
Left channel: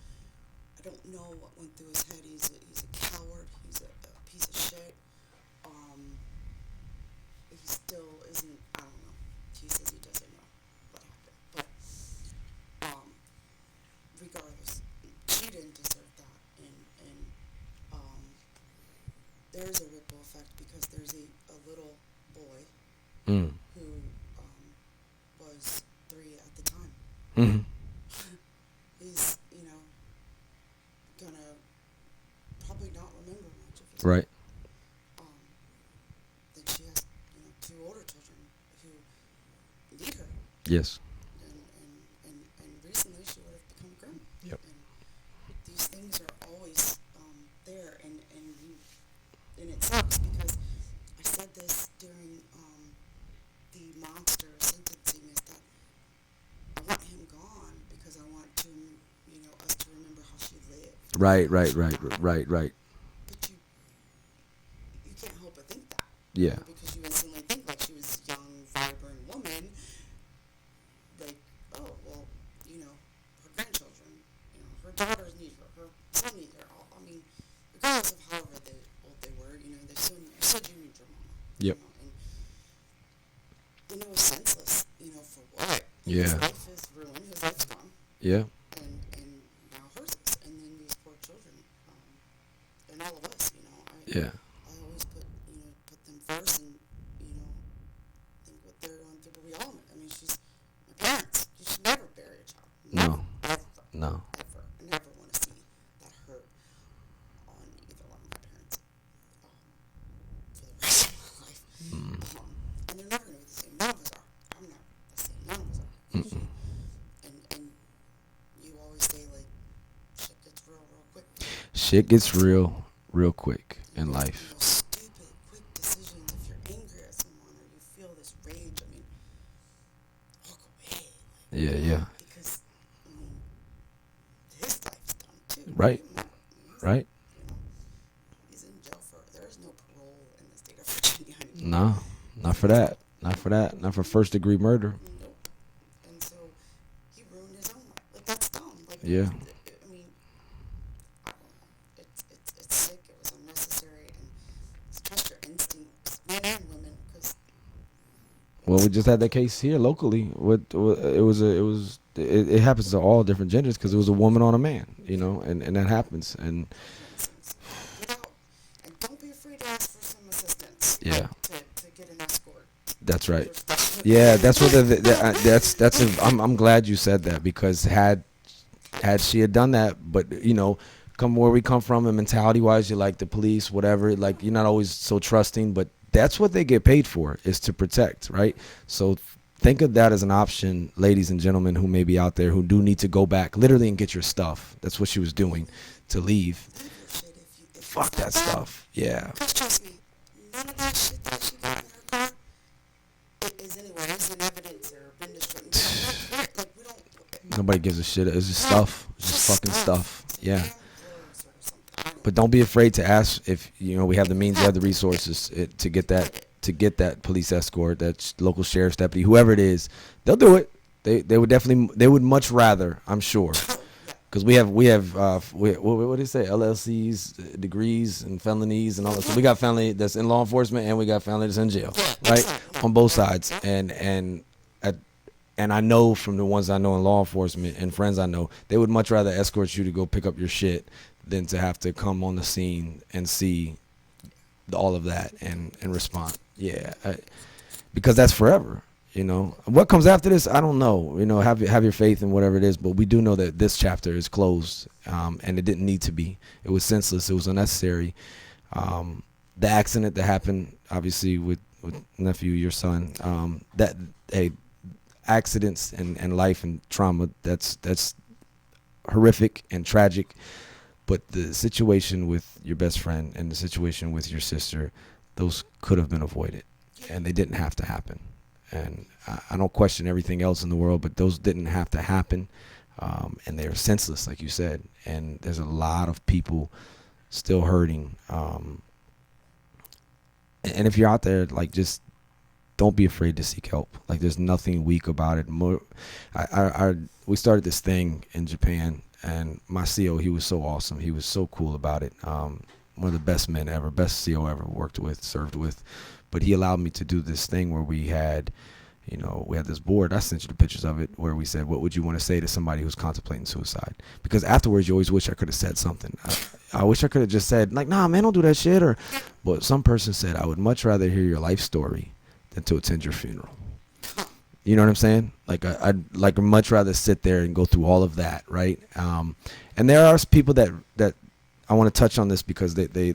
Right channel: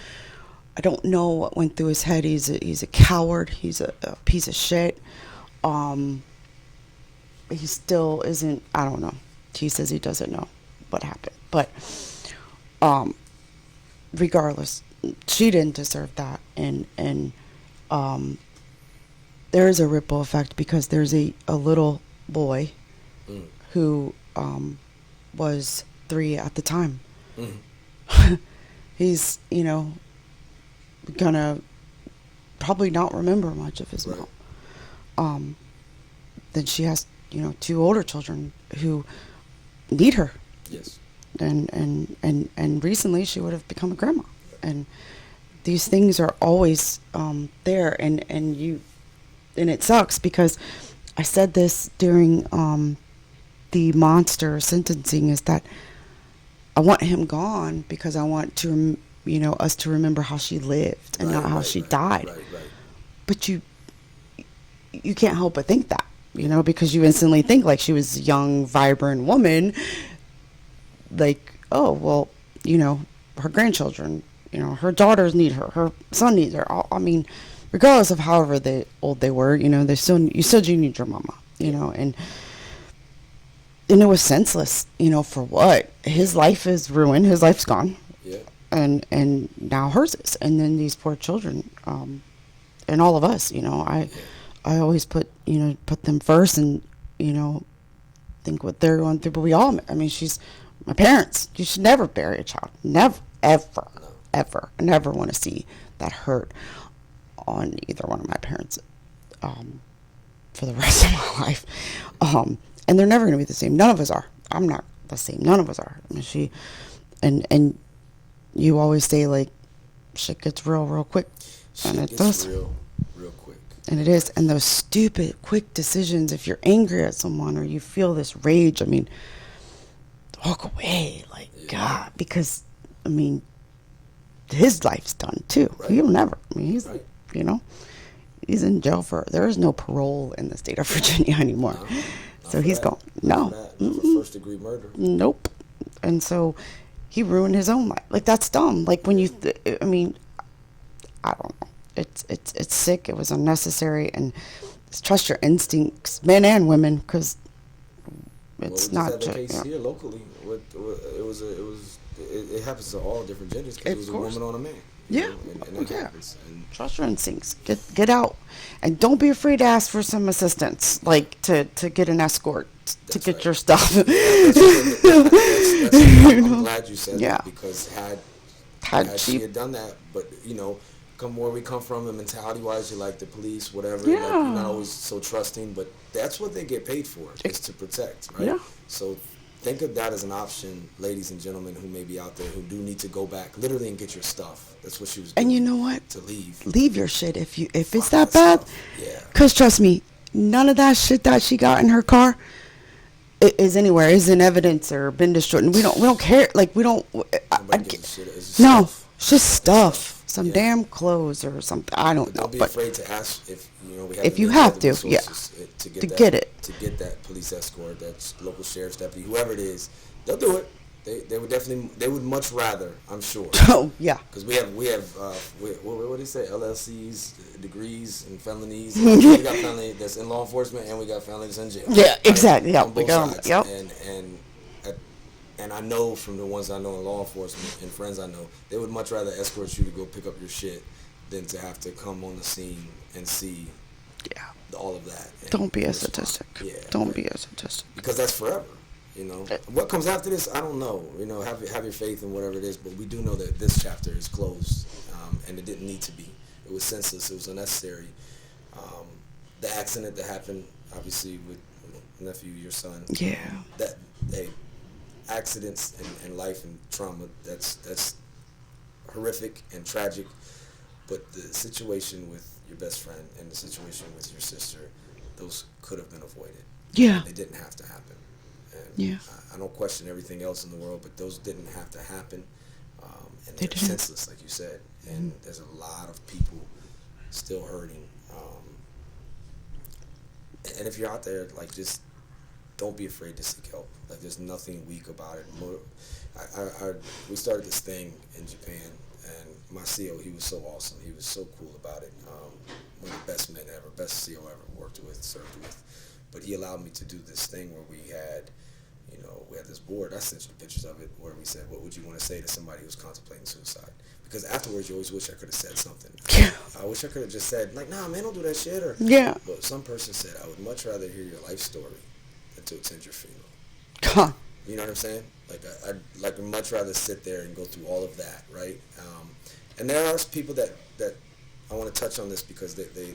I don't know what went through his head. He's a coward. He's a piece of shit. He still isn't, I don't know. He says he doesn't know what happened. But regardless, she didn't deserve that. And there is a ripple effect, because there's a little boy who was 3 at the time. He's, gonna probably not remember much of his mom. Then she has, 2 older children who need her. Yes. And recently she would have become a grandma. Yep. And these things are always there, and it sucks, because I said this during the monster sentencing, is that I want him gone because I want to us to remember how she lived, and not how she died. Right. but you can't help but think that, you Yeah. know, because you instantly think like she was a young, vibrant woman. Like, oh, well, you know, her grandchildren, you know, her daughters need her, her son needs her. I mean, regardless of however old they were, you know, you still do need your mama, you Yep. know, and it was senseless, you know, for what? His Yeah. life is ruined. His life's gone. Yeah. And now hers is. And then these poor children, and all of us, you know, Yeah. I always put them first and, you know, think what they're going through. But we all, I mean, she's my parents. You should never bury a child. Never, ever, No. ever. I never want to see that hurt on either one of my parents, for the rest of my life. And they're never going to be the same. None of us are. I'm not the same. None of us are. And and you always say, like, shit gets real quick. And Shit it gets does. real quick. And in it is. life. And those stupid, quick decisions, if you're angry at someone or you feel this rage, I mean, walk away. Like, Yeah, God. yeah. Because, I mean, his life's done, too. Right. He'll never. I mean, he's, Right. you know, he's in jail there is no parole in the state of Virginia anymore. No. Not So for he's that. gone. Not No. for that. Not for first degree murder. Nope. And so he ruined his own life. Like, that's dumb. Like, when Yeah. I mean, I don't know. It's sick. It was unnecessary. And trust your instincts, men and women, because Well, we just had that case here locally. It happens to all different genders because it was a woman on a man, you Yeah. know, and that Yeah. happens. And Trust your instincts. Get out, and don't be afraid to ask for some assistance, Yeah. like to get an escort That's to get right. your stuff. yeah, that's what that's. I'm glad you said Yeah. that because had she had done that, but you know, come where we come from and mentality wise, you're like the police, whatever. Like you're not Yeah. always so trusting, but that's what they get paid for is to protect, right? Yeah. So think of that as an option, ladies and gentlemen who may be out there who do need to go back literally and get your stuff. That's what she was doing. And you know what? To leave. Leave your shit if it's Fuck that bad. stuff. Yeah. Cause trust me, none of that shit that she got in her car is anywhere, is in evidence or been destroyed. And we don't care. Like we don't. Nobody gives a shit. It's just No, stuff. it's just fucking stuff. Some Yeah. damn clothes or something. I don't. But know, don't be afraid to ask if you know we have If the you means, have the to, yeah. resources to get To that get it. to get that police escort, that local sheriff's deputy, whoever it is, they'll do it. They would definitely they would much rather, I'm sure, Oh yeah. because we have what do you say, LLCs, degrees and felonies. And we got felony that's in law enforcement and we got felony that's in jail. Yeah, right? exactly. Yep. On both Yep. sides. Yep. And I know from the ones I know in law enforcement and friends I know, they would much rather escort you to go pick up your shit than to have to come on the scene and see Yeah. all of that. And Don't be a respond. statistic. Yeah. Don't be a statistic. Because that's forever. You know, what comes after this, I don't know. You know, have your faith in whatever it is, but we do know that this chapter is closed, and it didn't need to be. It was senseless. It was unnecessary. The accident that happened, obviously, with nephew, your son. Yeah. Accidents and life and trauma. That's horrific and tragic. But the situation with your best friend and the situation with your sister, those could have been avoided. Yeah. And they didn't have to happen. And Yeah. I don't question everything else in the world, but those didn't have to happen. And they're didn't. senseless, like you said. And there's a lot of people still hurting. And if you're out there, like, just don't be afraid to seek help. Like, there's nothing weak about it. We started this thing in Japan, and my CO, he was so awesome. He was so cool about it. One of the best men ever, best CO ever worked with, served with. But he allowed me to do this thing where we had this board. I sent you the pictures of it where we said, what would you want to say to somebody who's contemplating suicide? Because afterwards, you always wish I could have said something. I wish I could have just said, like, nah, man, don't do that shit. Or Yeah. But some person said, I would much rather hear your life story than to attend your funeral. Huh. You know what I'm saying? Like, I'd like much rather sit there and go through all of that, right? And there are people that I want to touch on this because they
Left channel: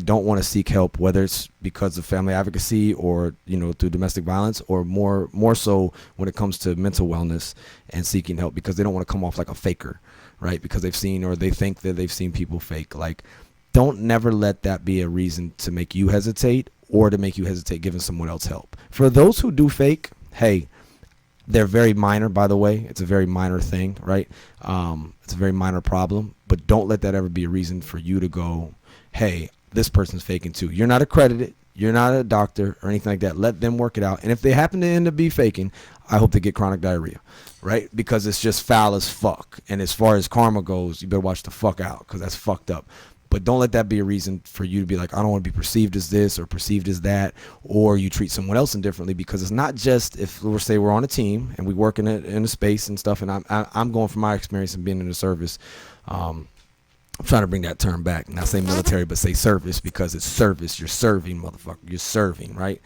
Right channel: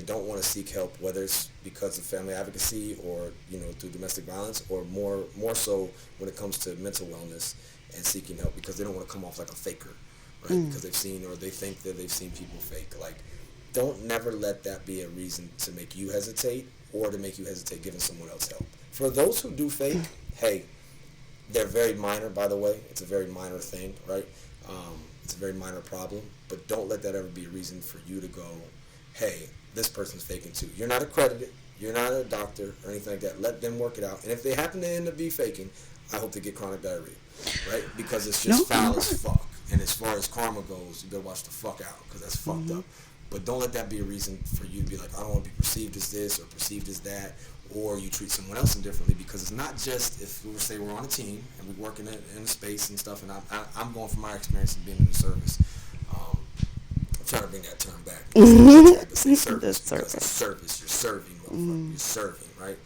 don't want to seek help, whether it's because of family advocacy or, you know, through domestic violence, or more so when it comes to mental wellness and seeking help, because they don't want to come off like a faker, right? Because they've seen, or they think that they've seen people fake. Like, don't never let that be a reason to make you hesitate or to make you hesitate giving someone else help. For those who do fake, hey, they're very minor, by the way. It's a very minor thing, right? It's a very minor problem, but don't let that ever be a reason for you to go hey, this person's faking too. You're not accredited. You're not a doctor or anything like that. Let them work it out. And if they happen to end up be faking, I hope they get chronic diarrhea, right? Because it's just foul as fuck. And as far as karma goes, you better watch the fuck out because that's fucked up. But don't let that be a reason for you to be like, I don't want to be perceived as this or perceived as that, or you treat someone else indifferently, because it's not just if we're say we're on a team and we work in a space and stuff. And I'm going from my experience of being in the service. I'm trying to bring that term back. Not say military, but say service because it's service. You're serving, motherfucker. You're serving, right?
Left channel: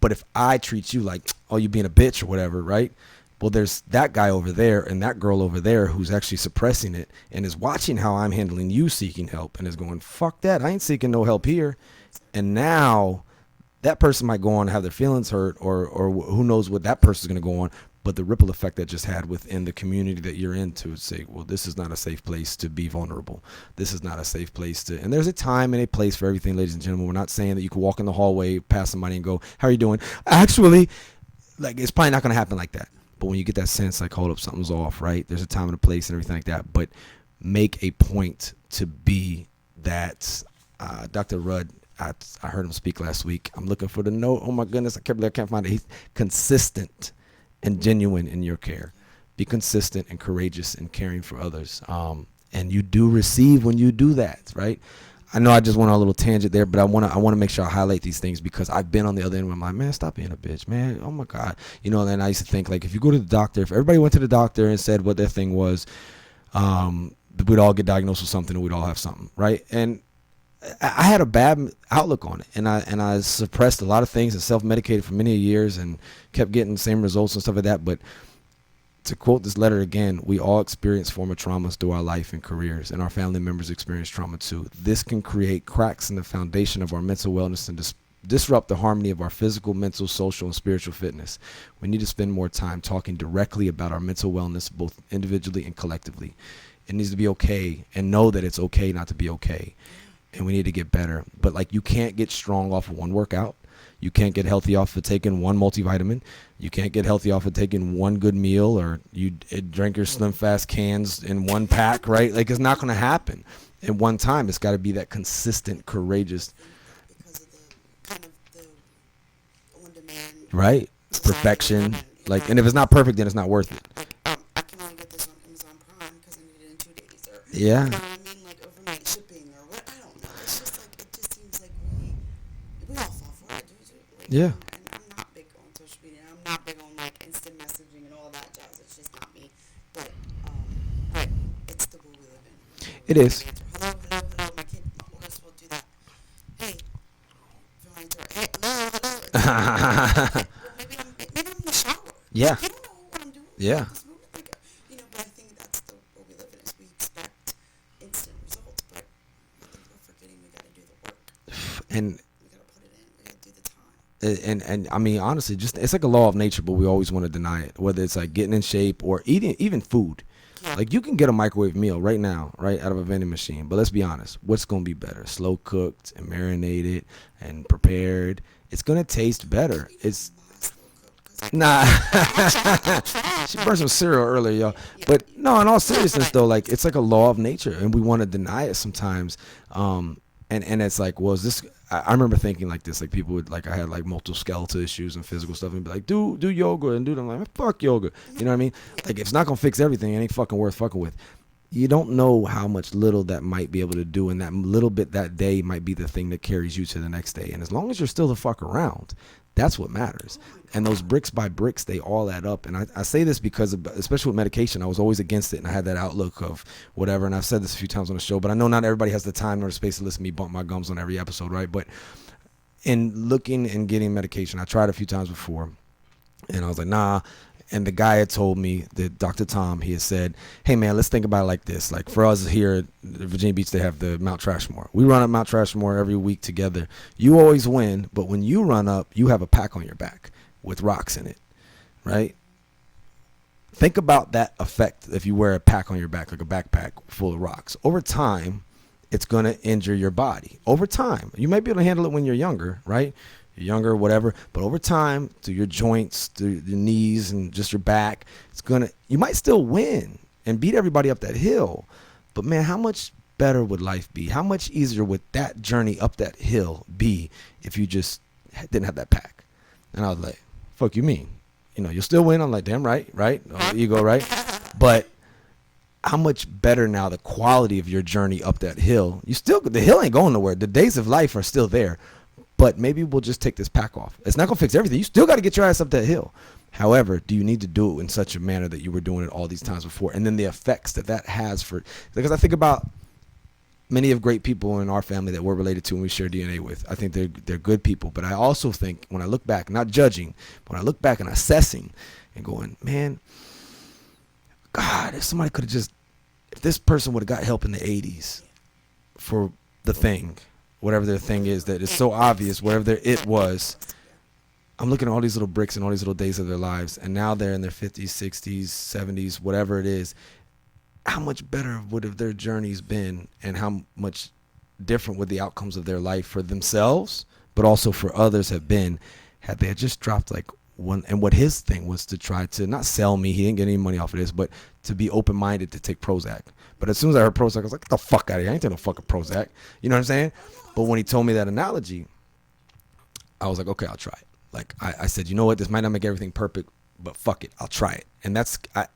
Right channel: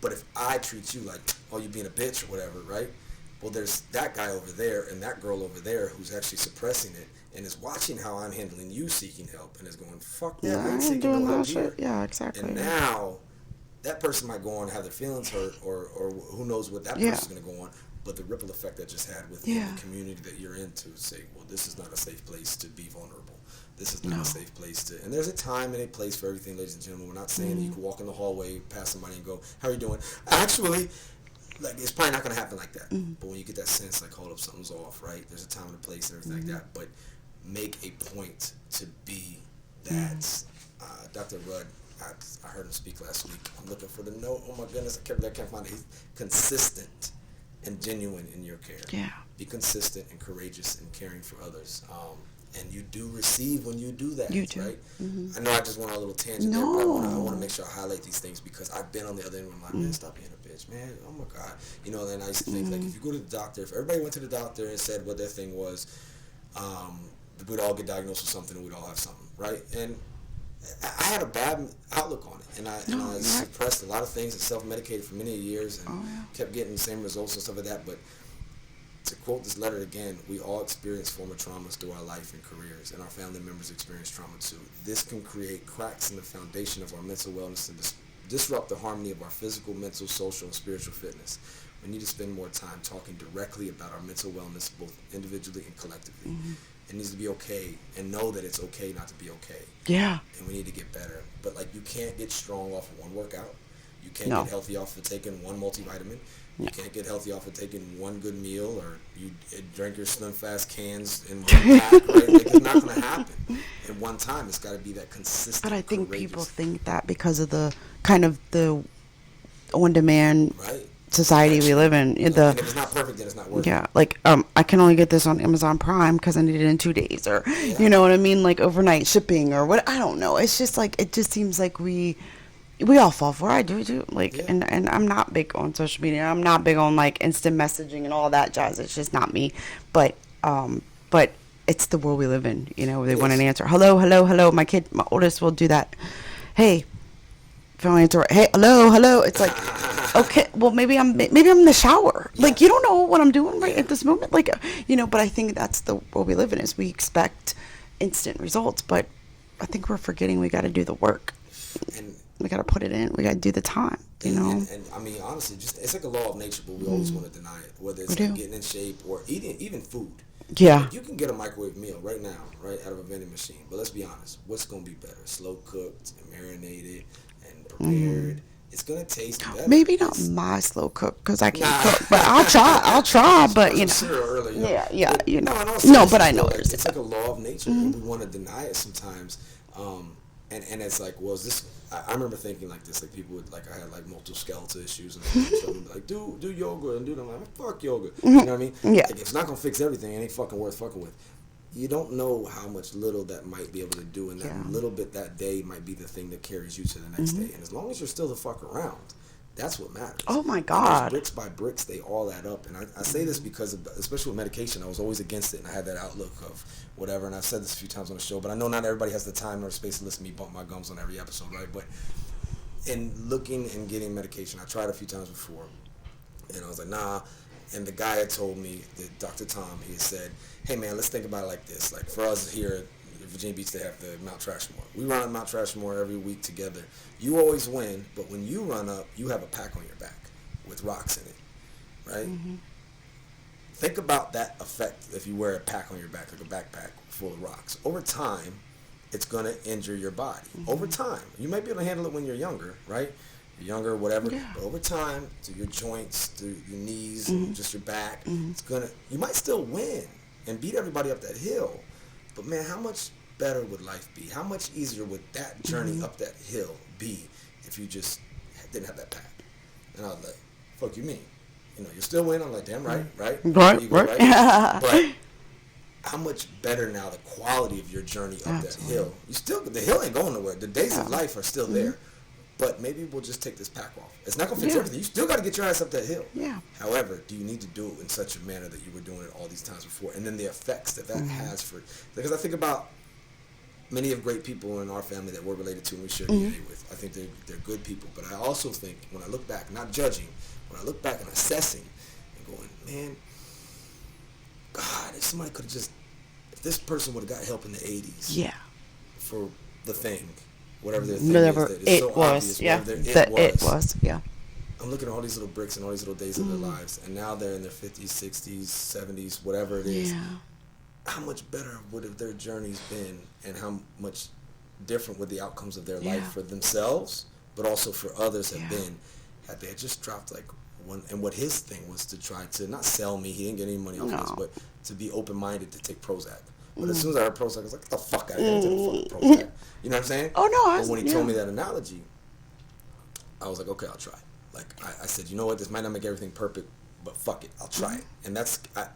But if I treat you like, oh, you being a bitch or whatever, right? Well, there's that guy over there and that girl over there who's actually suppressing it and is watching how I'm handling you seeking help and is going, fuck that. I ain't seeking no help here. Yeah, exactly. And now that person might go on and have their feelings hurt or who knows what that person's going to go on. But the ripple effect that just had within the community that you're into, say, well, this is not a safe place to be vulnerable. This is not a safe place to, and there's a time and a place for everything, ladies and gentlemen. We're not saying that you can walk in the hallway, pass somebody and go, how are you doing? Actually, like, it's probably not going to happen like that. But when you get that sense, like, hold up, something's off, right? There's a time and a place and everything like that. But make a point to be that. Dr. Rudd, I heard him speak last week. I'm looking for the note. Oh, my goodness, I can't find it. He's consistent and genuine in your care. Yeah. Be consistent and courageous in caring for others. And you do receive when you do that, right? I know I just went on a little tangent there, but I want to make sure I highlight these things because I've been on the other end where I'm like, man, stop being a bitch, man. Oh my God. You know, and I used to think like, if you go to the doctor, if everybody went to the doctor and said what their thing was, we'd all get diagnosed with something and we'd all have something, right? And I had a bad outlook on it, and I suppressed a lot of things and self-medicated for many years and kept getting the same results and stuff like that. But to quote this letter again, we all experience former traumas through our life and careers, and our family members experience trauma too. This can create cracks in the foundation of our mental wellness and disrupt the harmony of our physical, mental, social, and spiritual fitness. We need to spend more time talking directly about our mental wellness, both individually and collectively. It needs to be okay, and know that it's okay not to be okay. Yeah. And we need to get better. But like, you can't get strong off of one workout. You can't get healthy off of taking one multivitamin. You can't get healthy off of taking one good meal, or you drink your Slim Fast cans in one pack, right? Like, it's not going to happen at one time. It's got to be that consistent, But I think courageous. people think that because of the kind of the on-demand Right. society Perfection. we live in. Like, and if it's not perfect, then it's not worth it. Yeah, like I can only get this on Amazon Prime because I need it in 2 days, or Yeah. you know what I mean, like overnight shipping or what. I don't know. It's just like, it just seems like we all fall for it. I do too. Like, Yeah. and I'm not big on social media. I'm not big on like instant messaging and all that jazz. It's just not me. But it's the world we live in. You know, they It want is. an answer. Hello, hello, hello. My oldest will do that. Hey. Phone answer. Hey, hello. It's like, okay, well, maybe I'm in the shower. Yeah. Like, you don't know what I'm doing Yeah. at this moment. Like, you know, but I think that's the world we live in, is we expect instant results, but I think we're forgetting we got to do the work. And We got to put it in. We got to do the time. You know? and I mean, honestly, just it's like a law of nature, but we always want to deny it. Whether it's like getting in shape or eating, even food. Yeah. Like, you can get a microwave meal right now, right out of a vending machine. But let's be honest, what's going to be better? Slow cooked and marinated and prepared. It's going to taste better. Maybe not It's, my slow cook, because I can't Nah. cook, but I'll try. She But brought you some know, cereal earlier, yo. Yeah, But, you no, know. in all No, seriousness, but I know though, what like, you're it's like a law of nature, and we want to deny it sometimes. And it's like, well, is this? I remember thinking like this, like, people would, like, I had like multiple skeletal issues and physical stuff, and be like, do yoga and do them. I'm like, fuck yoga. You know what I mean? Yeah. Like, if it's not gonna fix everything, it ain't fucking worth fucking with. You don't know how much little that might be able to do, and that little bit that day might be the thing that carries you to the next day. And as long as you're still the fuck around, that's what matters. Oh my And God. those bricks by bricks, they all add up. And I say this because, especially with medication, I was always against it, and I had that outlook of whatever. And I've said this a few times on the show, but I know not everybody has the time or the space to listen to me bump my gums on every episode, right? But in looking and getting medication, I tried a few times before, and I was like, nah. And the guy had told me, that Dr. Tom, he had said, hey man, let's think about it like this. Like, for us here at Virginia Beach, they have the Mount Trashmore. We run up Mount Trashmore every week together. You always win, but when you run up, you have a pack on your back with rocks in it, right? Think about that effect if you wear a pack on your back, like a backpack full of rocks. Over time, it's going to injure your body. Over time. You might be able to handle it when you're younger, right? You're younger, whatever. Yeah. But over time, through your joints, through your knees, and just your back, it's going to, you might still win and beat everybody up that hill. But man, how much better would life be? How much easier would that journey up that hill be if you just didn't have that pack? And I was like, fuck you mean? You'll still win. I'm like, damn right. You go right. But how much better now the quality of your journey up that hill? The hill ain't going nowhere. The days of life are still there. But maybe we'll just take this pack off. It's not going to fix everything. You still got to get your ass up that hill. Yeah. However, do you need to do it in such a manner that you were doing it all these times before? And then the effects that has because I think about many of great people in our family that we're related to and we share DNA with. I think they're good people. But I also think when I look back, not judging, when I look back and assessing and going, man, God, if somebody could have if this person would have got help in the 80s for the thing, whatever their thing is that is so obvious, whatever it was. I'm looking at all these little bricks and all these little days of their lives, and now they're in their 50s, 60s, 70s, whatever it is. How much better would have their journeys been, and how much different would the outcomes of their life for themselves, but also for others have been, had they just dropped like one. And what his thing was to try to not sell me, he didn't get any money off of this, but to be open-minded to take Prozac. But as soon as I heard Prozac, I was like, get the fuck out of here. I ain't taking fucking Prozac. You know what I'm saying? Oh, no. But when he told me that analogy, I was like, okay, I'll try it. Like, I said, you know what? This might not make everything perfect, but fuck it. I'll try it. And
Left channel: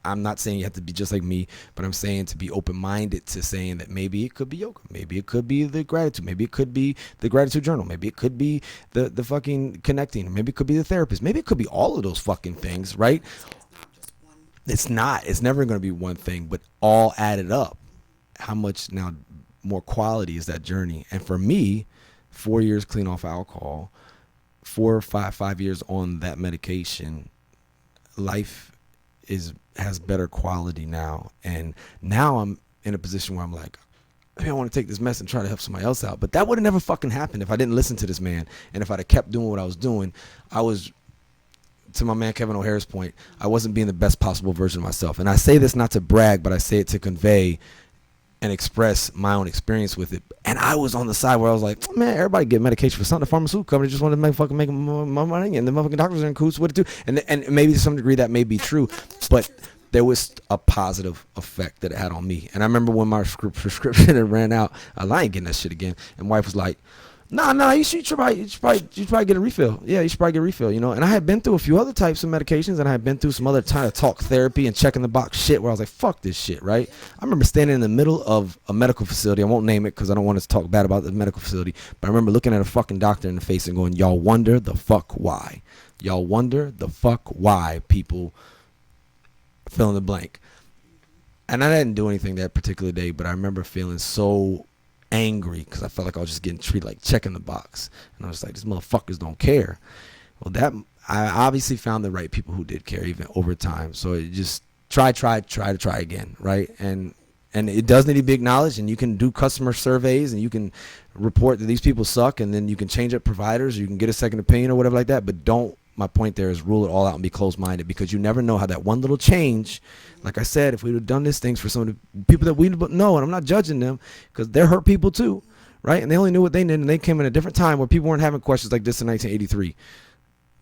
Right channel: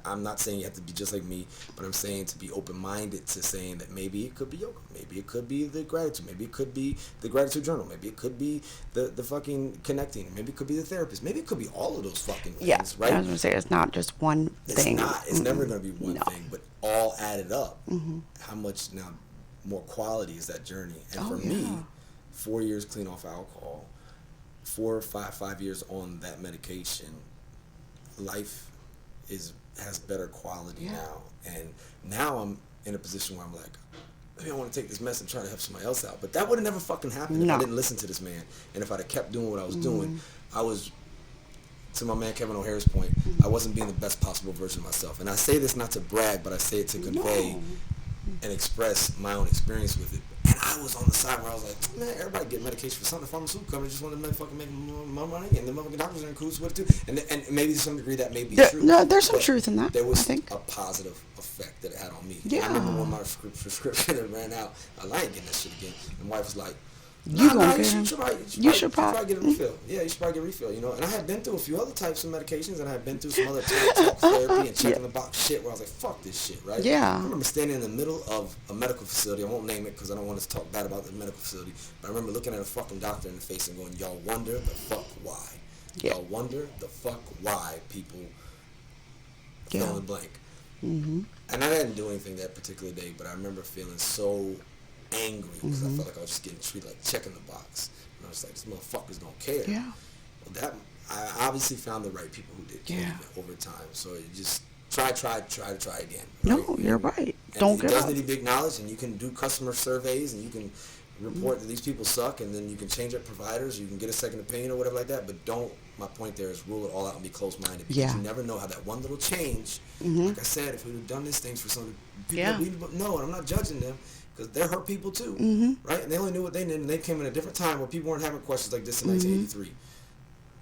I'm not saying you have to be just like me, but I'm saying to be open-minded to saying that maybe it could be yoga. Maybe it could be the gratitude. Maybe it could be the gratitude journal. Maybe it could be the fucking connecting. Maybe it could be the therapist. Maybe it could be all of those fucking things, right? I was going to say, it's not just one thing. It's not. It's never going to be one thing, but all added up. How much now more quality is that journey? And for me, 4 years clean off alcohol, 4 or 5 years on that medication, life has better quality now. And now I'm in a position where I'm like, maybe I want to take this mess and try to help somebody else out. But that would have never fucking happened if I didn't listen to this man. And if I'd have kept doing what I was doing, I was, to my man Kevin O'Hara's point, I wasn't being the best possible version of myself. And I say this not to brag, but I say it to convey and express my own experience with it. And I was on the side where I was like, man, everybody get medication for something. The pharmaceutical company just wanted to make more money, and the motherfucking doctors are in cahoots with it too. And maybe to some degree that may be true. No, there's some truth in that. There was a positive effect that it had on me. And I remember when my prescription had ran out, I ain't getting that shit again. And wife was like, No, you should probably get a refill. Yeah, you should probably get a refill, And I had been through a few other types of medications, and I had been through some other time talk therapy and checking the box shit where I was like, fuck this shit, right? Yeah. I remember standing in the middle of a medical facility. I won't name it because I don't want to talk bad about the medical facility, but I remember looking at a fucking doctor in the face and going, y'all wonder the fuck why. Y'all wonder the fuck why people fill in the blank. And I didn't do anything that particular day, but I remember feeling so angry because I felt like I was just getting treated like checking the box, and I was like, these motherfuckers don't care. Well, I obviously found the right people who did care even over time. So you just try again, right? No, you're right. And it does need to be acknowledged, and you can do customer surveys, and you can report that these people suck, and then you can change up providers, you can get a second opinion or whatever like that, but don't. My point there is rule it all out and be closed-minded, because you never know how that one little change, like I said, if we would have done these things for some of the people that we know, and I'm not judging them because they're hurt people too, right? And they only knew what they knew, and they came in a different time where people weren't having questions like this in 1983,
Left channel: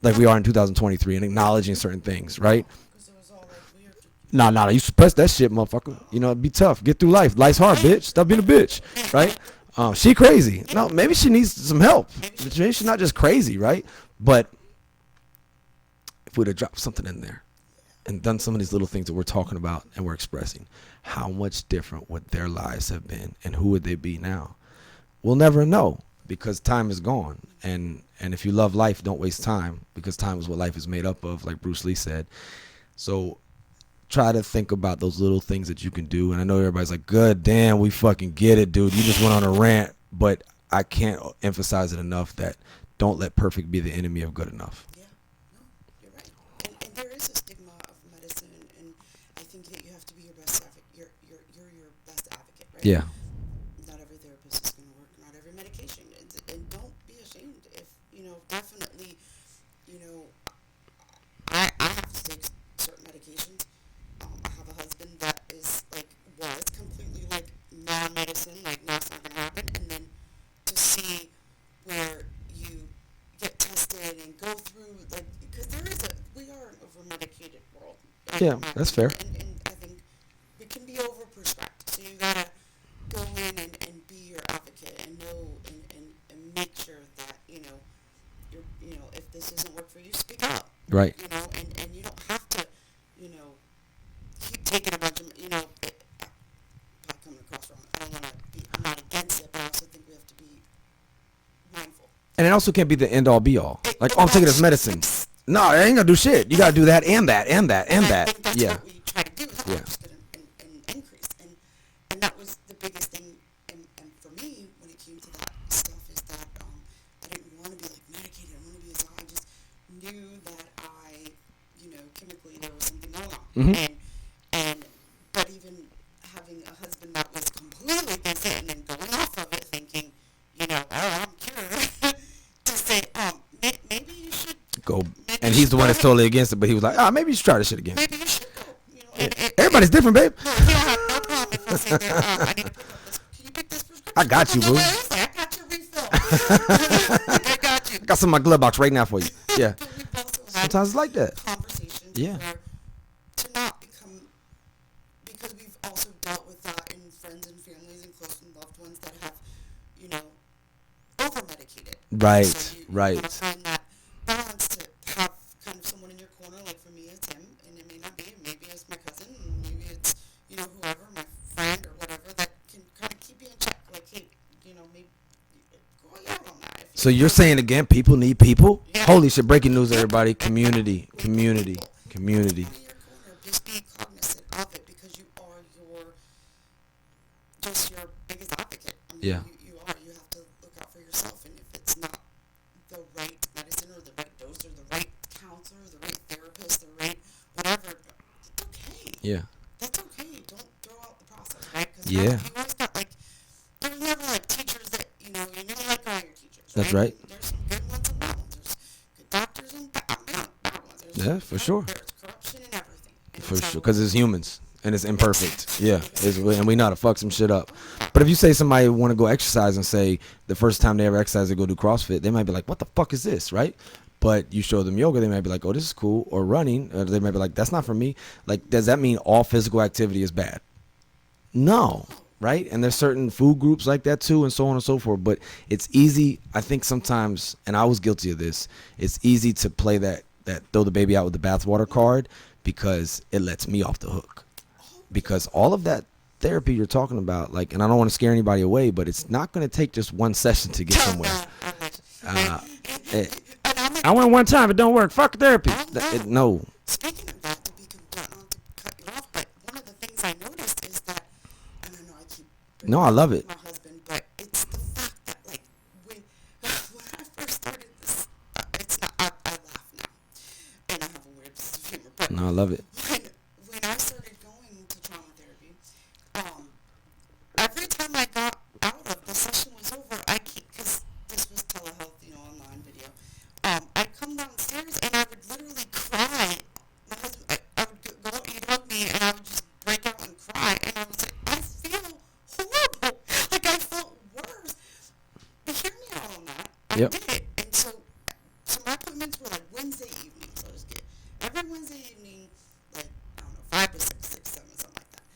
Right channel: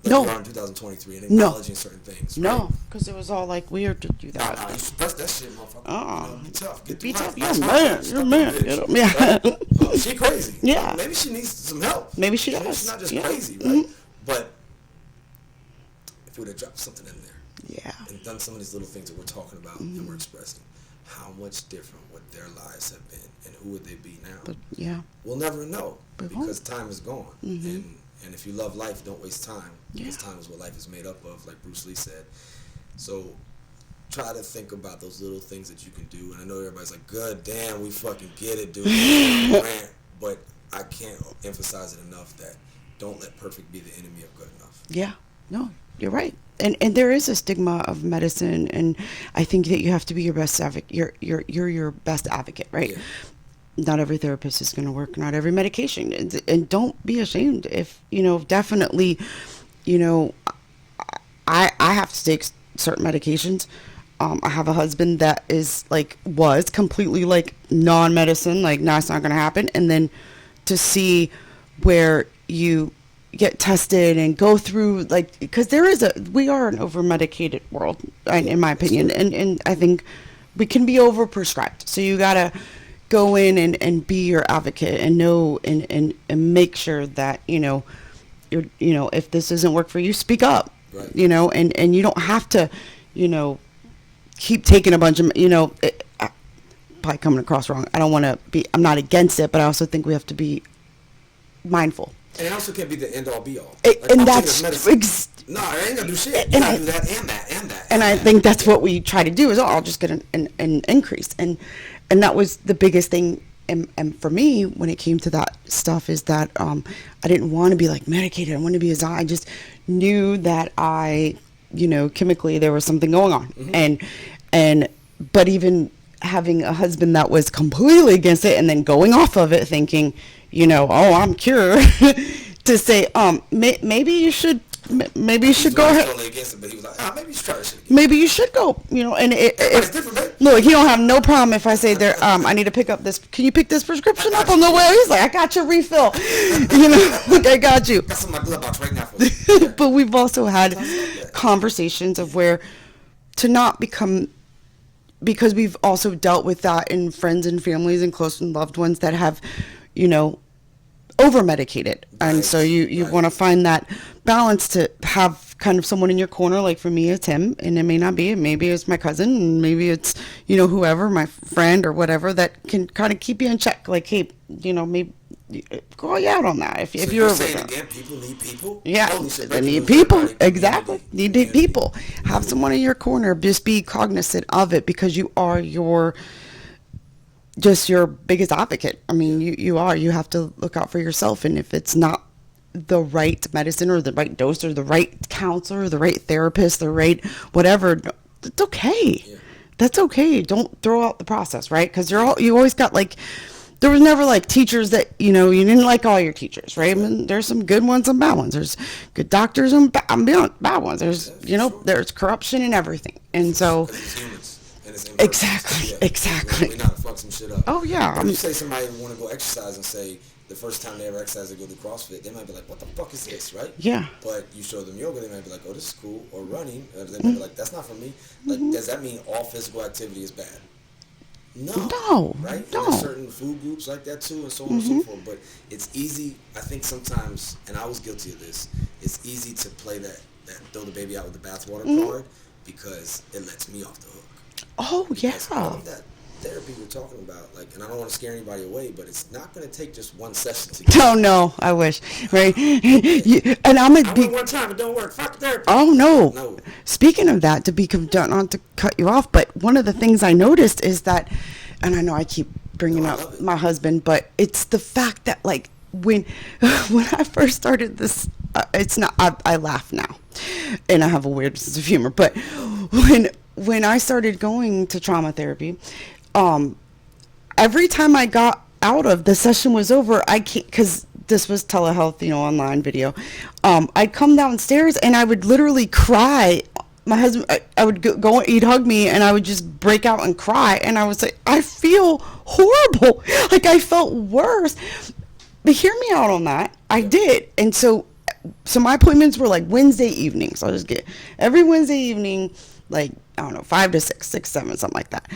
like we are in 2023, and acknowledging certain things, right? No, because it was all like weird to do that. Nah, you suppress that shit, motherfucker. It'd be tough. Get through life. Life's hard, bitch. Stop being a bitch. Right? She crazy. No, maybe she needs some help. Maybe she does. Maybe she's not just crazy, right? But if we'd have dropped something in there and done some of these little things that we're talking about and we're expressing, how much different would their lives have been, and who would they be now? We'll never know, because time is gone. And if you love life, don't waste time, because time is what life is made up of, like Bruce Lee said. So try to think about those little things that you can do. And I know everybody's like, good damn, we fucking get it, dude. You just went on a rant. But I can't emphasize it enough that don't let perfect be the enemy of good enough. Yeah, no, you're right. And there is a stigma of medicine, and I think that you have to be your best advocate. You're your best advocate, right? Yeah. Not every therapist is going to work. Not every medication, and don't be ashamed if definitely, I have to take certain medications. I have a husband that was completely non-medicine, nah, it's not going to happen, and then to see where you get tested and go through because we are an over-medicated world in my opinion, and I think we can be over-prescribed, so you gotta go in and be your advocate and know and make sure that, you're, if this doesn't work for you, speak up. Right. And you don't have to, keep taking a bunch of, probably coming across wrong. I'm not against it, but I also think we have to be mindful. And it also can't be the end all be all. And I'm taking that's this medicine. No, it ain't gonna do shit. You gotta do that and that and that And I that. think that's Yeah. what we try to do is, I'll just get an increase. And that was the biggest thing. And for me, when it came to that stuff, is that I didn't want to be like medicated. I wanted to be I just knew that chemically there was something going on. Mm-hmm. But even having a husband that was completely against it and then going off of it thinking, oh, I'm cured, to say, maybe you should Go. Maybe And you he's should the go one that's ahead. totally against it, but he was like, maybe you should try this shit again. Maybe you should go, and Everybody's different, babe. Look, he don't have no problem if I say there. I need to pick up this. Can you pick this prescription I got up on you, the boo. way? He's like, I got your refill. Like, I got you. Got some in my glove box right now for you. Yeah. But we've also had Sometimes it's like that. conversations Yeah. of where to not become, because we've also dealt with that in friends and families and close and loved ones that have, over medicated. Right, And so you right. want to find that balance to have kind of someone in your corner. Like for me, it's him, and it may not be. Maybe it's my cousin, and maybe it's, whoever, my friend or whatever, that can kind of keep you in check. Like, hey, maybe call you out on that. If So you're saying again, people need people? Yeah. Holy shit, breaking Need news, people. everybody. Community. Exactly. You need Community. people. Have Community. someone in your corner. Just be cognizant of it, because you are your biggest advocate. I mean, Yeah. you are. You have to look out for yourself. And if it's not the right medicine or the right dose or the right counselor, the right therapist, the right whatever, it's okay. Yeah. That's okay. Don't throw out the process, right? Because Yeah. you always got there was never teachers that, you didn't like all your teachers, right? right. And there's some good ones, some bad ones. There's good doctors and bad ones. There's, Yeah, for sure. there's corruption and everything. And so, because it's humans and it's imperfect. Exactly, Yeah. exactly. We know how to fuck some shit up. Oh, yeah. But if you say somebody want to go exercise and say the first time they ever exercise, they go do CrossFit, they might be like, what the fuck is this, right? Yeah. But you show them yoga, they might be like, oh, this is cool. Or running, or they might be like, that's not for me. Like, does that mean all physical activity is bad? No. Right? And there's No. certain food groups like that too, and so on and so forth. But it's easy, I think sometimes, and I was guilty of this, it's easy to play that throw the baby out with the bathwater card, because it lets me off the hook. oh, Because yeah. all of that therapy you're talking about, and I don't want to scare anybody away, but it's not going to take just one session to get Oh, somewhere. no, I wish. Right? And I went one time, it don't work. Fuck therapy. Oh, no. No. Speaking of that, not to cut you off, but one of the things I noticed is that, and I know I keep bringing No, I up love it. my husband, but it's the fact that when I first started this, it's not, I laugh now, and I have a weird sense of humor, but I love it. when I started going to trauma therapy, every time I got out of the session was over, because this was telehealth, online video, I'd come downstairs and I would literally cry. My husband, I would go, he'd hug me, and I would just break out and cry. And I was like, I feel horrible. I felt worse. But hear me out on that. I Yep. did. And so my appointments were Wednesday evenings. So I just get every Wednesday evening, I don't know, 5 to 6, 6, 7, something like that.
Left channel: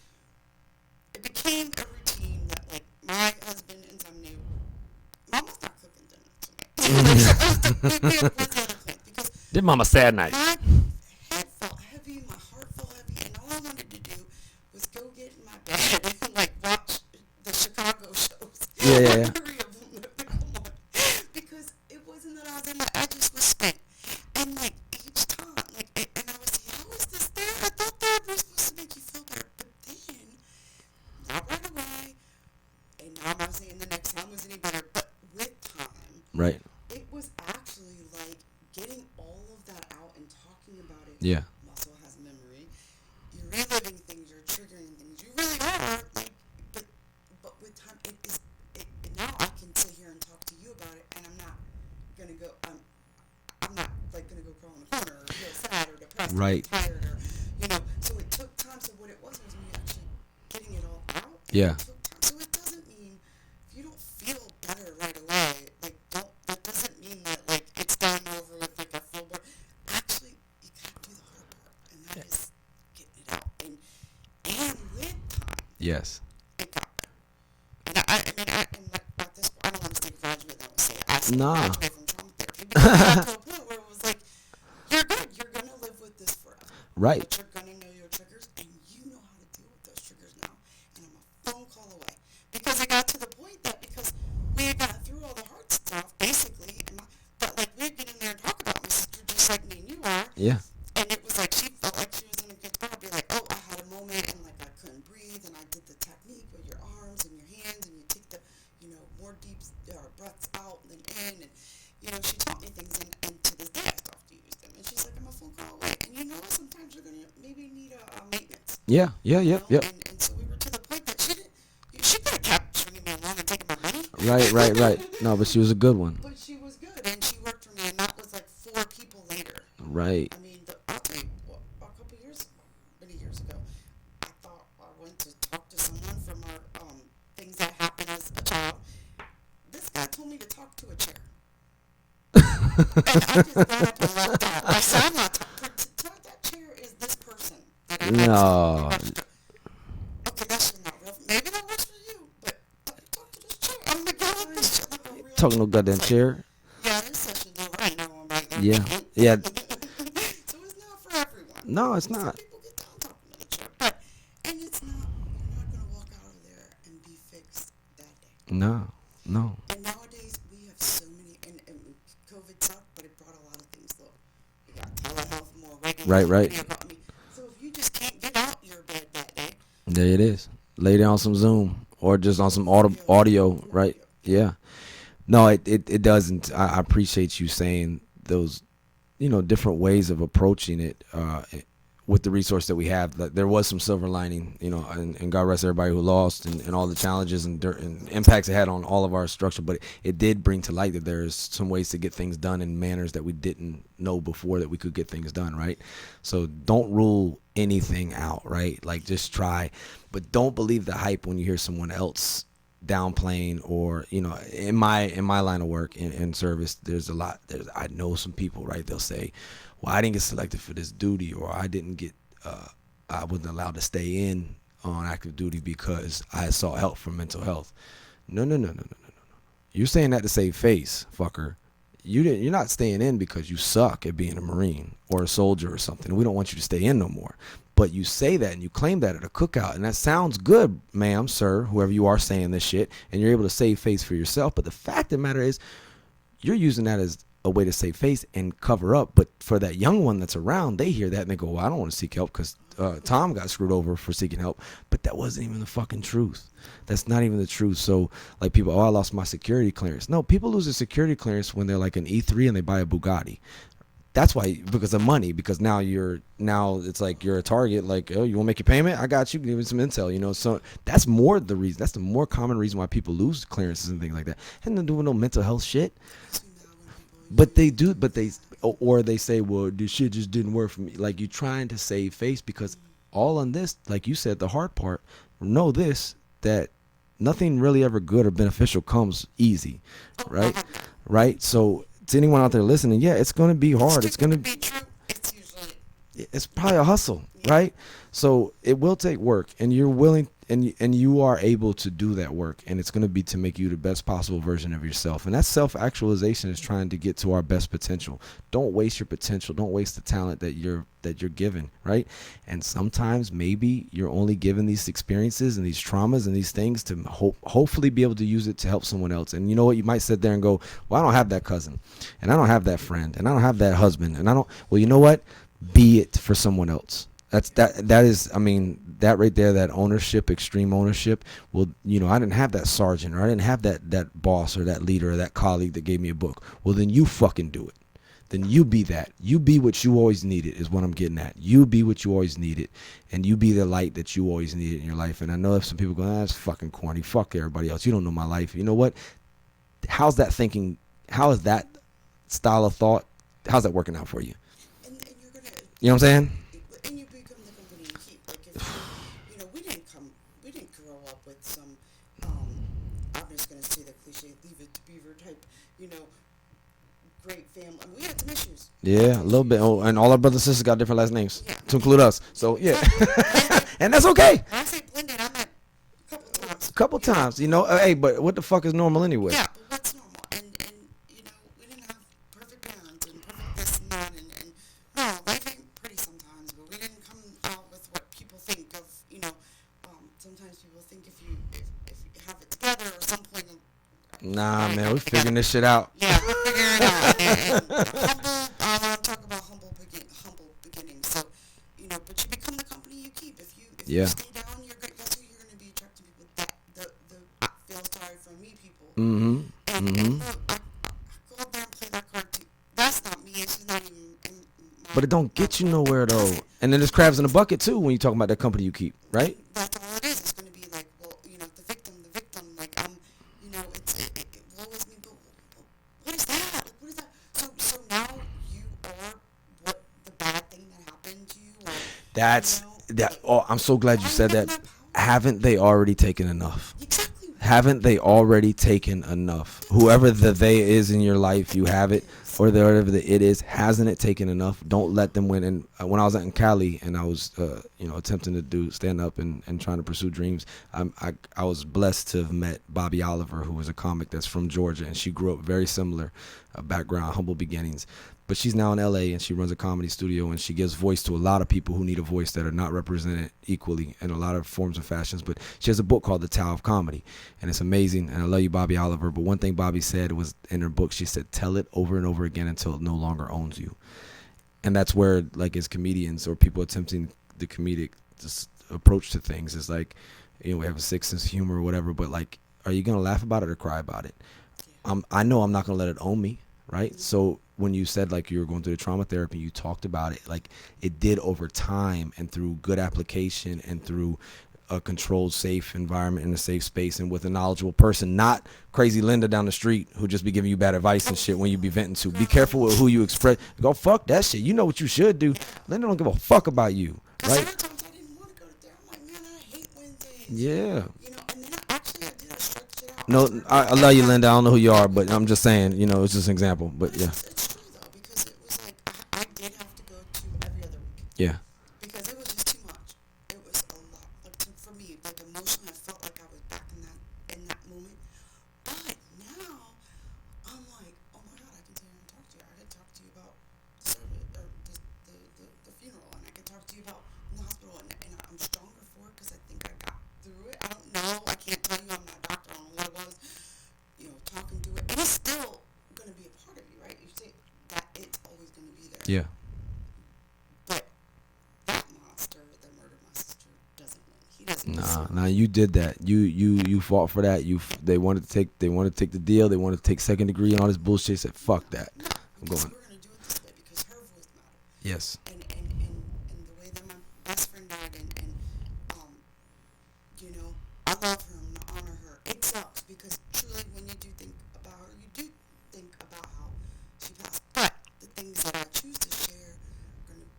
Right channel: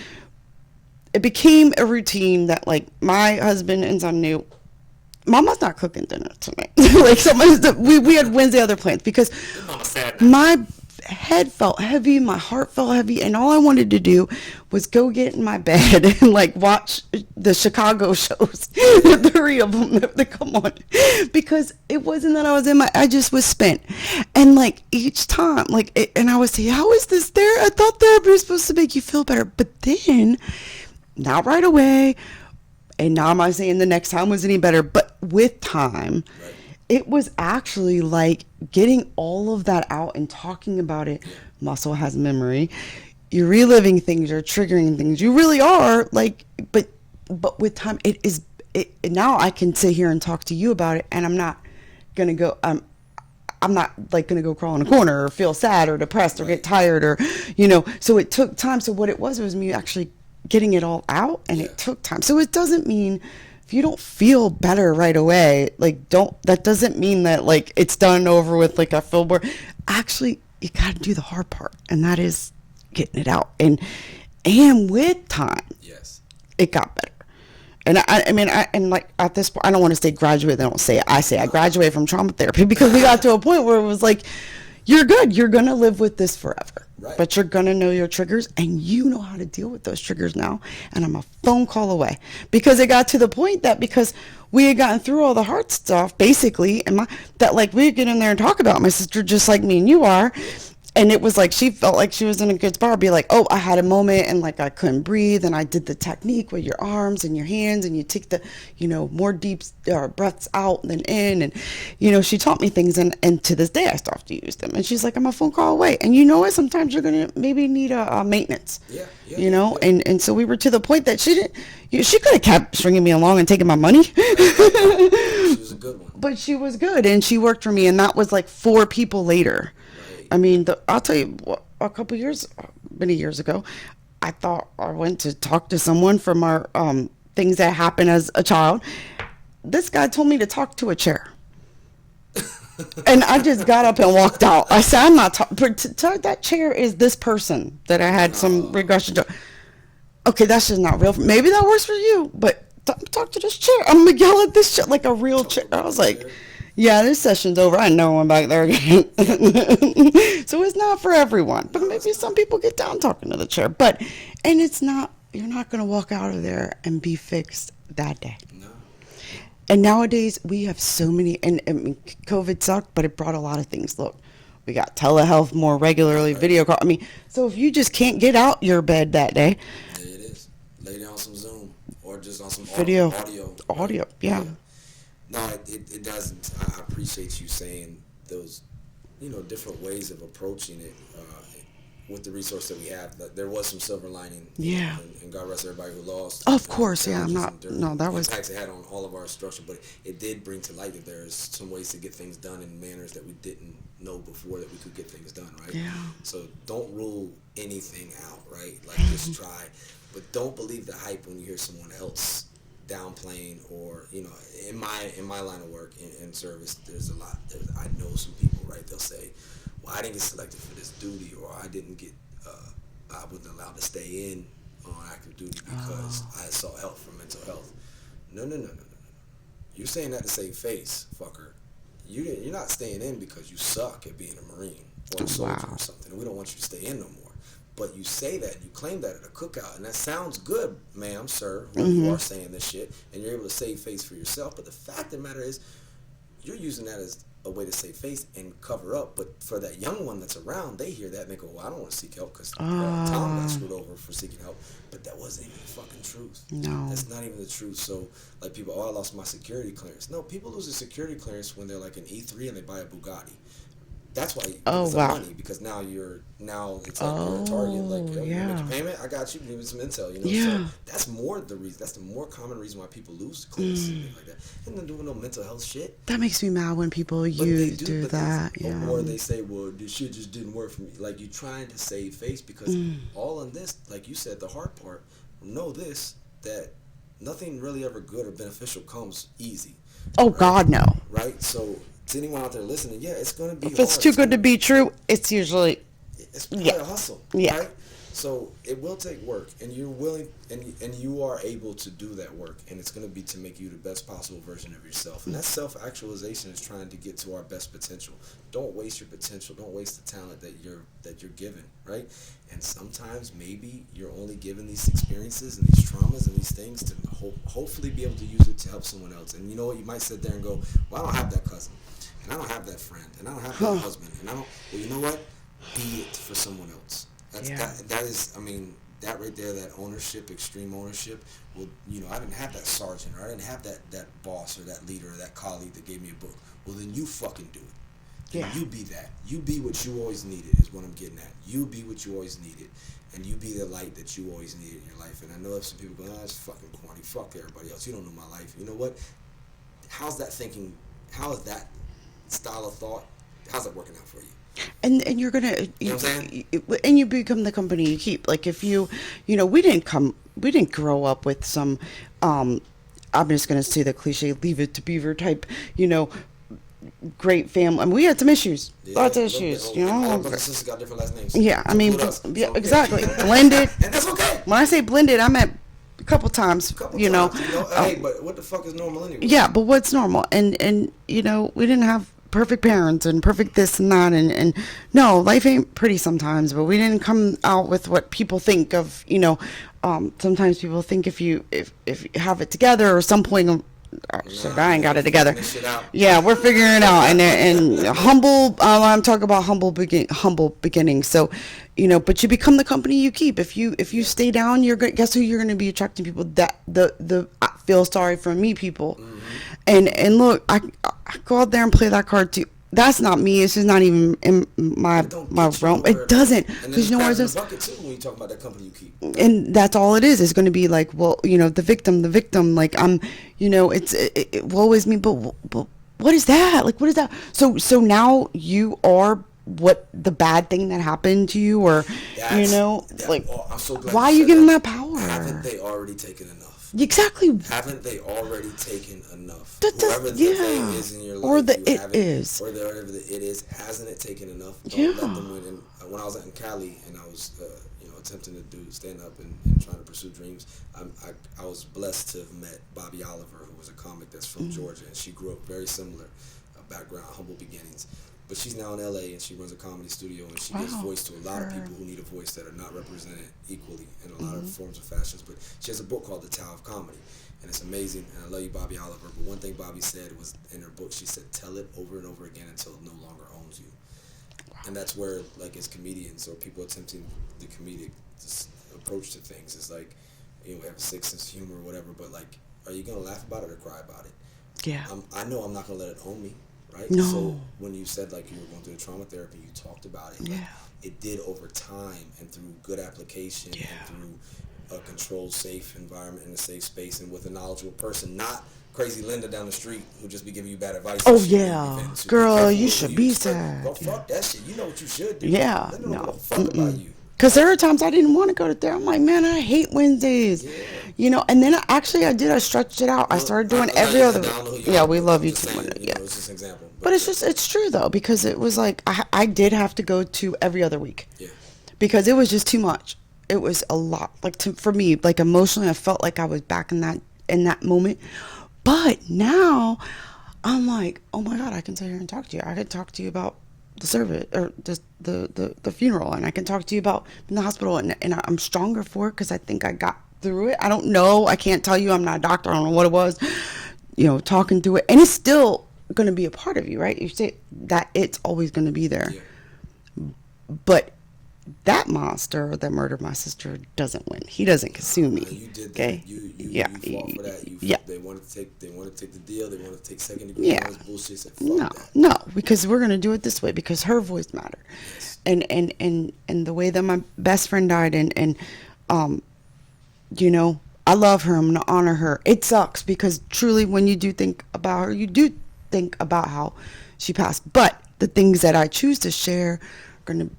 It became a routine that my husband and son knew, Mama's not cooking dinner tonight. We had Wednesday other plans, because Did mama sad night? my head felt heavy, my heart felt heavy, and all I wanted to do was go get in my bed and watch the Chicago shows, Yeah. the 3 of them that come on, because it wasn't that I just was spent, and each time, and I would say, how is this there? I thought therapy was supposed to make you feel better, but then, not right away. And now I'm not saying the next time was any better, but with time, Right. it was actually getting all of that out and talking about it. Yeah. Muscle has memory. You're reliving things, you're triggering things. You really are but with time, now I can sit here and talk to you about it, and I'm not going to go, I'm not going to go crawl in a corner or feel sad or depressed or Right. get tired or, so it took time. So what it was me actually getting it all out, and Yeah. it took time. So it doesn't mean if you don't feel better right away, that doesn't mean that it's done over with, I feel more. Actually, you got to do the hard part, and that is getting it out. And with time, Yes. it got better. And I mean, and like at this point, I don't want to say graduate. They don't say it. I say I Nah. graduated from trauma therapy because we got to a point where it was like, you're good. You're going to live with this forever. Right. But you're going to know your triggers, and you know how to deal with those triggers now. And I'm a phone call away, because it got to the point that because we had gotten through all the hard stuff, basically, and that like we'd get in there and talk about my sister just like me and you are. Yeah. And it was like she felt like she was in a good spot. Be like, oh, I had a moment and like I couldn't breathe, and I did the technique with your arms and your hands, and you take the, more deep breaths out than in, and she taught me things, and to this day I still have to use them. And she's like, I'm a phone call away, and you know what? Sometimes you're gonna maybe need a maintenance. Yeah. And so we were to the point that she didn't. She could have kept stringing me along and taking my money. Right. No, but she was a good one. But she was good, and she worked for me, and that was like 4 people later. Right. I mean, I'll tell you, many years ago, I thought I went to talk to someone from our things that happened as a child. This guy told me to talk to a chair. And I just got up and walked out. I said, I'm not talking. That chair is this person that I had some regression to. Okay, that's just not real. Maybe that works for you, but talk to this chair. I'm going to yell at this chair like a real chair. I was like, chair? yeah, this session's over. I know I'm back there again. Yeah. So it's not for everyone. No, Maybe it's not. some people get down talking to the chair. And it's not, you're not going to walk out of there and be fixed that day. No. And nowadays we have so many, and I mean, COVID sucked, but it brought a lot of things. Look, we got telehealth more regularly, Right. video call. I mean, so if you just can't get out your bed that day, There it is. Lay down some Zoom or just on some Video. audio. Right? Audio, yeah. No, it doesn't. I appreciate you saying those, different ways of approaching it with the resource that we have. That there was some silver lining, Yeah. and God rest everybody who lost, Of and course, all yeah, the challenges not- and no, that was- impacts it had on all of our structure. But it did bring to light that there's some ways to get things done in manners that we didn't know before that we could get things done, right? Yeah. So don't rule anything out, right? Like just try, but don't believe the hype when you hear someone else downplaying, or in my line of work in service, there's a lot. I know some people, right? They'll say, well, I didn't get selected for this duty, or I didn't get I wasn't allowed to stay in on active duty because I sought help for mental health. No. You're saying that to save face, fucker. You're not staying in because you suck at being a Marine or a soldier or something. We don't want you to stay in no more. But you say that and you claim that at a cookout, and that sounds good, ma'am, sir, whoever you are saying this shit, and you're able to save face for yourself. But the fact of the matter is, you're using that as a way to save face and cover up. But for that young one that's around, they hear that and they go, well, I don't want to seek help because Tom got screwed over for seeking help. But that wasn't even the fucking truth. No. That's not even the truth. So like people, I lost my security clearance. No, people lose a security clearance when they're like an E3 and they buy a Bugatti. That's why, because of money, because now it's like you're a target, like, oh, you want to make your payment? I got you, give me some intel, So that's more the reason, that's the more common reason why people lose clearances and things like that. And they're doing no mental health shit. that makes me mad when people But they do, but that. or they say, well, this shit just didn't work for me. Like, you're trying to save face because all on this, like you said, the hard part, know this, that nothing really ever good or beneficial comes easy. Oh, right? God, no. Right? So to anyone out there listening, yeah, it's going to be If hard. it's too good to be true, it's usually... It's probably a hustle, Yeah. right? So it will take work, and you're willing, and you are able to do that work, and it's going to be to make you the best possible version of yourself. And that self-actualization is trying to get to our best potential. Don't waste your potential. Don't waste the talent that you're given, right? And sometimes maybe you're only given these experiences and these traumas and these things to hopefully be able to use it to help someone else. And you know what? You might sit there and go, well, I don't have that cousin, and I don't have that friend, and I don't have that husband, and I don't. Well, you know what? Be it for someone else. That is, I mean, that right there, that ownership, extreme ownership. Well, I didn't have that sergeant, or I didn't have that boss or that leader or that colleague that gave me a book. Well, then you fucking do it. Then you be that. You be what you always needed is what I'm getting at. You be what you always needed, and you be the light that you always needed in your life. And I know if some people go, that's fucking corny. Fuck everybody else. You don't know my life. You know what? How's that thinking? How is that style of thought? How's that working out for you? And you're gonna, you know what I'm saying? And you become the company you keep. Like if we didn't grow up with some, I'm just gonna say the cliche, leave it to Beaver type, great family. I mean, we had some issues. Yeah, Lots a of little issues, bit. And all our brothers and sisters got different last names. Yeah, to include us. Yeah, So, exactly. Blended. And that's okay. When I say blended, I meant couple times. Couple you times, know. Hey, but what the fuck is normal anyway? Yeah, but what's normal? And we didn't have perfect parents and perfect this and that, and no, life ain't pretty sometimes, but we didn't come out with what people think of. Sometimes people think if you have it together or some point. Shit, I ain't got it together. This shit out. Yeah, we're figuring it out, and humble. I'm talking about humble beginnings. So, but you become the company you keep. If you stay down, guess who you're going to be attracting people that the I feel sorry for me people. Mm-hmm. And look, I go out there and play that card too. That's not me. It's just not even in my But it don't my get you realm. nowhere, It doesn't. And then there's crabs in the bucket too when you talk about that company you keep, right? And that's all it is. It's going to be like, well, the victim. Like woe is me. But what is that? Like, what is that? So now you are what the bad thing that happened to you, or I'm so glad. Why you are you said giving that. that power? Haven't they already taken enough? Exactly. Haven't they already taken enough? Whoever the they is in your life, you have it, or whatever the it is, hasn't it taken enough? Don't let them win. And when I was out in Cali and I was, attempting to do stand up and trying to pursue dreams, I was blessed to have met Bobby Oliver, who was a comic that's from Georgia, and she grew up very similar background, humble beginnings. But she's now in LA and she runs a comedy studio and she gives voice to a lot of people who need a voice that are not represented equally in a lot of forms of fashions. But she has a book called The Tao of Comedy, and it's amazing. And I love you, Bobby Oliver. But one thing Bobby said was in her book, she said, tell it over and over again until it no longer owns you. And that's where, like, as comedians or people attempting the comedic approach to things, is like, we have a sick sense of humor or whatever, but like, are you going to laugh about it or cry about it? Yeah. I know I'm not going to let it own me. Right. No. So when you said like you were going through the trauma therapy, you talked about it, like it did over time and through good application and through a controlled, safe environment in a safe space and with a knowledgeable person, not crazy Linda down the street who just be giving you bad advice and shit when you be venting to. Girl, be careful with who you express. sad. Don't fuck that shit. You know what you should do. Yeah. Linda don't give a fuck about you. Because there are times I didn't want to go to therapy. I'm like, man, I hate Wednesdays. Yeah. And then I stretched it out. I started doing I love you, Linda. I don't know who you are, we but love I'm just each saying, other. it's just an example. But it's true, though, because it was like, I did have to go to every other week. Yeah. Because it was just too much. It was a lot. Like, for me, like, emotionally, I felt like I was back in that moment. But now, I'm like, oh, my God, I can sit here and talk to you. I could talk to you about the service or the funeral, and I can talk to you about in the hospital, and I'm stronger for it because I think I got through it. I don't know. I can't tell you. I'm not a doctor. I don't know what it was. Talking through it, and it's still going to be a part of you, right? You say that it's always going to be there. Yeah. But that monster that murdered my sister doesn't win. He doesn't consume me. You did that. Okay? You fought for that. They wanted to take the deal. They wanted to take second degree and all this bullshit. Said fuck that. No, because we're gonna do it this way because her voice mattered. Yes. And the way that my best friend died and I love her. I'm gonna honor her. It sucks because truly when you do think about her, you do think about how she passed. But the things that I choose to share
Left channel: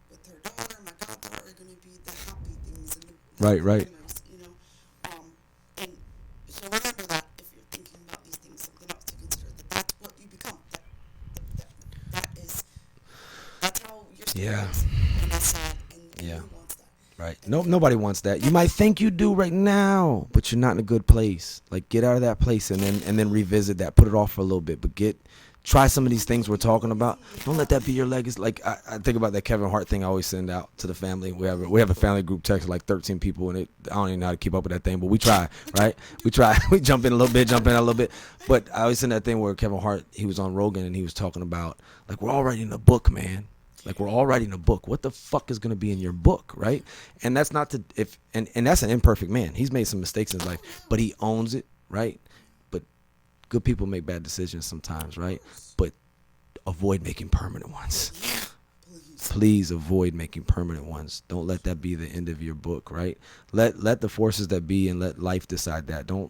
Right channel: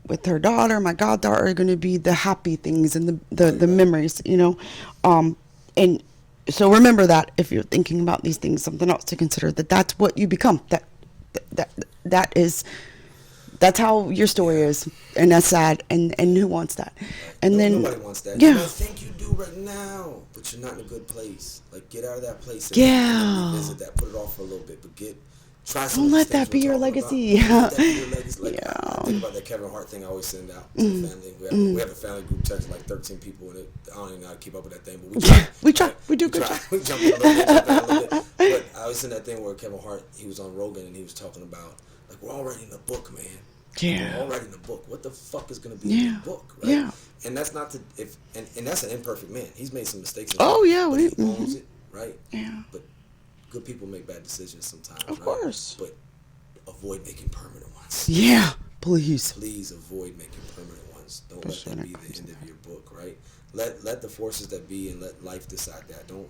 with her daughter, my goddaughter, are going to be the happy things and the memories, and so remember that if you're thinking about these things, something else to consider, that's what you become, that's how your story is, and that's sad, and who wants that? Right. And then nobody wants that. Yeah. You might think you do right now, but you're not in a good place. Like, get out of that place and then revisit that. Put it off for a little bit, but try some of these things we're talking about. Don't let that be your legacy. Like, I think about that Kevin Hart thing I always send out to the family. We have a family group text of like 13 people, and I don't even know how to keep up with that thing, but we try. We try. We jump in a little bit, jump in a little bit. But I always send that thing where Kevin Hart, he was on Rogan, and he was talking about, like, we're all writing a book, man. Like, we're all writing a book. What the fuck is going to be in your book, right? Yeah. And that's not to, and that's an imperfect man. He's made some mistakes in his life, but he owns it, right? Yeah. But good people make bad decisions sometimes, Of right? course. But avoid making permanent ones. Yeah, please. Please avoid making permanent ones. Don't let that be the end of your book, right? Let the forces that be and let life decide that. Don't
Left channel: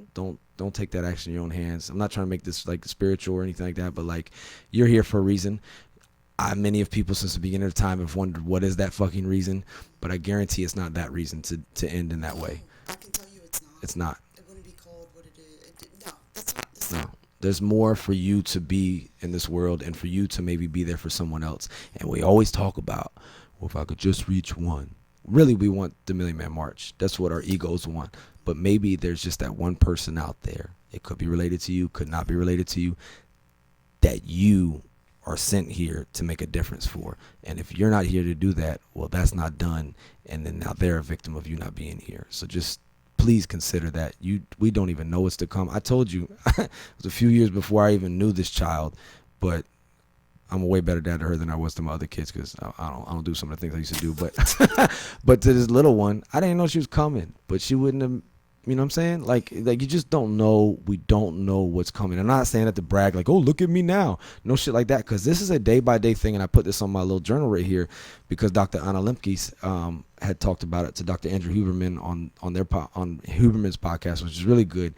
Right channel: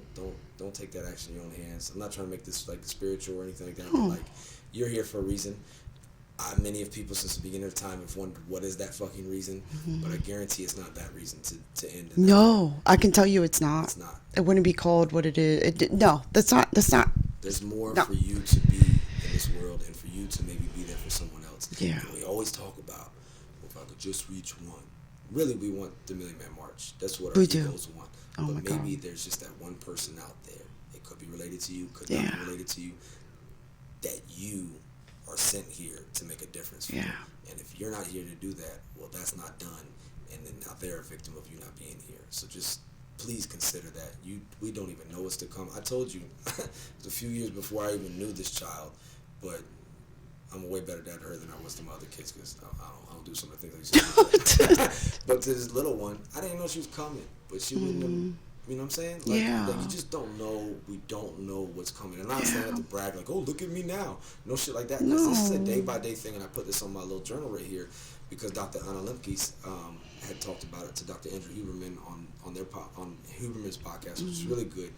take that action in your own hands. I'm not trying to make this like spiritual or anything like that, but like, you're here for a reason. Many of people since the beginning of time have wondered what is that fucking reason, but I guarantee it's not that reason to end in that way. No, I can tell you it's not. It's not. It wouldn't be called what it is. No, that's not. There's more for you to be in this world and for you to maybe be there for someone else. Yeah. And we always talk about, well, if I could just reach one, really we want the Million Man March. That's what our We do. egos want. Oh But my maybe there's just that one person out there. It could be related to you, could not be Yeah. related to you, that you are sent here to make a difference for. Yeah. And if you're not here to do that, well, that's not done. And then now they're a victim of you not being here. So just please consider that. We don't even know what's to come. I told you, it was a few years before I even knew this child, but I'm a way better dad to her than I was to my other kids because I don't do some of the things I used to do. But, but to this little one, I didn't know she was coming, but she wouldn't have. You know what I'm saying? Like you just don't know. We don't know what's coming. I'm not saying that to brag, like, oh, look at me now. No shit like that. Because this is a day-by-day thing, and I put this on my little journal right here because Dr. Anna Lemke's had talked about it to Dr. Andrew Huberman on Huberman's podcast, which is really good.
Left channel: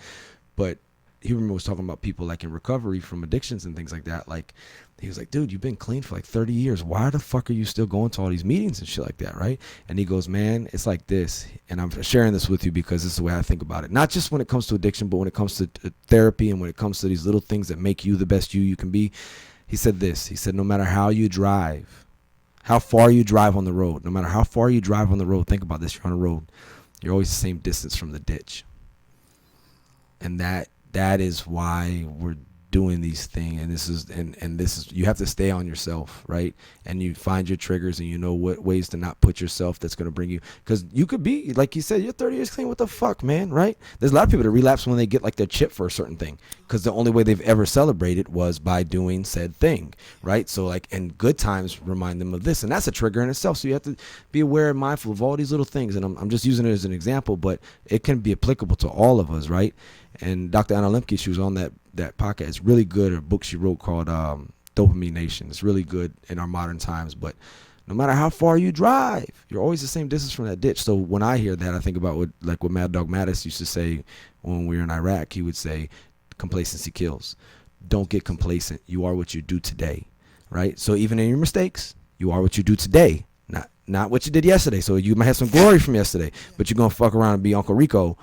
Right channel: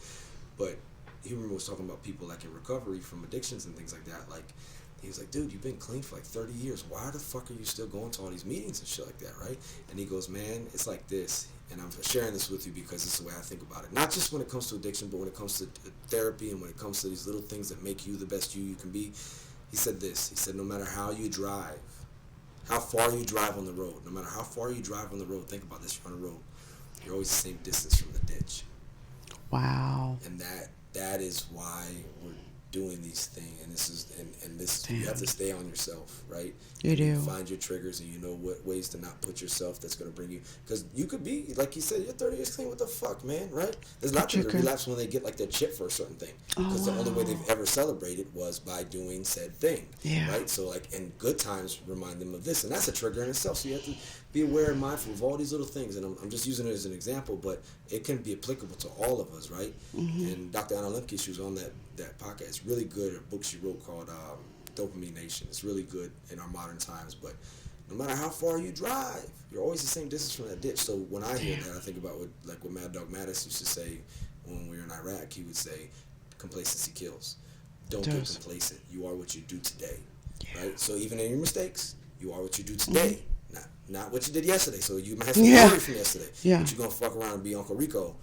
But Huberman was talking about people like in recovery from addictions and things like that. Like, he was like, dude, you've been clean for like 30 years. Why the fuck are you still going to all these meetings and shit like that, right? And he goes, man, it's like this. And I'm sharing this with you because this is the way I think about it. Not just when it comes to addiction, but when it comes to therapy and when it comes to these little things that make you the best you can be. He said this. He said, no matter how you drive, how far you drive on the road, no matter how far you drive on the road, think about this, you're on a road. You're always the same distance from the ditch. Wow. And that is why we're doing these things, and this is you have to stay on yourself, right? You find your triggers, and you know what ways to not put yourself that's going to bring you, because you could be like you said, you're 30 years clean. What the fuck, man, right? There's a lot of people that relapse when they get like their chip for a certain thing, because the only way they've ever celebrated was by doing said thing, right? So like, and good times remind them of this, and that's a trigger in itself. So you have to be aware and mindful of all these little things, and I'm just using it as an example, but it can be applicable to all of us, right? And Dr. Anna Lemke, she was on that podcast. It's really good. A book she wrote called Dopamine Nation. It's really good in our modern times. But no matter how far you drive, you're always the same distance from that ditch. So when I hear that, I think about what Mad Dog Mattis used to say when we were in Iraq. He would say, "Complacency kills. Don't get complacent. You are what you do today." Right. So even in your mistakes, you are what you do today. Not what you did yesterday. So you might have some glory from yesterday, but you're gonna fuck around and be Uncle Rico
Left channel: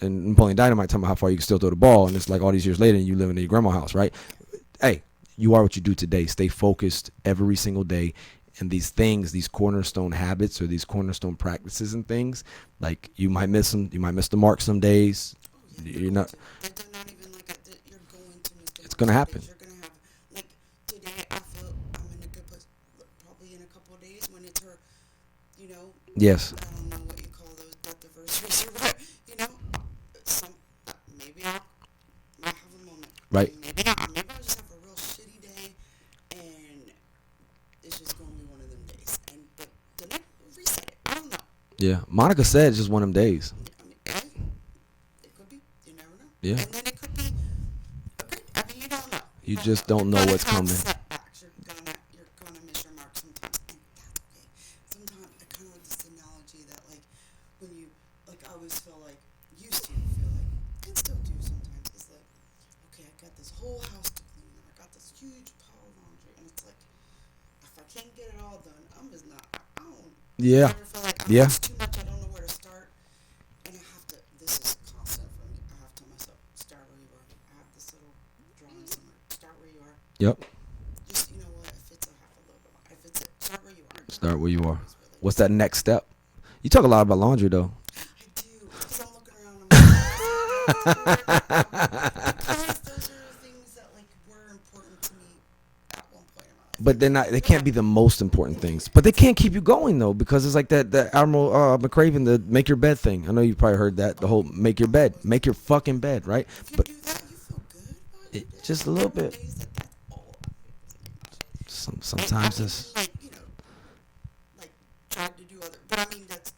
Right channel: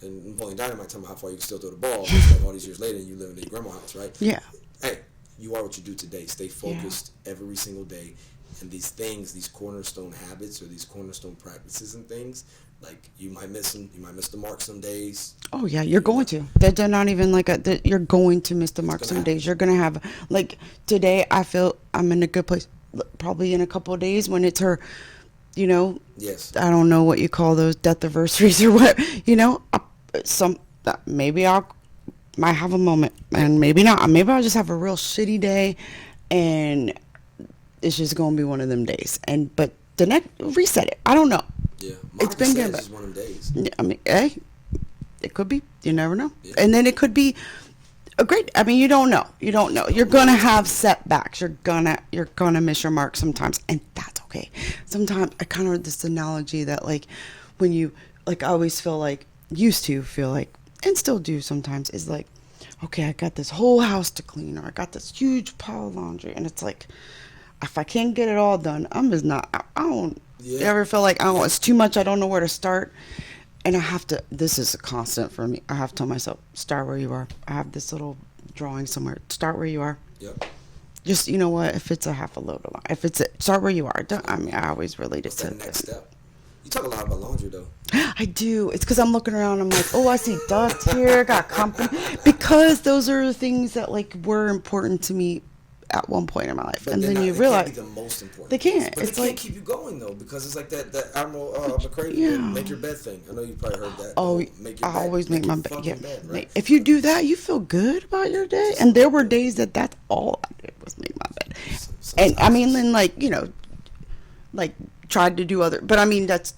and Napoleon Dynamite, talking about how far you can still throw the ball, and it's like all these years later and you living in your grandma's house, right? Yeah. Hey, you are what you do today. Stay focused every single day. And these things, these cornerstone habits or these cornerstone practices and things, like you might miss them. You might miss the mark some days. Oh yeah, you're going to. They're not even like you're going to miss the mark some days. You're gonna have, like, today I feel I'm in a good place. Probably in a couple of days when it's her, you know. Yes. I don't know what you call those, death anniversaries or what, you know. Maybe might have a moment, and maybe not. Maybe I'll just have a real shitty day, and it's just gonna be one of them days. But the next, reset it. I don't know. Yeah, Monica said it's just one of them days. I mean, hey, it could be. You never know. Yeah. And then it could be a great. I mean, you don't know. You don't know. You're gonna have setbacks. You're gonna miss your mark sometimes, and that's okay. Sometimes I kind of heard this analogy that, like, when you, like, I always feel like, used to feel like, and still do sometimes, is like, okay, I got this whole house to clean, or I got this huge pile of laundry, and it's like, if I can't get it all done, I'm just not. I don't ever feel like, oh, it's too much. I don't know where to start. And I have to, this is a constant for me. I have to tell myself, start where you are. I have this little drawing somewhere. Start where you are. Yep. Just, you know what, if it's a half a load of laundry, if it's start where you are. I always really What's that next step? You talk a lot about laundry, though. I do. It's because I'm looking around. I'm like, oh, I see dust here. Got company. Because those are the things that, like, were important to me at one point in my life. But and they can't be the most important things. But they can't keep you going, though, because it's like that Admiral McCraven, the make your bed thing. I know you probably heard that. The whole make your bed. Make your fucking bed, right? If you do that, you feel good about your day. And there were days that's all I did was make my bed. And I mean, then, like, you know, like, tried to do other, but I mean, that's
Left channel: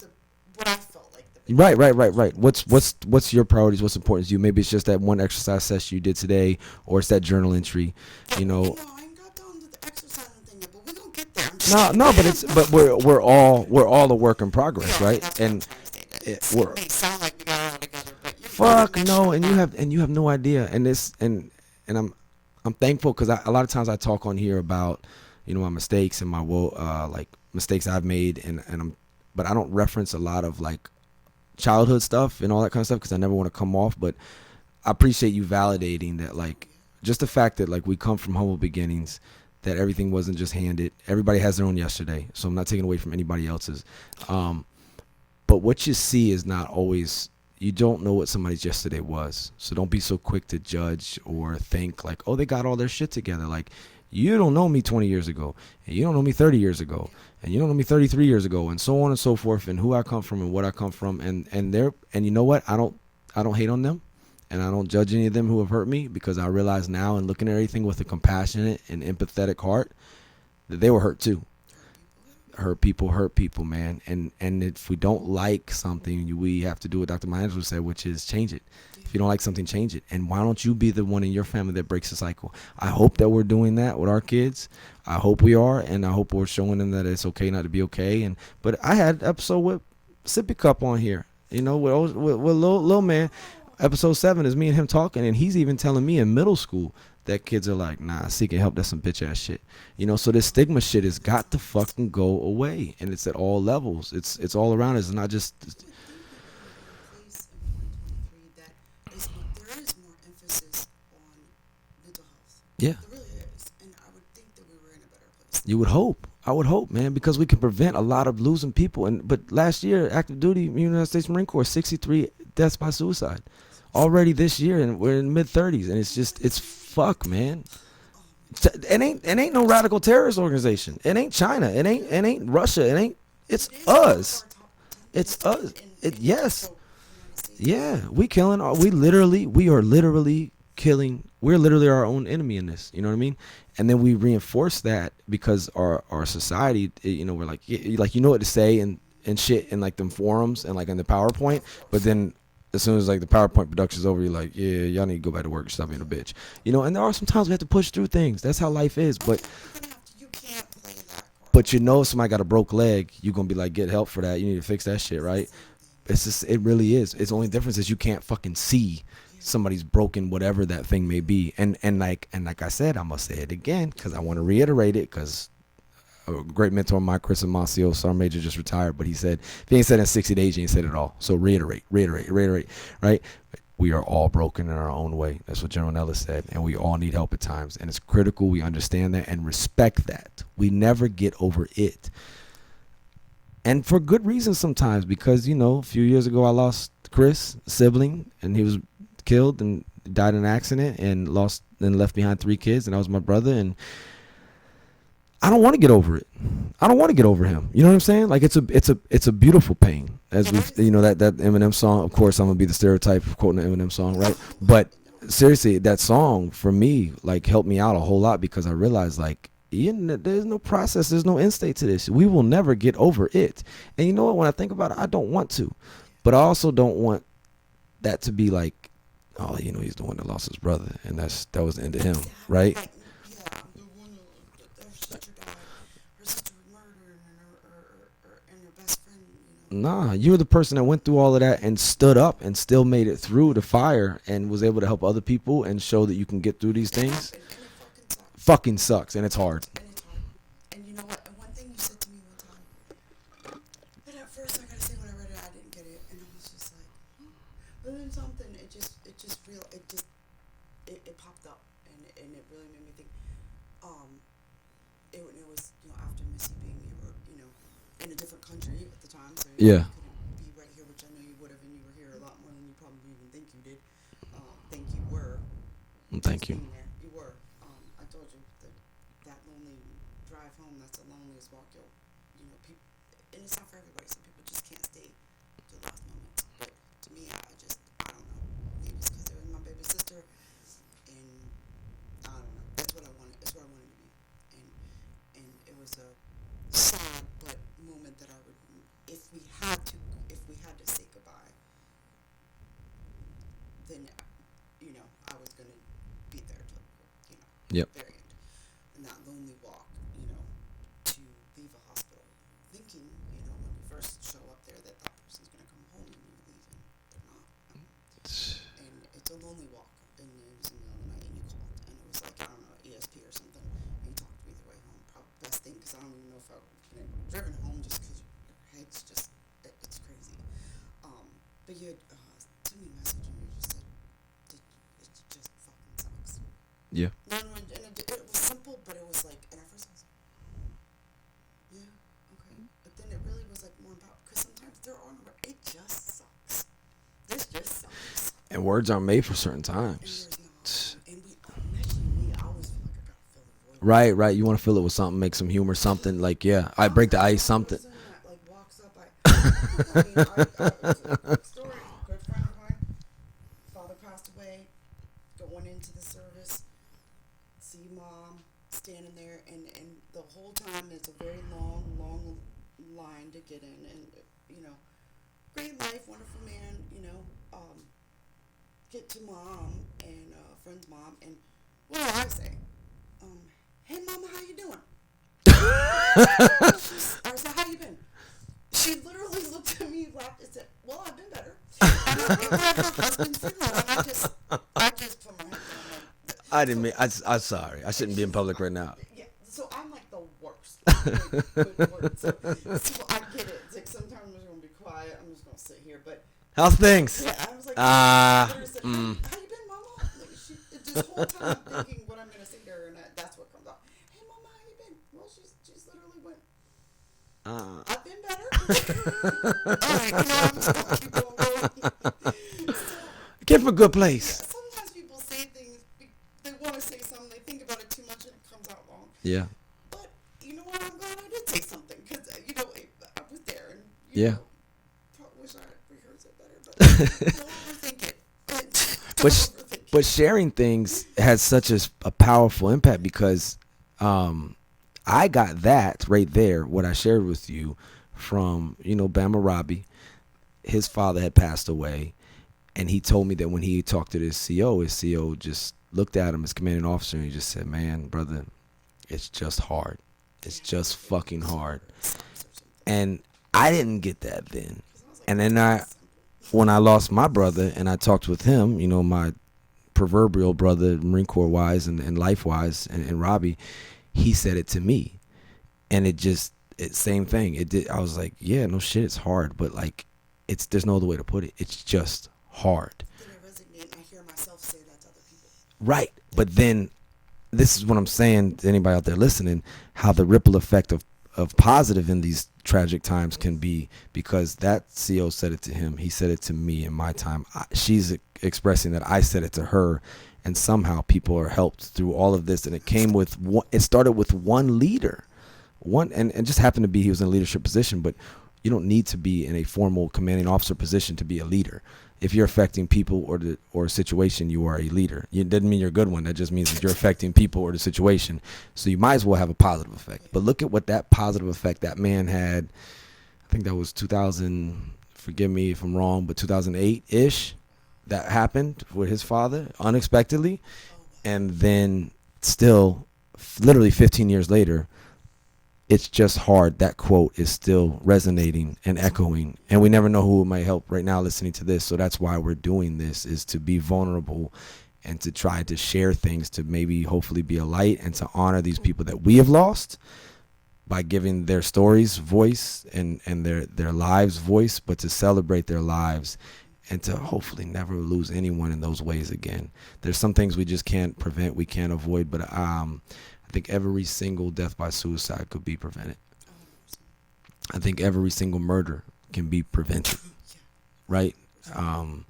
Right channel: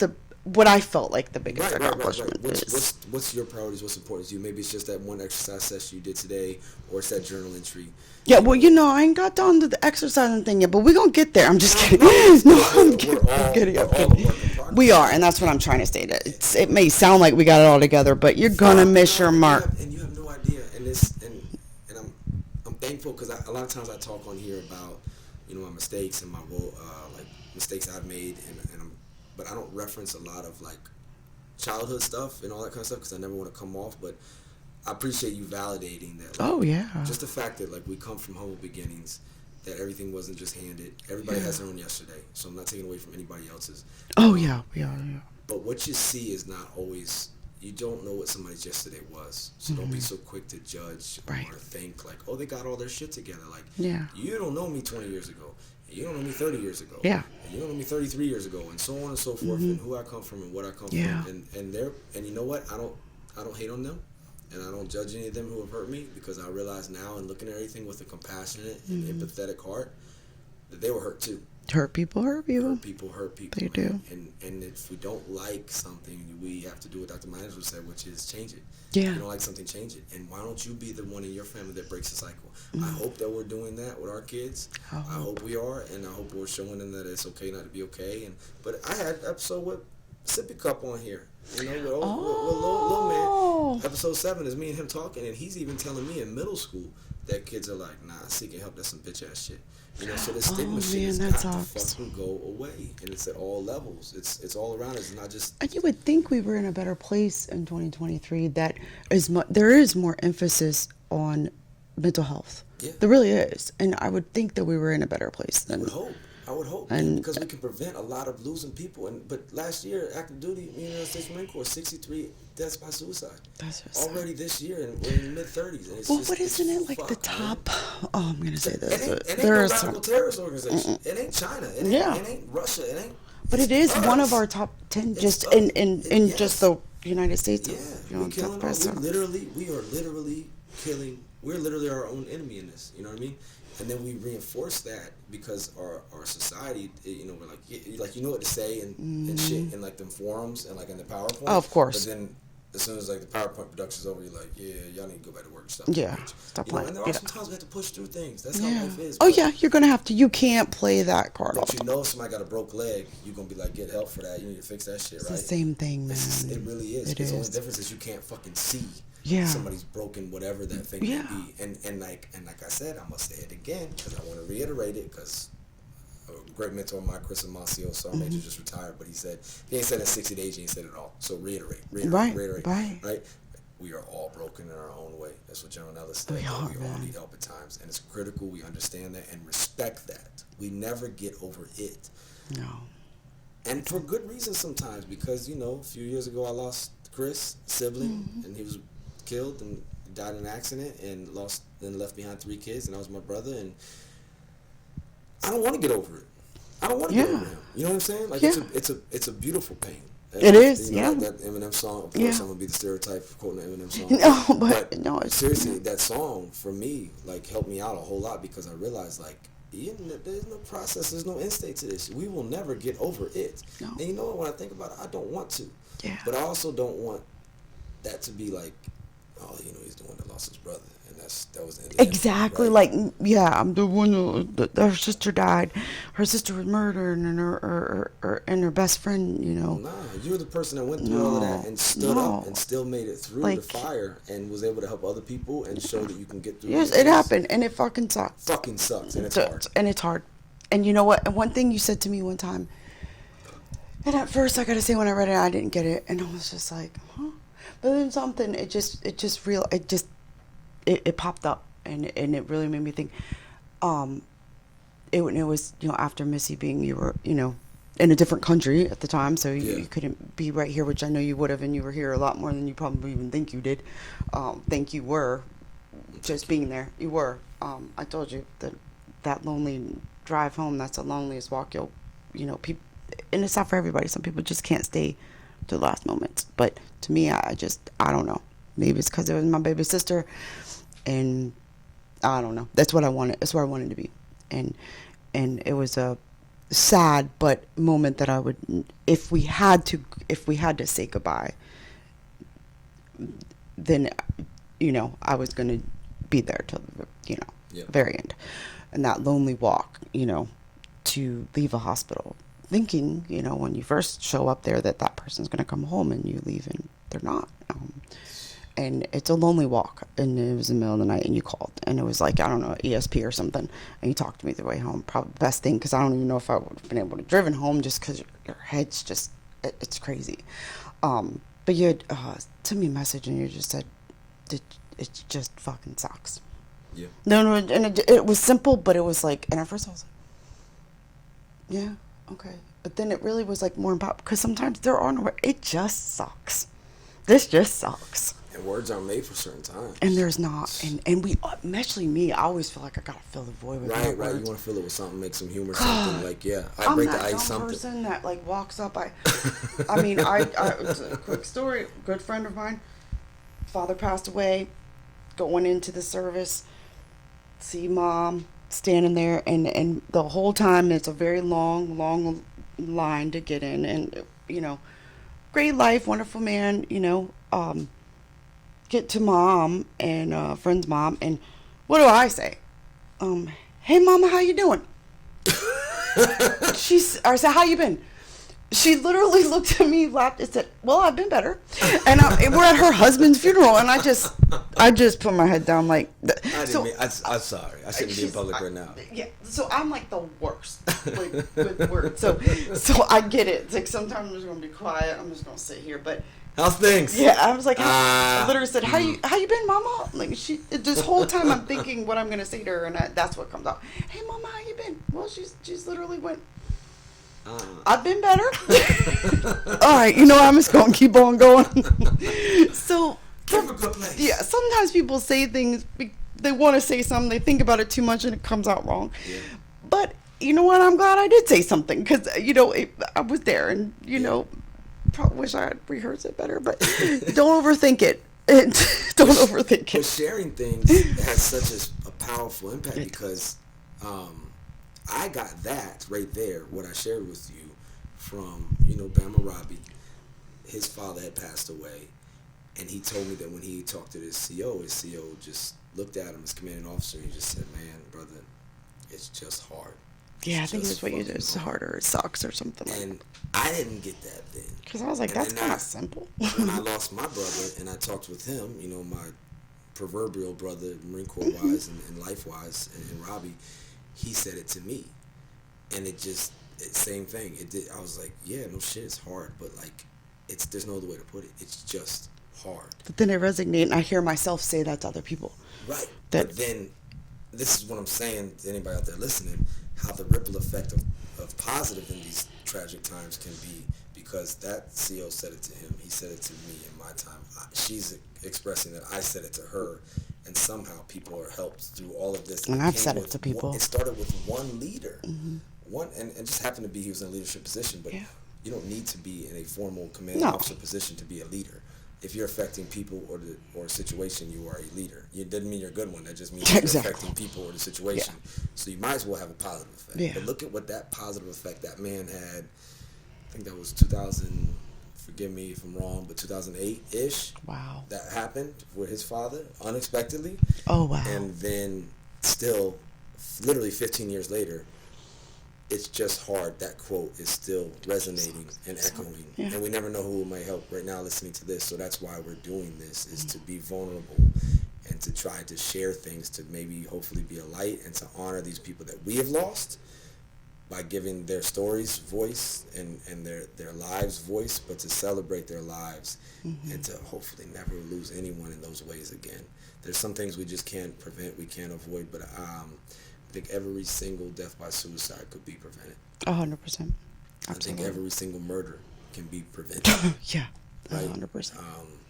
what I felt like the biggest right. What's your priorities? What's important to you? Maybe it's just that one exercise session you did today, or it's that journal entry. Yeah, you know, I ain't got down to the exercising thing yet, but we're gonna get there. I'm just kidding. We're all a work in progress. We are, right? And that's what I'm trying to say. That it may sound like we got it all together, but you're gonna miss your mark, and you have no idea. And I'm thankful because a lot of times I talk on here about, you know, my mistakes and my like mistakes I've made, but I don't reference a lot of, like, childhood stuff and all that kind of stuff because I never want to come off. But I appreciate you validating that, like, just the fact that, like, we come from humble beginnings, that everything wasn't just handed. Everybody has their own yesterday, so I'm not taking away from anybody else's. Oh yeah. But what you see is not always. You don't know what somebody's yesterday was, so don't be so quick to judge or think like, oh, they got all their shit together. Like, you don't know me 20 years ago, and you don't know me 30 years ago, and you don't know me 33 years ago, and so on and so forth, and who I come from and what I come from, and you know what? I don't hate on them, and I don't judge any of them who have hurt me, because I realize now, and looking at everything with a compassionate and empathetic heart, that they were hurt too. Hurt people hurt you. Hurt people, They man. And if we don't like something, we have to do what Dr. Maya said, which is change it. Yeah. If you don't like something, change it. And why don't you be the one in your family that breaks the cycle? I hope that we're doing that with our kids. I hope we are, and I hope we're showing them that it's okay not to be okay. But I had an episode with Sippy Cup on here, with Lil Man. Episode 7 is me and him talking, and he's even telling me in middle school that kids are like, nah, seeking help, that's some bitch ass shit. So this stigma shit has got to fucking go away, and it's at all levels. It's all around us. It's not just. And you would think we were in a better place in 2023. That is, there is more emphasis on mental health. Yeah, there really is, and I would think that we were in a better place. You would hope. I would hope, man, because we can prevent a lot of losing people. But last year, active duty, United States Marine Corps, 63 deaths by suicide. Already this year, and we're in mid-30s, and it's fucked, man. Oh, I'm gonna say this. It ain't no radical terrorist organization. It ain't China. It ain't Russia. It ain't. But it is us. one of our top 10 just in just the United States. Yeah, we killing. We are literally killing. We're literally our own enemy in this. You know what I mean? And then we reinforce that because our society, we're like what to say and shit in like them forums and like in the PowerPoint. Oh, of course. But then as soon as like the PowerPoint production's over, you're like, yeah, y'all need to go back to work. Stop being a bitch. And there are some times we have to push through things. That's how life is. Oh, yeah, you're gonna have to. You can't play that card. But if somebody got a broke leg, you're gonna be like, get help for that. You need to fix that shit, right? It's the same thing. It really is. It's the only difference is you can't fucking see. Somebody's broken, whatever that thing may be, and like I said, I'm gonna say it again because I want to reiterate it, because a great mentor of mine, Chris Amacio, Sergeant Major, just retired, but he said, if he ain't said it in 60 days, he ain't said it all. So reiterate, right? We are all broken in our own way. That's what General Nellis said, and we all need help at times, and it's critical we understand that and respect that. We never get over it. No. And for good reasons sometimes, because a few years ago I lost Chris, a sibling, and he was killed and died in an accident and left behind 3 kids, and that was my brother, and I don't want to get over it. I don't want to get over him. You know what I'm saying? Like it's a beautiful pain. It is. That Eminem song. Of course, I'm gonna be the stereotype of quoting the Eminem song. Right? But seriously, that song for me helped me out a whole lot, because I realized there's no process, there's no end state to this. We will never get over it. No. And you know what? When I think about it, I don't want to. Yeah. But I also don't want that to be like, oh, he's the one that lost his brother, and that was the end of him. Exactly. Right? Like, I'm the one her sister died. Her sister was murdered, and her best friend, Nah, you were the person that went through all of that and stood up and still made it through the fire and was able to help other people and show that you can get through these things. Yes, it happened, and it fucking sucks. Fucking sucks, and it's hard. And it's hard. And you know what? And one thing you said to me one time, and at first I gotta say, when I read it, I didn't get it, and I was just like, huh? But then something, it popped up, and it really made me think. It was after Missy being, you were in a different country at the time, so you couldn't be right here, which I know you would have, and you were here a lot more than you probably even think you did. Think you were, being there. You were. I told you that lonely drive home. That's the loneliest walk people, and it's not for everybody. Some people just can't stay to the last moments, but to me, I don't know. Maybe it's because it was my baby sister, and I don't know. That's what I wanted. That's where I wanted to be, and it was a sad but moment that I would, if we had to say goodbye, then I was gonna be there till the very end, and that lonely walk, to leave a hospital, thinking, when you first show up there that person's going to come home, and you leave and they're not. And it's a lonely walk, and it was in the middle of the night, and you called, and it was like, I don't know, ESP or something, and you talked to me the way home. Probably the best thing, because I don't even know if I would have been able to driven home, just because your head's just, it's crazy. But you had sent me a message, and you just said, it just fucking sucks. Yeah. No, and it was simple, but it was like, and at first I was like, yeah, okay. But then it really was like more about, because sometimes there are no, it just sucks. This just sucks. And words aren't made for certain times. And there's not. And we, especially me, I always feel like I gotta fill the void with Right. my You words. want to fill it with something, make some humor, something like, yeah, I I'm break the that ice, dumb something. person that like walks up. I mean, it's a quick story. A good friend of mine, father passed away. Going into the service, see mom standing there, and the whole time it's a very long line to get in, and you know, great life, wonderful man, you know. Get to mom and friend's mom, and what do I say? Hey mama, how you doing? I said, how you been? She literally looked at me, laughed, and said, well, I've been better. And we're at her husband's funeral, and I just put my head down like. I'm sorry. I shouldn't be in public right now. Yeah, so I'm like the worst with words. So I get it. It's like sometimes I'm just gonna be quiet. I'm just gonna sit here, but. How's things? Yeah, I was like, I literally said, how you been, mama? Like this whole time I'm thinking what I'm gonna say to her, and that's what comes out. Hey, mama, how you been? Well, she's literally went. I've been better. All right, you know, I'm just gonna keep on going. So Get from a good place. yeah, sometimes people say things. They want to say something. They think about it too much, and it comes out wrong. Yeah. But you know what? I'm glad I did say something because you know I was there, and you Yeah. know, probably wish I had rehearsed it better. But don't overthink it. Don't overthink But it. sharing things has such a powerful impact because I got that right there, what I shared with you from, you know, Bama Robbie. His father had passed away, and he told me that when he talked to his CO just looked at him, his commanding officer, and he just said, man, brother, it's just hard. Yeah, I It's think just that's what you fucking do. It's hard. harder. It sucks or something. And I didn't get that then. Because I was like, and that's then kind of simple. When I lost my brother and I talked with him, you know, my proverbial brother, Marine Corps wise and life wise, and Robbie, he said it to me. And same thing. It did. I was like, yeah, no shit, it's hard. But like, there's no other way to put it. It's just hard. But then I resonate, and I hear myself say that to other people. Right. But then this is what I'm saying to anybody out there listening, how the ripple effect of positive in these tragic times can be, because that CO said it to him. He said it to me in my time. She's expressing that I said it to her, and somehow people are helped through all of this. And And it I've came said it with to one, people. it started with one leader. One and just happened to be he was in a leadership position, but Yeah. you don't need to be in a formal commanding No. officer position to be a leader. If you're affecting people or a situation, you are a leader. It doesn't mean you're a good one. That just means that you're Exactly. affecting people or the situation. So you might as well have a positive effect. Yeah. But look at what that positive effect that man had. I think that was 2000. Forgive me if I'm wrong, but 2008-ish. Wow. That happened with his father unexpectedly. Oh, wow. And then still, literally 15 years later, it's just hard. That quote is still resonating and echoing. Yeah. And we never know who might help right now listening to this. So that's why we're doing this, is to be vulnerable and to try to share things, to maybe hopefully be a light and to honor these people that we have lost by giving their stories voice and their lives voice, but to celebrate their lives and to hopefully never lose anyone in those ways again. There's some things we just can't prevent, we can't avoid, but I think every single death by suicide could be prevented. 100%. I think every single murder can be prevented, Yeah. right? 100%.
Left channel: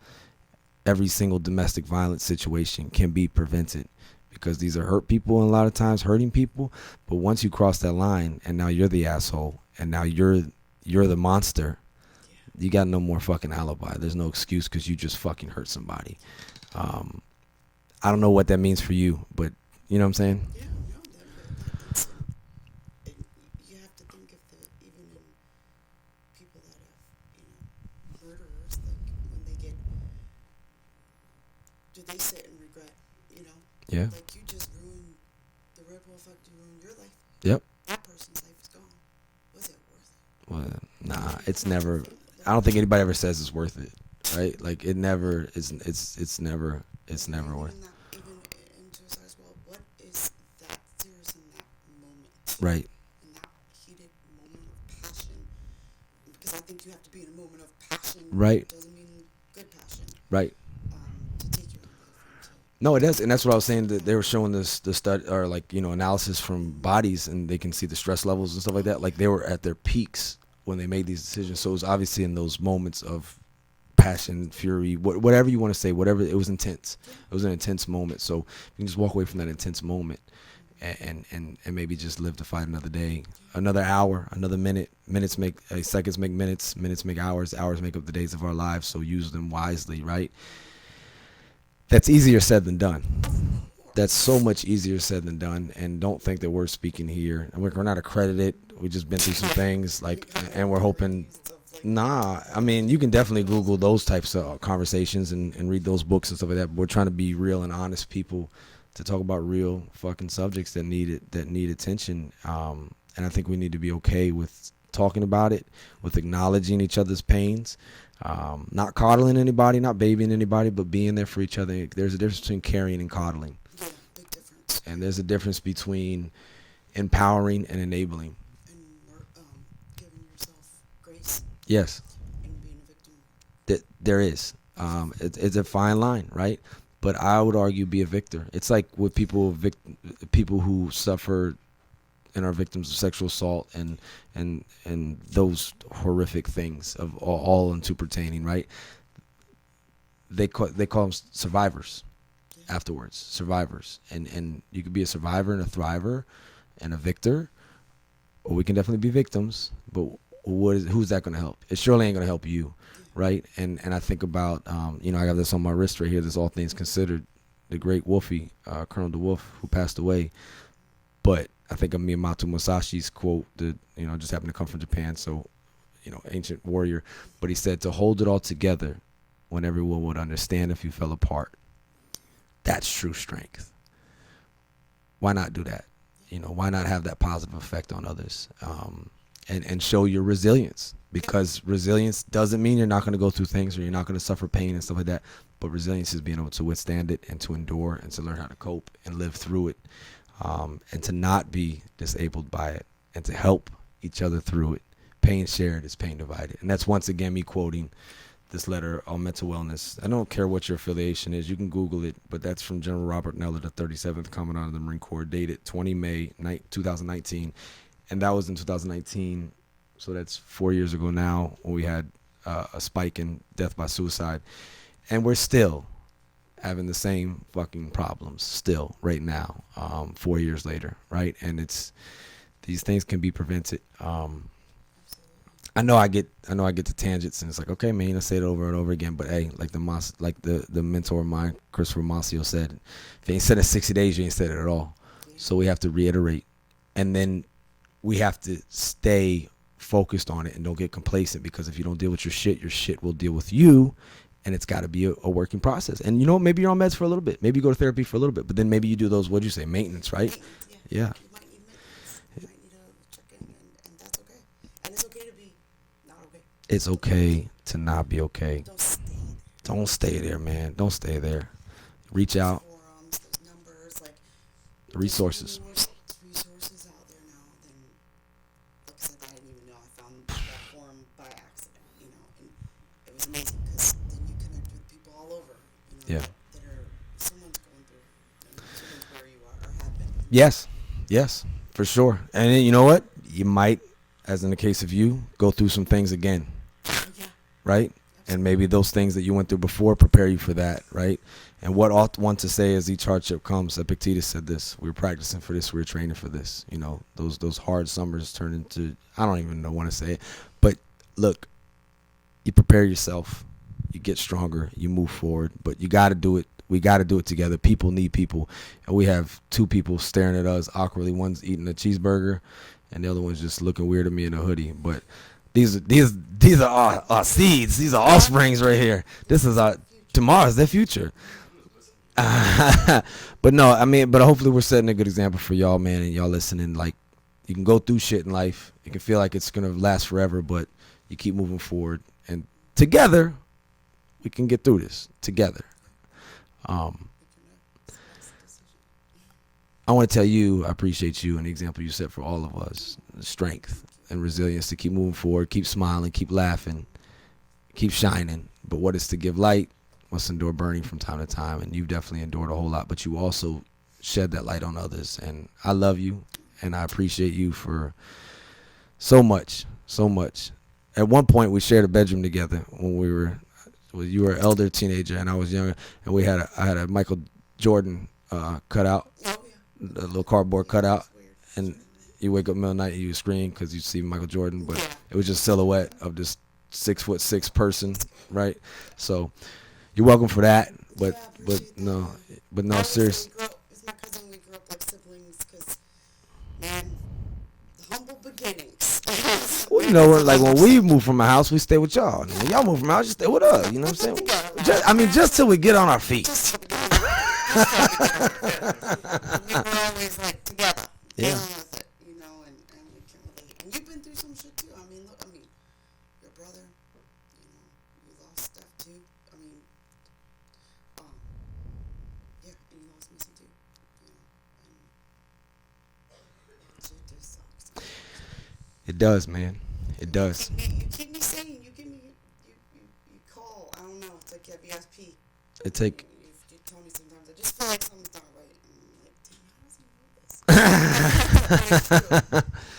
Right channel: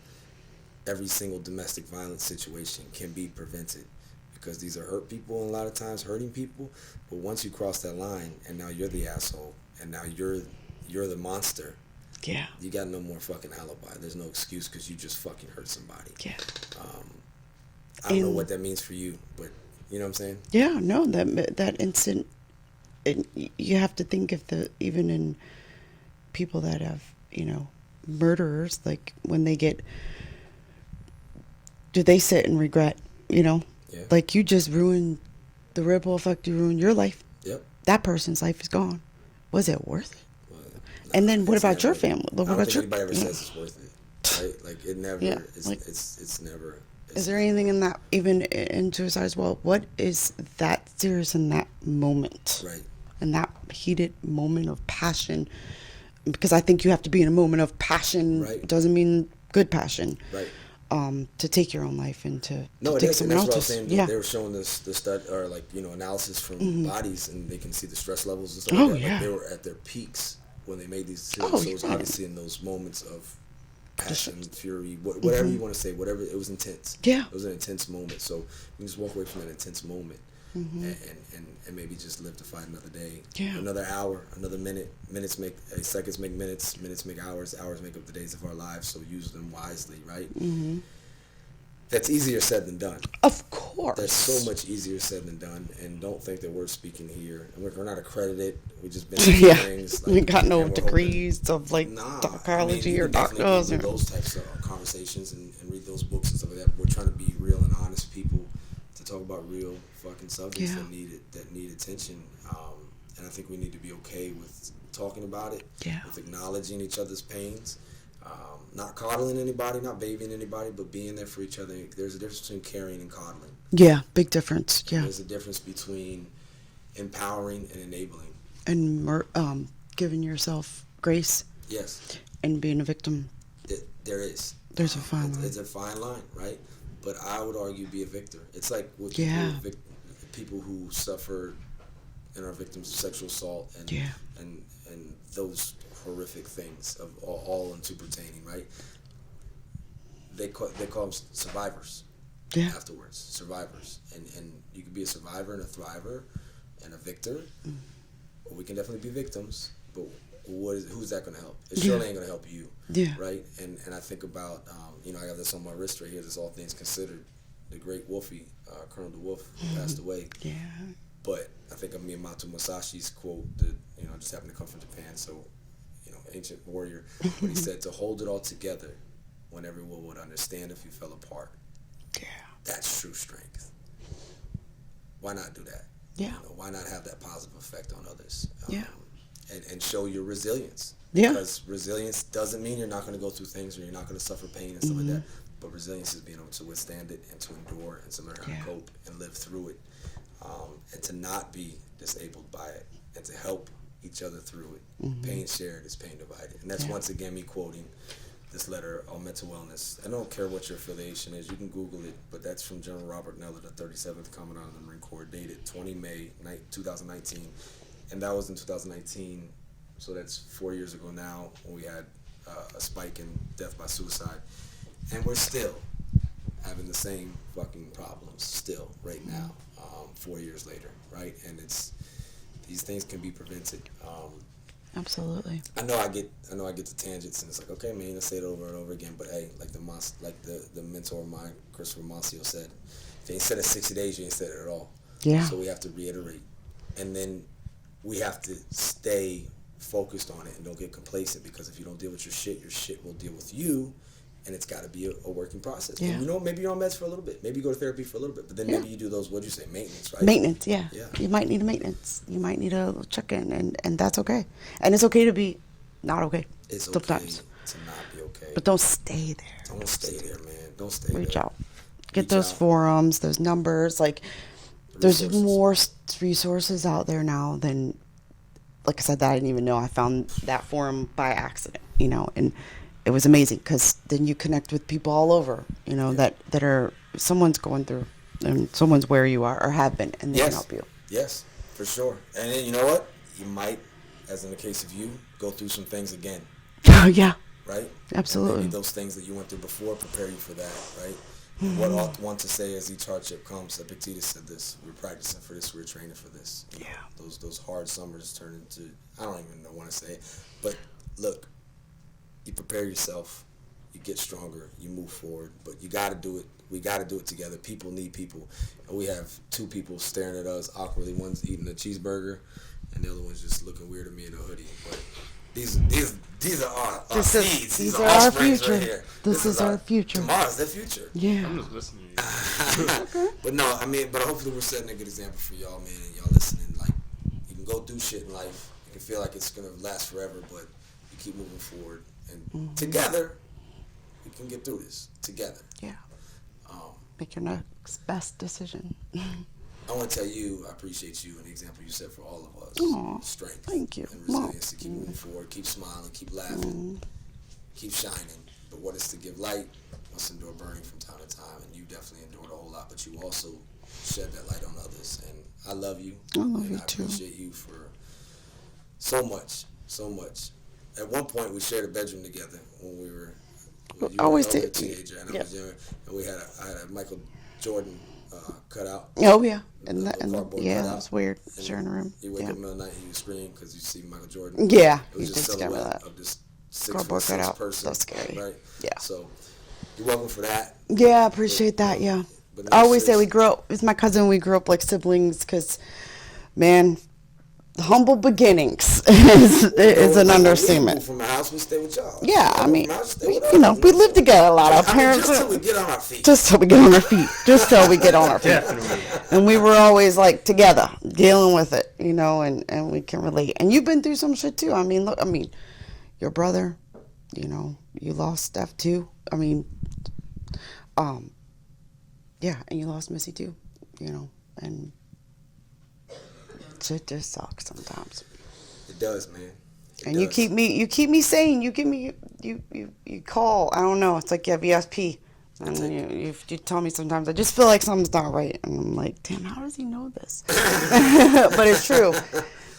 Every single domestic violence situation can be prevented, because these are hurt people and a lot of times hurting people. But once you cross that line and now you're the asshole and now you're the monster, Yeah. you got no more fucking alibi. There's no excuse because you just fucking hurt somebody. Yeah. I don't know what that means for you, but you know what I'm saying? Yeah, no, that instant, you have to think if even in people that have, murderers, like when they get, do they sit and regret, Yeah. like you just ruined the ripple effect, you ruined your life. Yep. That person's life is gone. Was it worth it? Well, And then what it's about your never- family? What I don't about think your- anybody ever says it's worth it, right? Like it never. Yeah, It's like- it's never. It's Is there never anything worth in that, even in suicide as well? What is that serious in that moment? Right. In that heated moment of passion? Because I think you have to be in a moment of passion. Right. Doesn't mean good passion. Right. to take your own life and to No, it take is, and that's someone what I was else's. saying. That Yeah. they were showing this the stud or like analysis from bodies, and they can see the stress levels and stuff like Oh, that. Like yeah. they were at their peaks when they made these decisions. Oh, So it was yeah. obviously in those moments of passion, fury, whatever you want to say, whatever it was intense. Yeah. It was an intense moment. So you can just walk away from that intense moment, Mm-hmm. and maybe just live to fight another day, Yeah. another hour, another minute. Minutes make seconds make minutes. Minutes make hours. Hours make up the days of our lives. So use them wisely, right? Mm-hmm. That's easier said than done. Of course. That's so much easier said than done. And don't think that we're speaking here. We're not accredited. We just been through some Yeah. things. You got no and we're hoping. degrees of like Nah, I toxicology mean, you or can definitely doctors, Google those types of conversations and read those books and stuff like that. But we're trying to be real and honest people to talk about real fucking subjects Yeah. that need attention. And I think we need to be okay with talking about it, Yeah. with acknowledging each other's pains. Not coddling anybody, not babying anybody, but being there for each other. There's a difference between caring and coddling. Yeah, big difference. And Yeah. there's a difference between empowering and enabling. And giving yourself grace Yes, and being a victim. there is. There's a fine line. It's a fine line, right? But I would argue be a victor. It's like with people, Yeah. people who suffer and are victims of sexual assault and Yeah. and those horrific things of all into pertaining, right? They call them survivors. Yeah. Afterwards, survivors, and you could be a survivor and a thriver and a victor, or we can definitely be victims. But who's that going to help? It surely ain't going to help you, Yeah. right? And I think about I got this on my wrist right here. This All Things Considered, the great Wolfie, Colonel DeWolf, who passed away. Yeah. But I think of Miyamoto Musashi's quote that just happened to come from Japan, so ancient warrior. But he said to hold it all together when everyone would understand if you fell apart. Yeah. That's true strength. Why not do that? Yeah. Why not have that positive effect on others? Yeah. And show your resilience. Yeah. Because resilience doesn't mean you're not going to go through things or you're not going to suffer pain and stuff like Mm-hmm. that. But resilience is being able to withstand it and to endure and to learn how to Yeah. cope and live through it. And to not be disabled by it and to help each other through it. Mm-hmm. Pain shared is pain divided. And that's once again me quoting this letter on mental wellness. I don't care what your affiliation is. You can Google it, but that's from General Robert Neller, the 37th Commandant of the Marine Corps, dated 20 May 2019. And that was in 2019, so that's 4 years ago now, when we had a spike in death by suicide. And we're still having the same fucking problems, still, right now, 4 years later, right? And these things can be prevented. Absolutely. I know I get to tangents, and it's like, okay, man, let's say it over and over again. But hey, like the mentor of mine, Christopher Masio, said, if you ain't said it 60 days, you ain't said it at all. Yeah. So we have to reiterate, and then we have to stay focused on it and don't get complacent, because if you don't deal with your shit will deal with you. And it's got to be a working process. Yeah. And maybe you're on meds for a little bit. Maybe you go to therapy for a little bit. But then Yeah. maybe you do those, what'd you say, maintenance, right? Maintenance, yeah. Yeah. You might need a maintenance. You might need a check-in, and that's okay. And it's okay to be not okay. It's okay sometimes. to not be okay. But don't stay there. Don't stay there, man. Don't stay Reach there. out. Get Reach those out. forums, those numbers. Like, Resources. there's more resources out there now than, like I said, that I didn't even know. I found that forum by accident, and it was amazing, because then you connect with people all over, Yeah. that are, someone's going through, and someone's where you are or have been, and they Yes. can help you. Yes, for sure. And then, you know what? You might, as in the case of you, go through some things again, Oh, yeah. right? Absolutely. And maybe those things that you went through before prepare you for that, right? And what ought one to say as each hardship comes? Epictetus said this: we were practicing for this, we were training for this. Yeah. Those hard summers turn into, I don't even know want to say it, but look, you prepare yourself, you get stronger, you move forward, but you got to do it. We got to do it together. People need people, and we have two people staring at us awkwardly. One's eating a cheeseburger, and the other one's just looking weird at me in a hoodie. But these are our seeds. These are our offsprings right future. here. This is our our future. Tomorrow's their future. Yeah. I'm just listening. But no, I mean, but hopefully we're setting a good example for y'all, man, and y'all listening. Like, you can go through shit in life. You can feel like it's gonna last forever, but you keep moving forward, and together we can get through this together. Yeah. Um, Make your next best decision. I want to tell you, I appreciate you and the example you set for all of us. Aw, Strength thank you. and resilience to keep moving forward, keep smiling, keep laughing, keep shining. But what is to give light must endure burning from time to time, and you've definitely endured a whole lot, but you also shed that light on others, and I love you, and I appreciate you for so much. At one point, we shared a bedroom together when we were, well, you were an Always elder did. teenager, and I was younger, and I had a Michael Jordan cutout, Oh yeah. the little cardboard yeah, cutout. It's weird. And Sharing a room. you wake Yeah. up middle of the night and you scream because you see Michael Jordan. Yeah, It was you just did scare me silhouette that. of this Cardboard 6'6" cutout. person, That's scary. right? Yeah. So you're welcome for that. Yeah, I appreciate that. you know, Yeah. But no, I always say serious- we grew up. It's my cousin. We grew up like siblings because, man, humble beginnings is you know, an like when we understatement. move from a house, we stay with y'all. Yeah, y'all I move mean, from a house, you stay with us. you know, know we what I'm live saying? together a lot. Our I mean, parents just were- till we get on our feet. Just till we get on our feet. Just till we get on our feet. Definitely. And we were always like together, dealing with it, you know, and we can relate. And you've been through some shit too. I mean, look, your brother, you know, you lost Steph too. I mean, yeah, and you lost Missy too, you know, and shit just sucks sometimes. It does, man. It And does. you keep me sane. You give me, you call. I don't know. It's like you have ESP. And take- you tell me sometimes. I just feel like something's not right, and I'm like, damn, how does he know this? But it's true.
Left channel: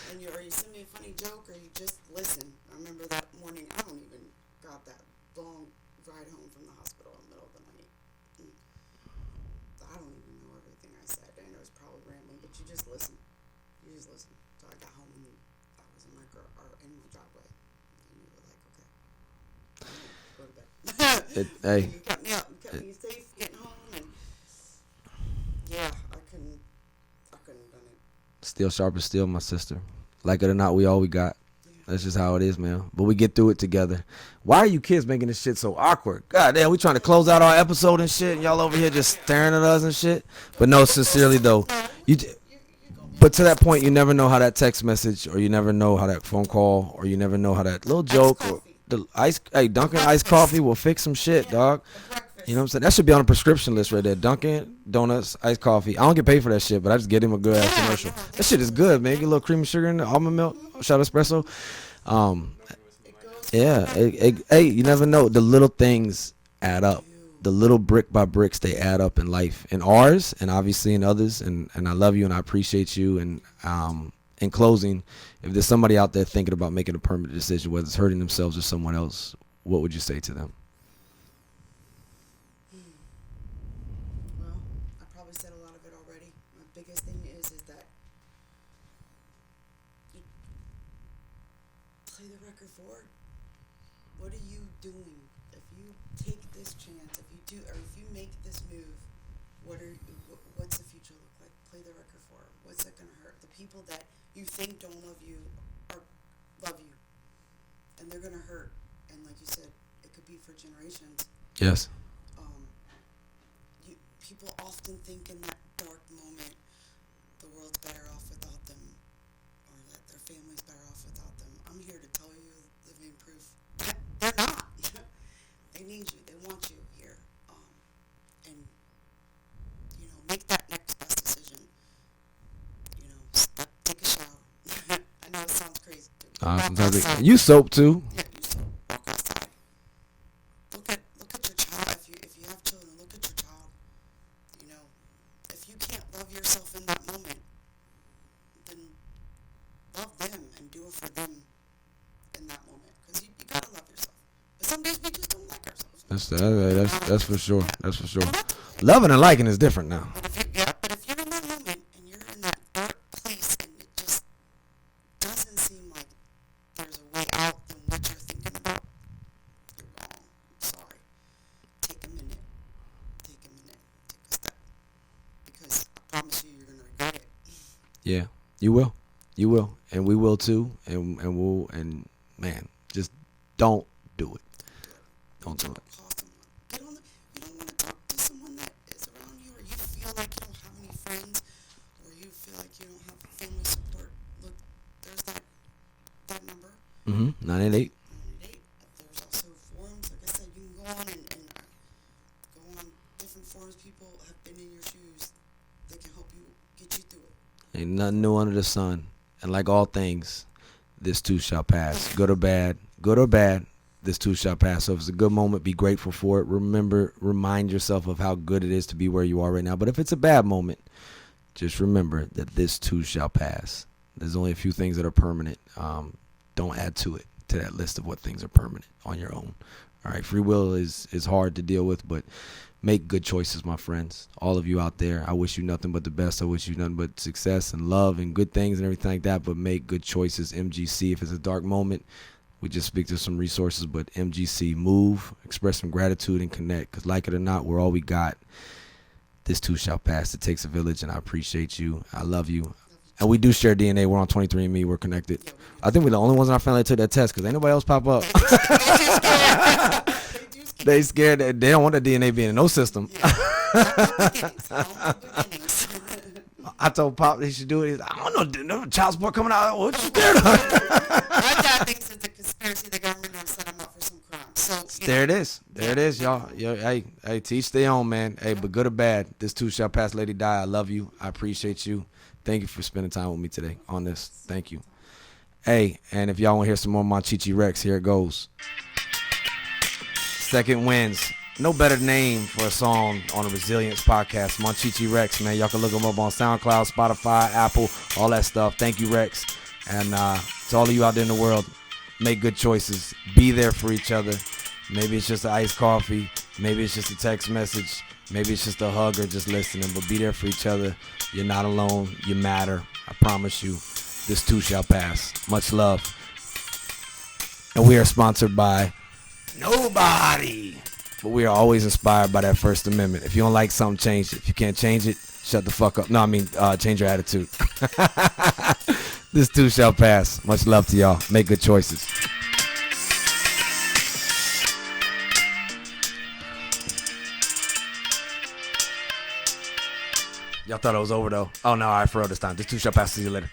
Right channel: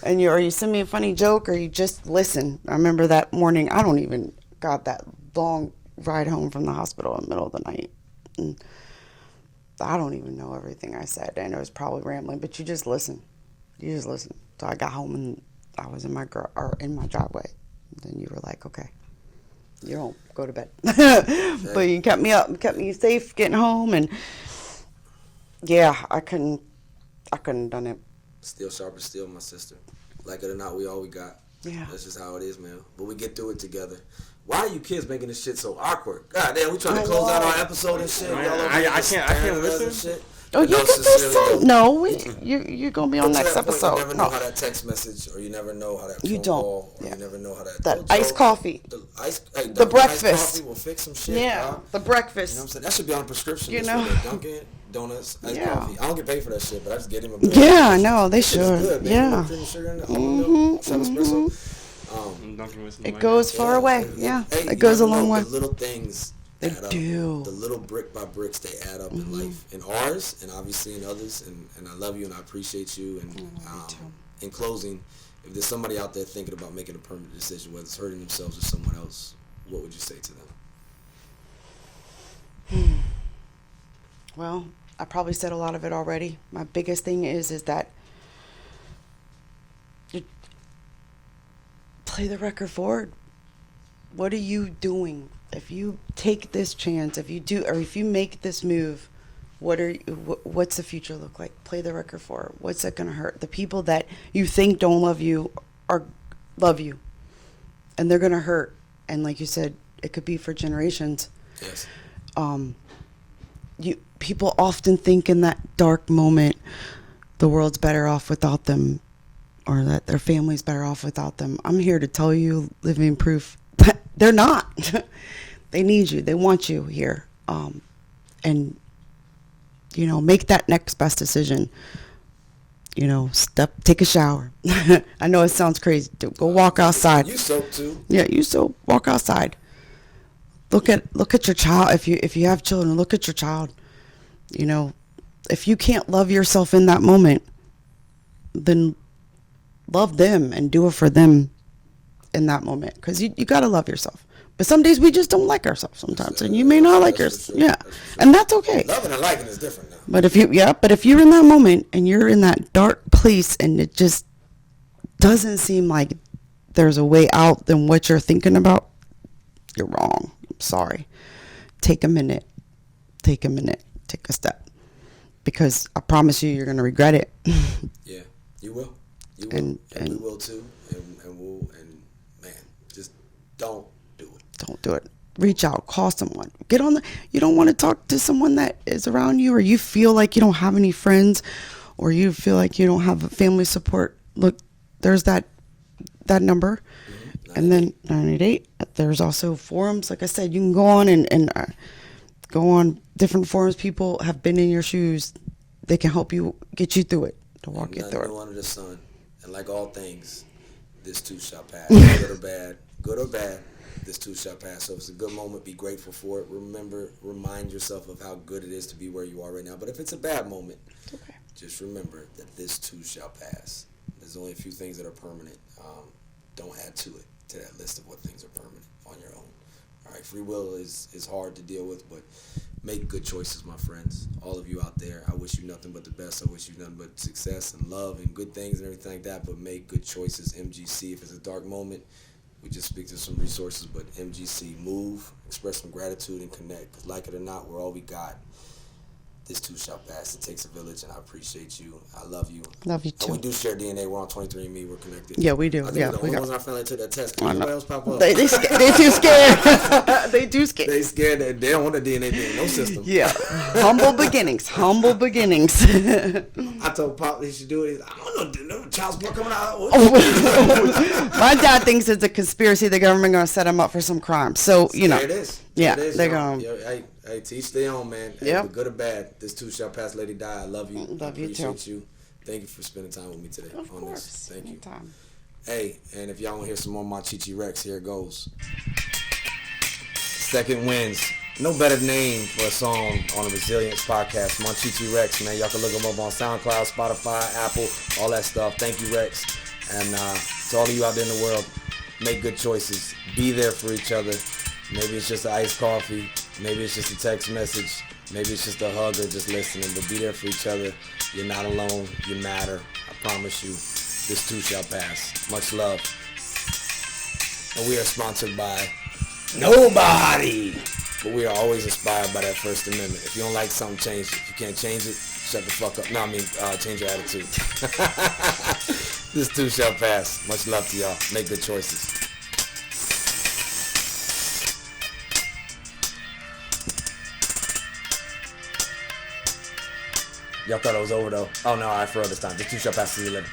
And you send me a funny joke, or you just listen. I remember that morning. I don't even got that long ride home from the hospital in the middle of the night. And I don't even know everything I said. I know it's probably rambling, but you just listen. You just listen. So I got home and I was in my driveway. Then you were like, okay, you don't go to bed. But you kept me up, kept me safe getting home, and yeah, I couldn't have done it. Steel sharp as steel, my sister. Like it or not, we all we got. Yeah. That's just how it is, man. But we get through it together. Why are you kids making this shit so awkward? God damn, we trying to close out our episode and shit. Y'all over here just I staring at can't us and listen. shit. Oh, But you no, can sincerely listen. though. No, you- you're gonna be on But to next that point, you episode. never know No. how that text message, or you never know how that You phone don't. call, or Yeah. you never know how that That little iced joke. coffee. The Dunkin' iced breakfast. coffee will fix some shit, Yeah, dog. the breakfast. You know what I'm saying? That should be on a prescription You list right know? there. Dunkin' Donuts, iced Yeah. coffee. I don't get paid for that shit, but I just get him a good. Yeah, ass I commercial. know, they That shit is should. good, man. Yeah. A little cream and sugar in the almond milk, shot of espresso. Dunkin' with some It mayonnaise. goes far away. Yeah, Hey, it you goes never a long know. way. The little things They add up. do. The little brick by bricks, they add up in life, in ours, and obviously in others. And I love you, and I appreciate you. And in closing, if there's somebody out there thinking about making a permanent decision, whether it's hurting themselves or someone else, what would you say to them? Well, I probably said a lot of it already. My biggest thing is that you play the record forward. What are you doing? If you take this chance, if you make this move, what's the future look like? Play the record forward. What's it gonna hurt? The people that you think don't love you love you, and they're gonna hurt. And like you said, it could be for generations. Yes. People often think in that dark moment the world's better off without them, or that their family's better off without them. I'm here to tell you, living proof, that they're not. They need you. They want you here. And make that next best decision. Take a shower. I know it sounds crazy. Go walk outside. You soap too. Yeah, you still walk outside. Look at your child. If you have children, look at your child. If you can't love yourself in that moment, then love them and do it for them in that moment. Because you gotta love yourself. But some days we just don't like ourselves sometimes, and you may not like that's yourself. for sure. Yeah, That's for sure. and that's okay. Loving and liking is different now. But if you're in that moment and you're in that dark place and it just doesn't seem like there's a way out than what you're thinking about, you're wrong. I'm sorry. Take a minute. Take a step. Because I promise you, you're going to regret it. Yeah, you will. You will. And we and- will too. And man, just don't do it. Don't do it. Reach out. Call someone. You don't want to talk to someone that is around you, or you feel like you don't have any friends, or you feel like you don't have family support. Look, there's that number. Mm-hmm. And then 988. There's also forums. Like I said, you can go on and go on different forums. People have been in your shoes. They can help you get you through it. To walk Ain't you nothing through new it. under the sun. And like all things, this too shall pass. Good or bad. This too shall pass. So if it's a good moment, be grateful for it. Remind yourself of how good it is to be where you are right now. But if it's a bad moment, just remember that this too shall pass. There's only a few things that are permanent. Don't add to that list of what things are permanent on your own. All right, free will is hard to deal with, but make good choices, my friends. All of you out there, I wish you nothing but the best. I wish you nothing but success and love and good things and everything like that, but make good choices. MGC, if it's a dark moment, we just speak to some resources, but MGC, move, express some gratitude and connect, because like it or not, we're all we got. This too shall pass. It takes a village, and I appreciate you. I love you. Love you too. And we do share DNA. We're on 23andMe. We're connected. Yeah, we do. I think we're the Yeah, only we ones are. in our family that took that test, because nobody else pop up. They too scared. They too scared. They scared that they don't want the DNA being in no system. Yeah. Humble beginnings. Humble beginnings. I told Pop he should do it. He's like, I don't know, no child support coming out. My dad thinks it's a conspiracy. The government gonna set him up for some crime. So you know. There it is. Yeah, There it is. they're Y'all. gonna- Hey, to each their own, man. Hey, Yep. but good or bad, this too shall pass. Lady Di, I love you. I Love you appreciate too. you. Thank you for spending time with me today on this. Of course. Thank you. Anytime. Hey, and if y'all want to hear some more Monchichi Rex, here it goes. Second Winds. No better name for a song on a Resilience podcast. Monchichi Rex, man. Y'all can look him up on SoundCloud, Spotify, Apple, all that stuff. Thank you, Rex. And to all of you out there in the world, make good choices. Be there for each other. Maybe it's just an iced coffee. Maybe it's just a text message. Maybe it's just a hug or just listening. But be there for each other. You're not alone. You matter. I promise you. This too shall pass. Much love. And we are sponsored by nobody. But we are always inspired by that First Amendment. If you don't like something, change it. If you can't change it, shut the fuck up. No, I mean, change your attitude. This too shall pass. Much love to y'all. Make good choices. Y'all thought it was over though. Oh no, all right, for real this time. This too shall pass. See you later.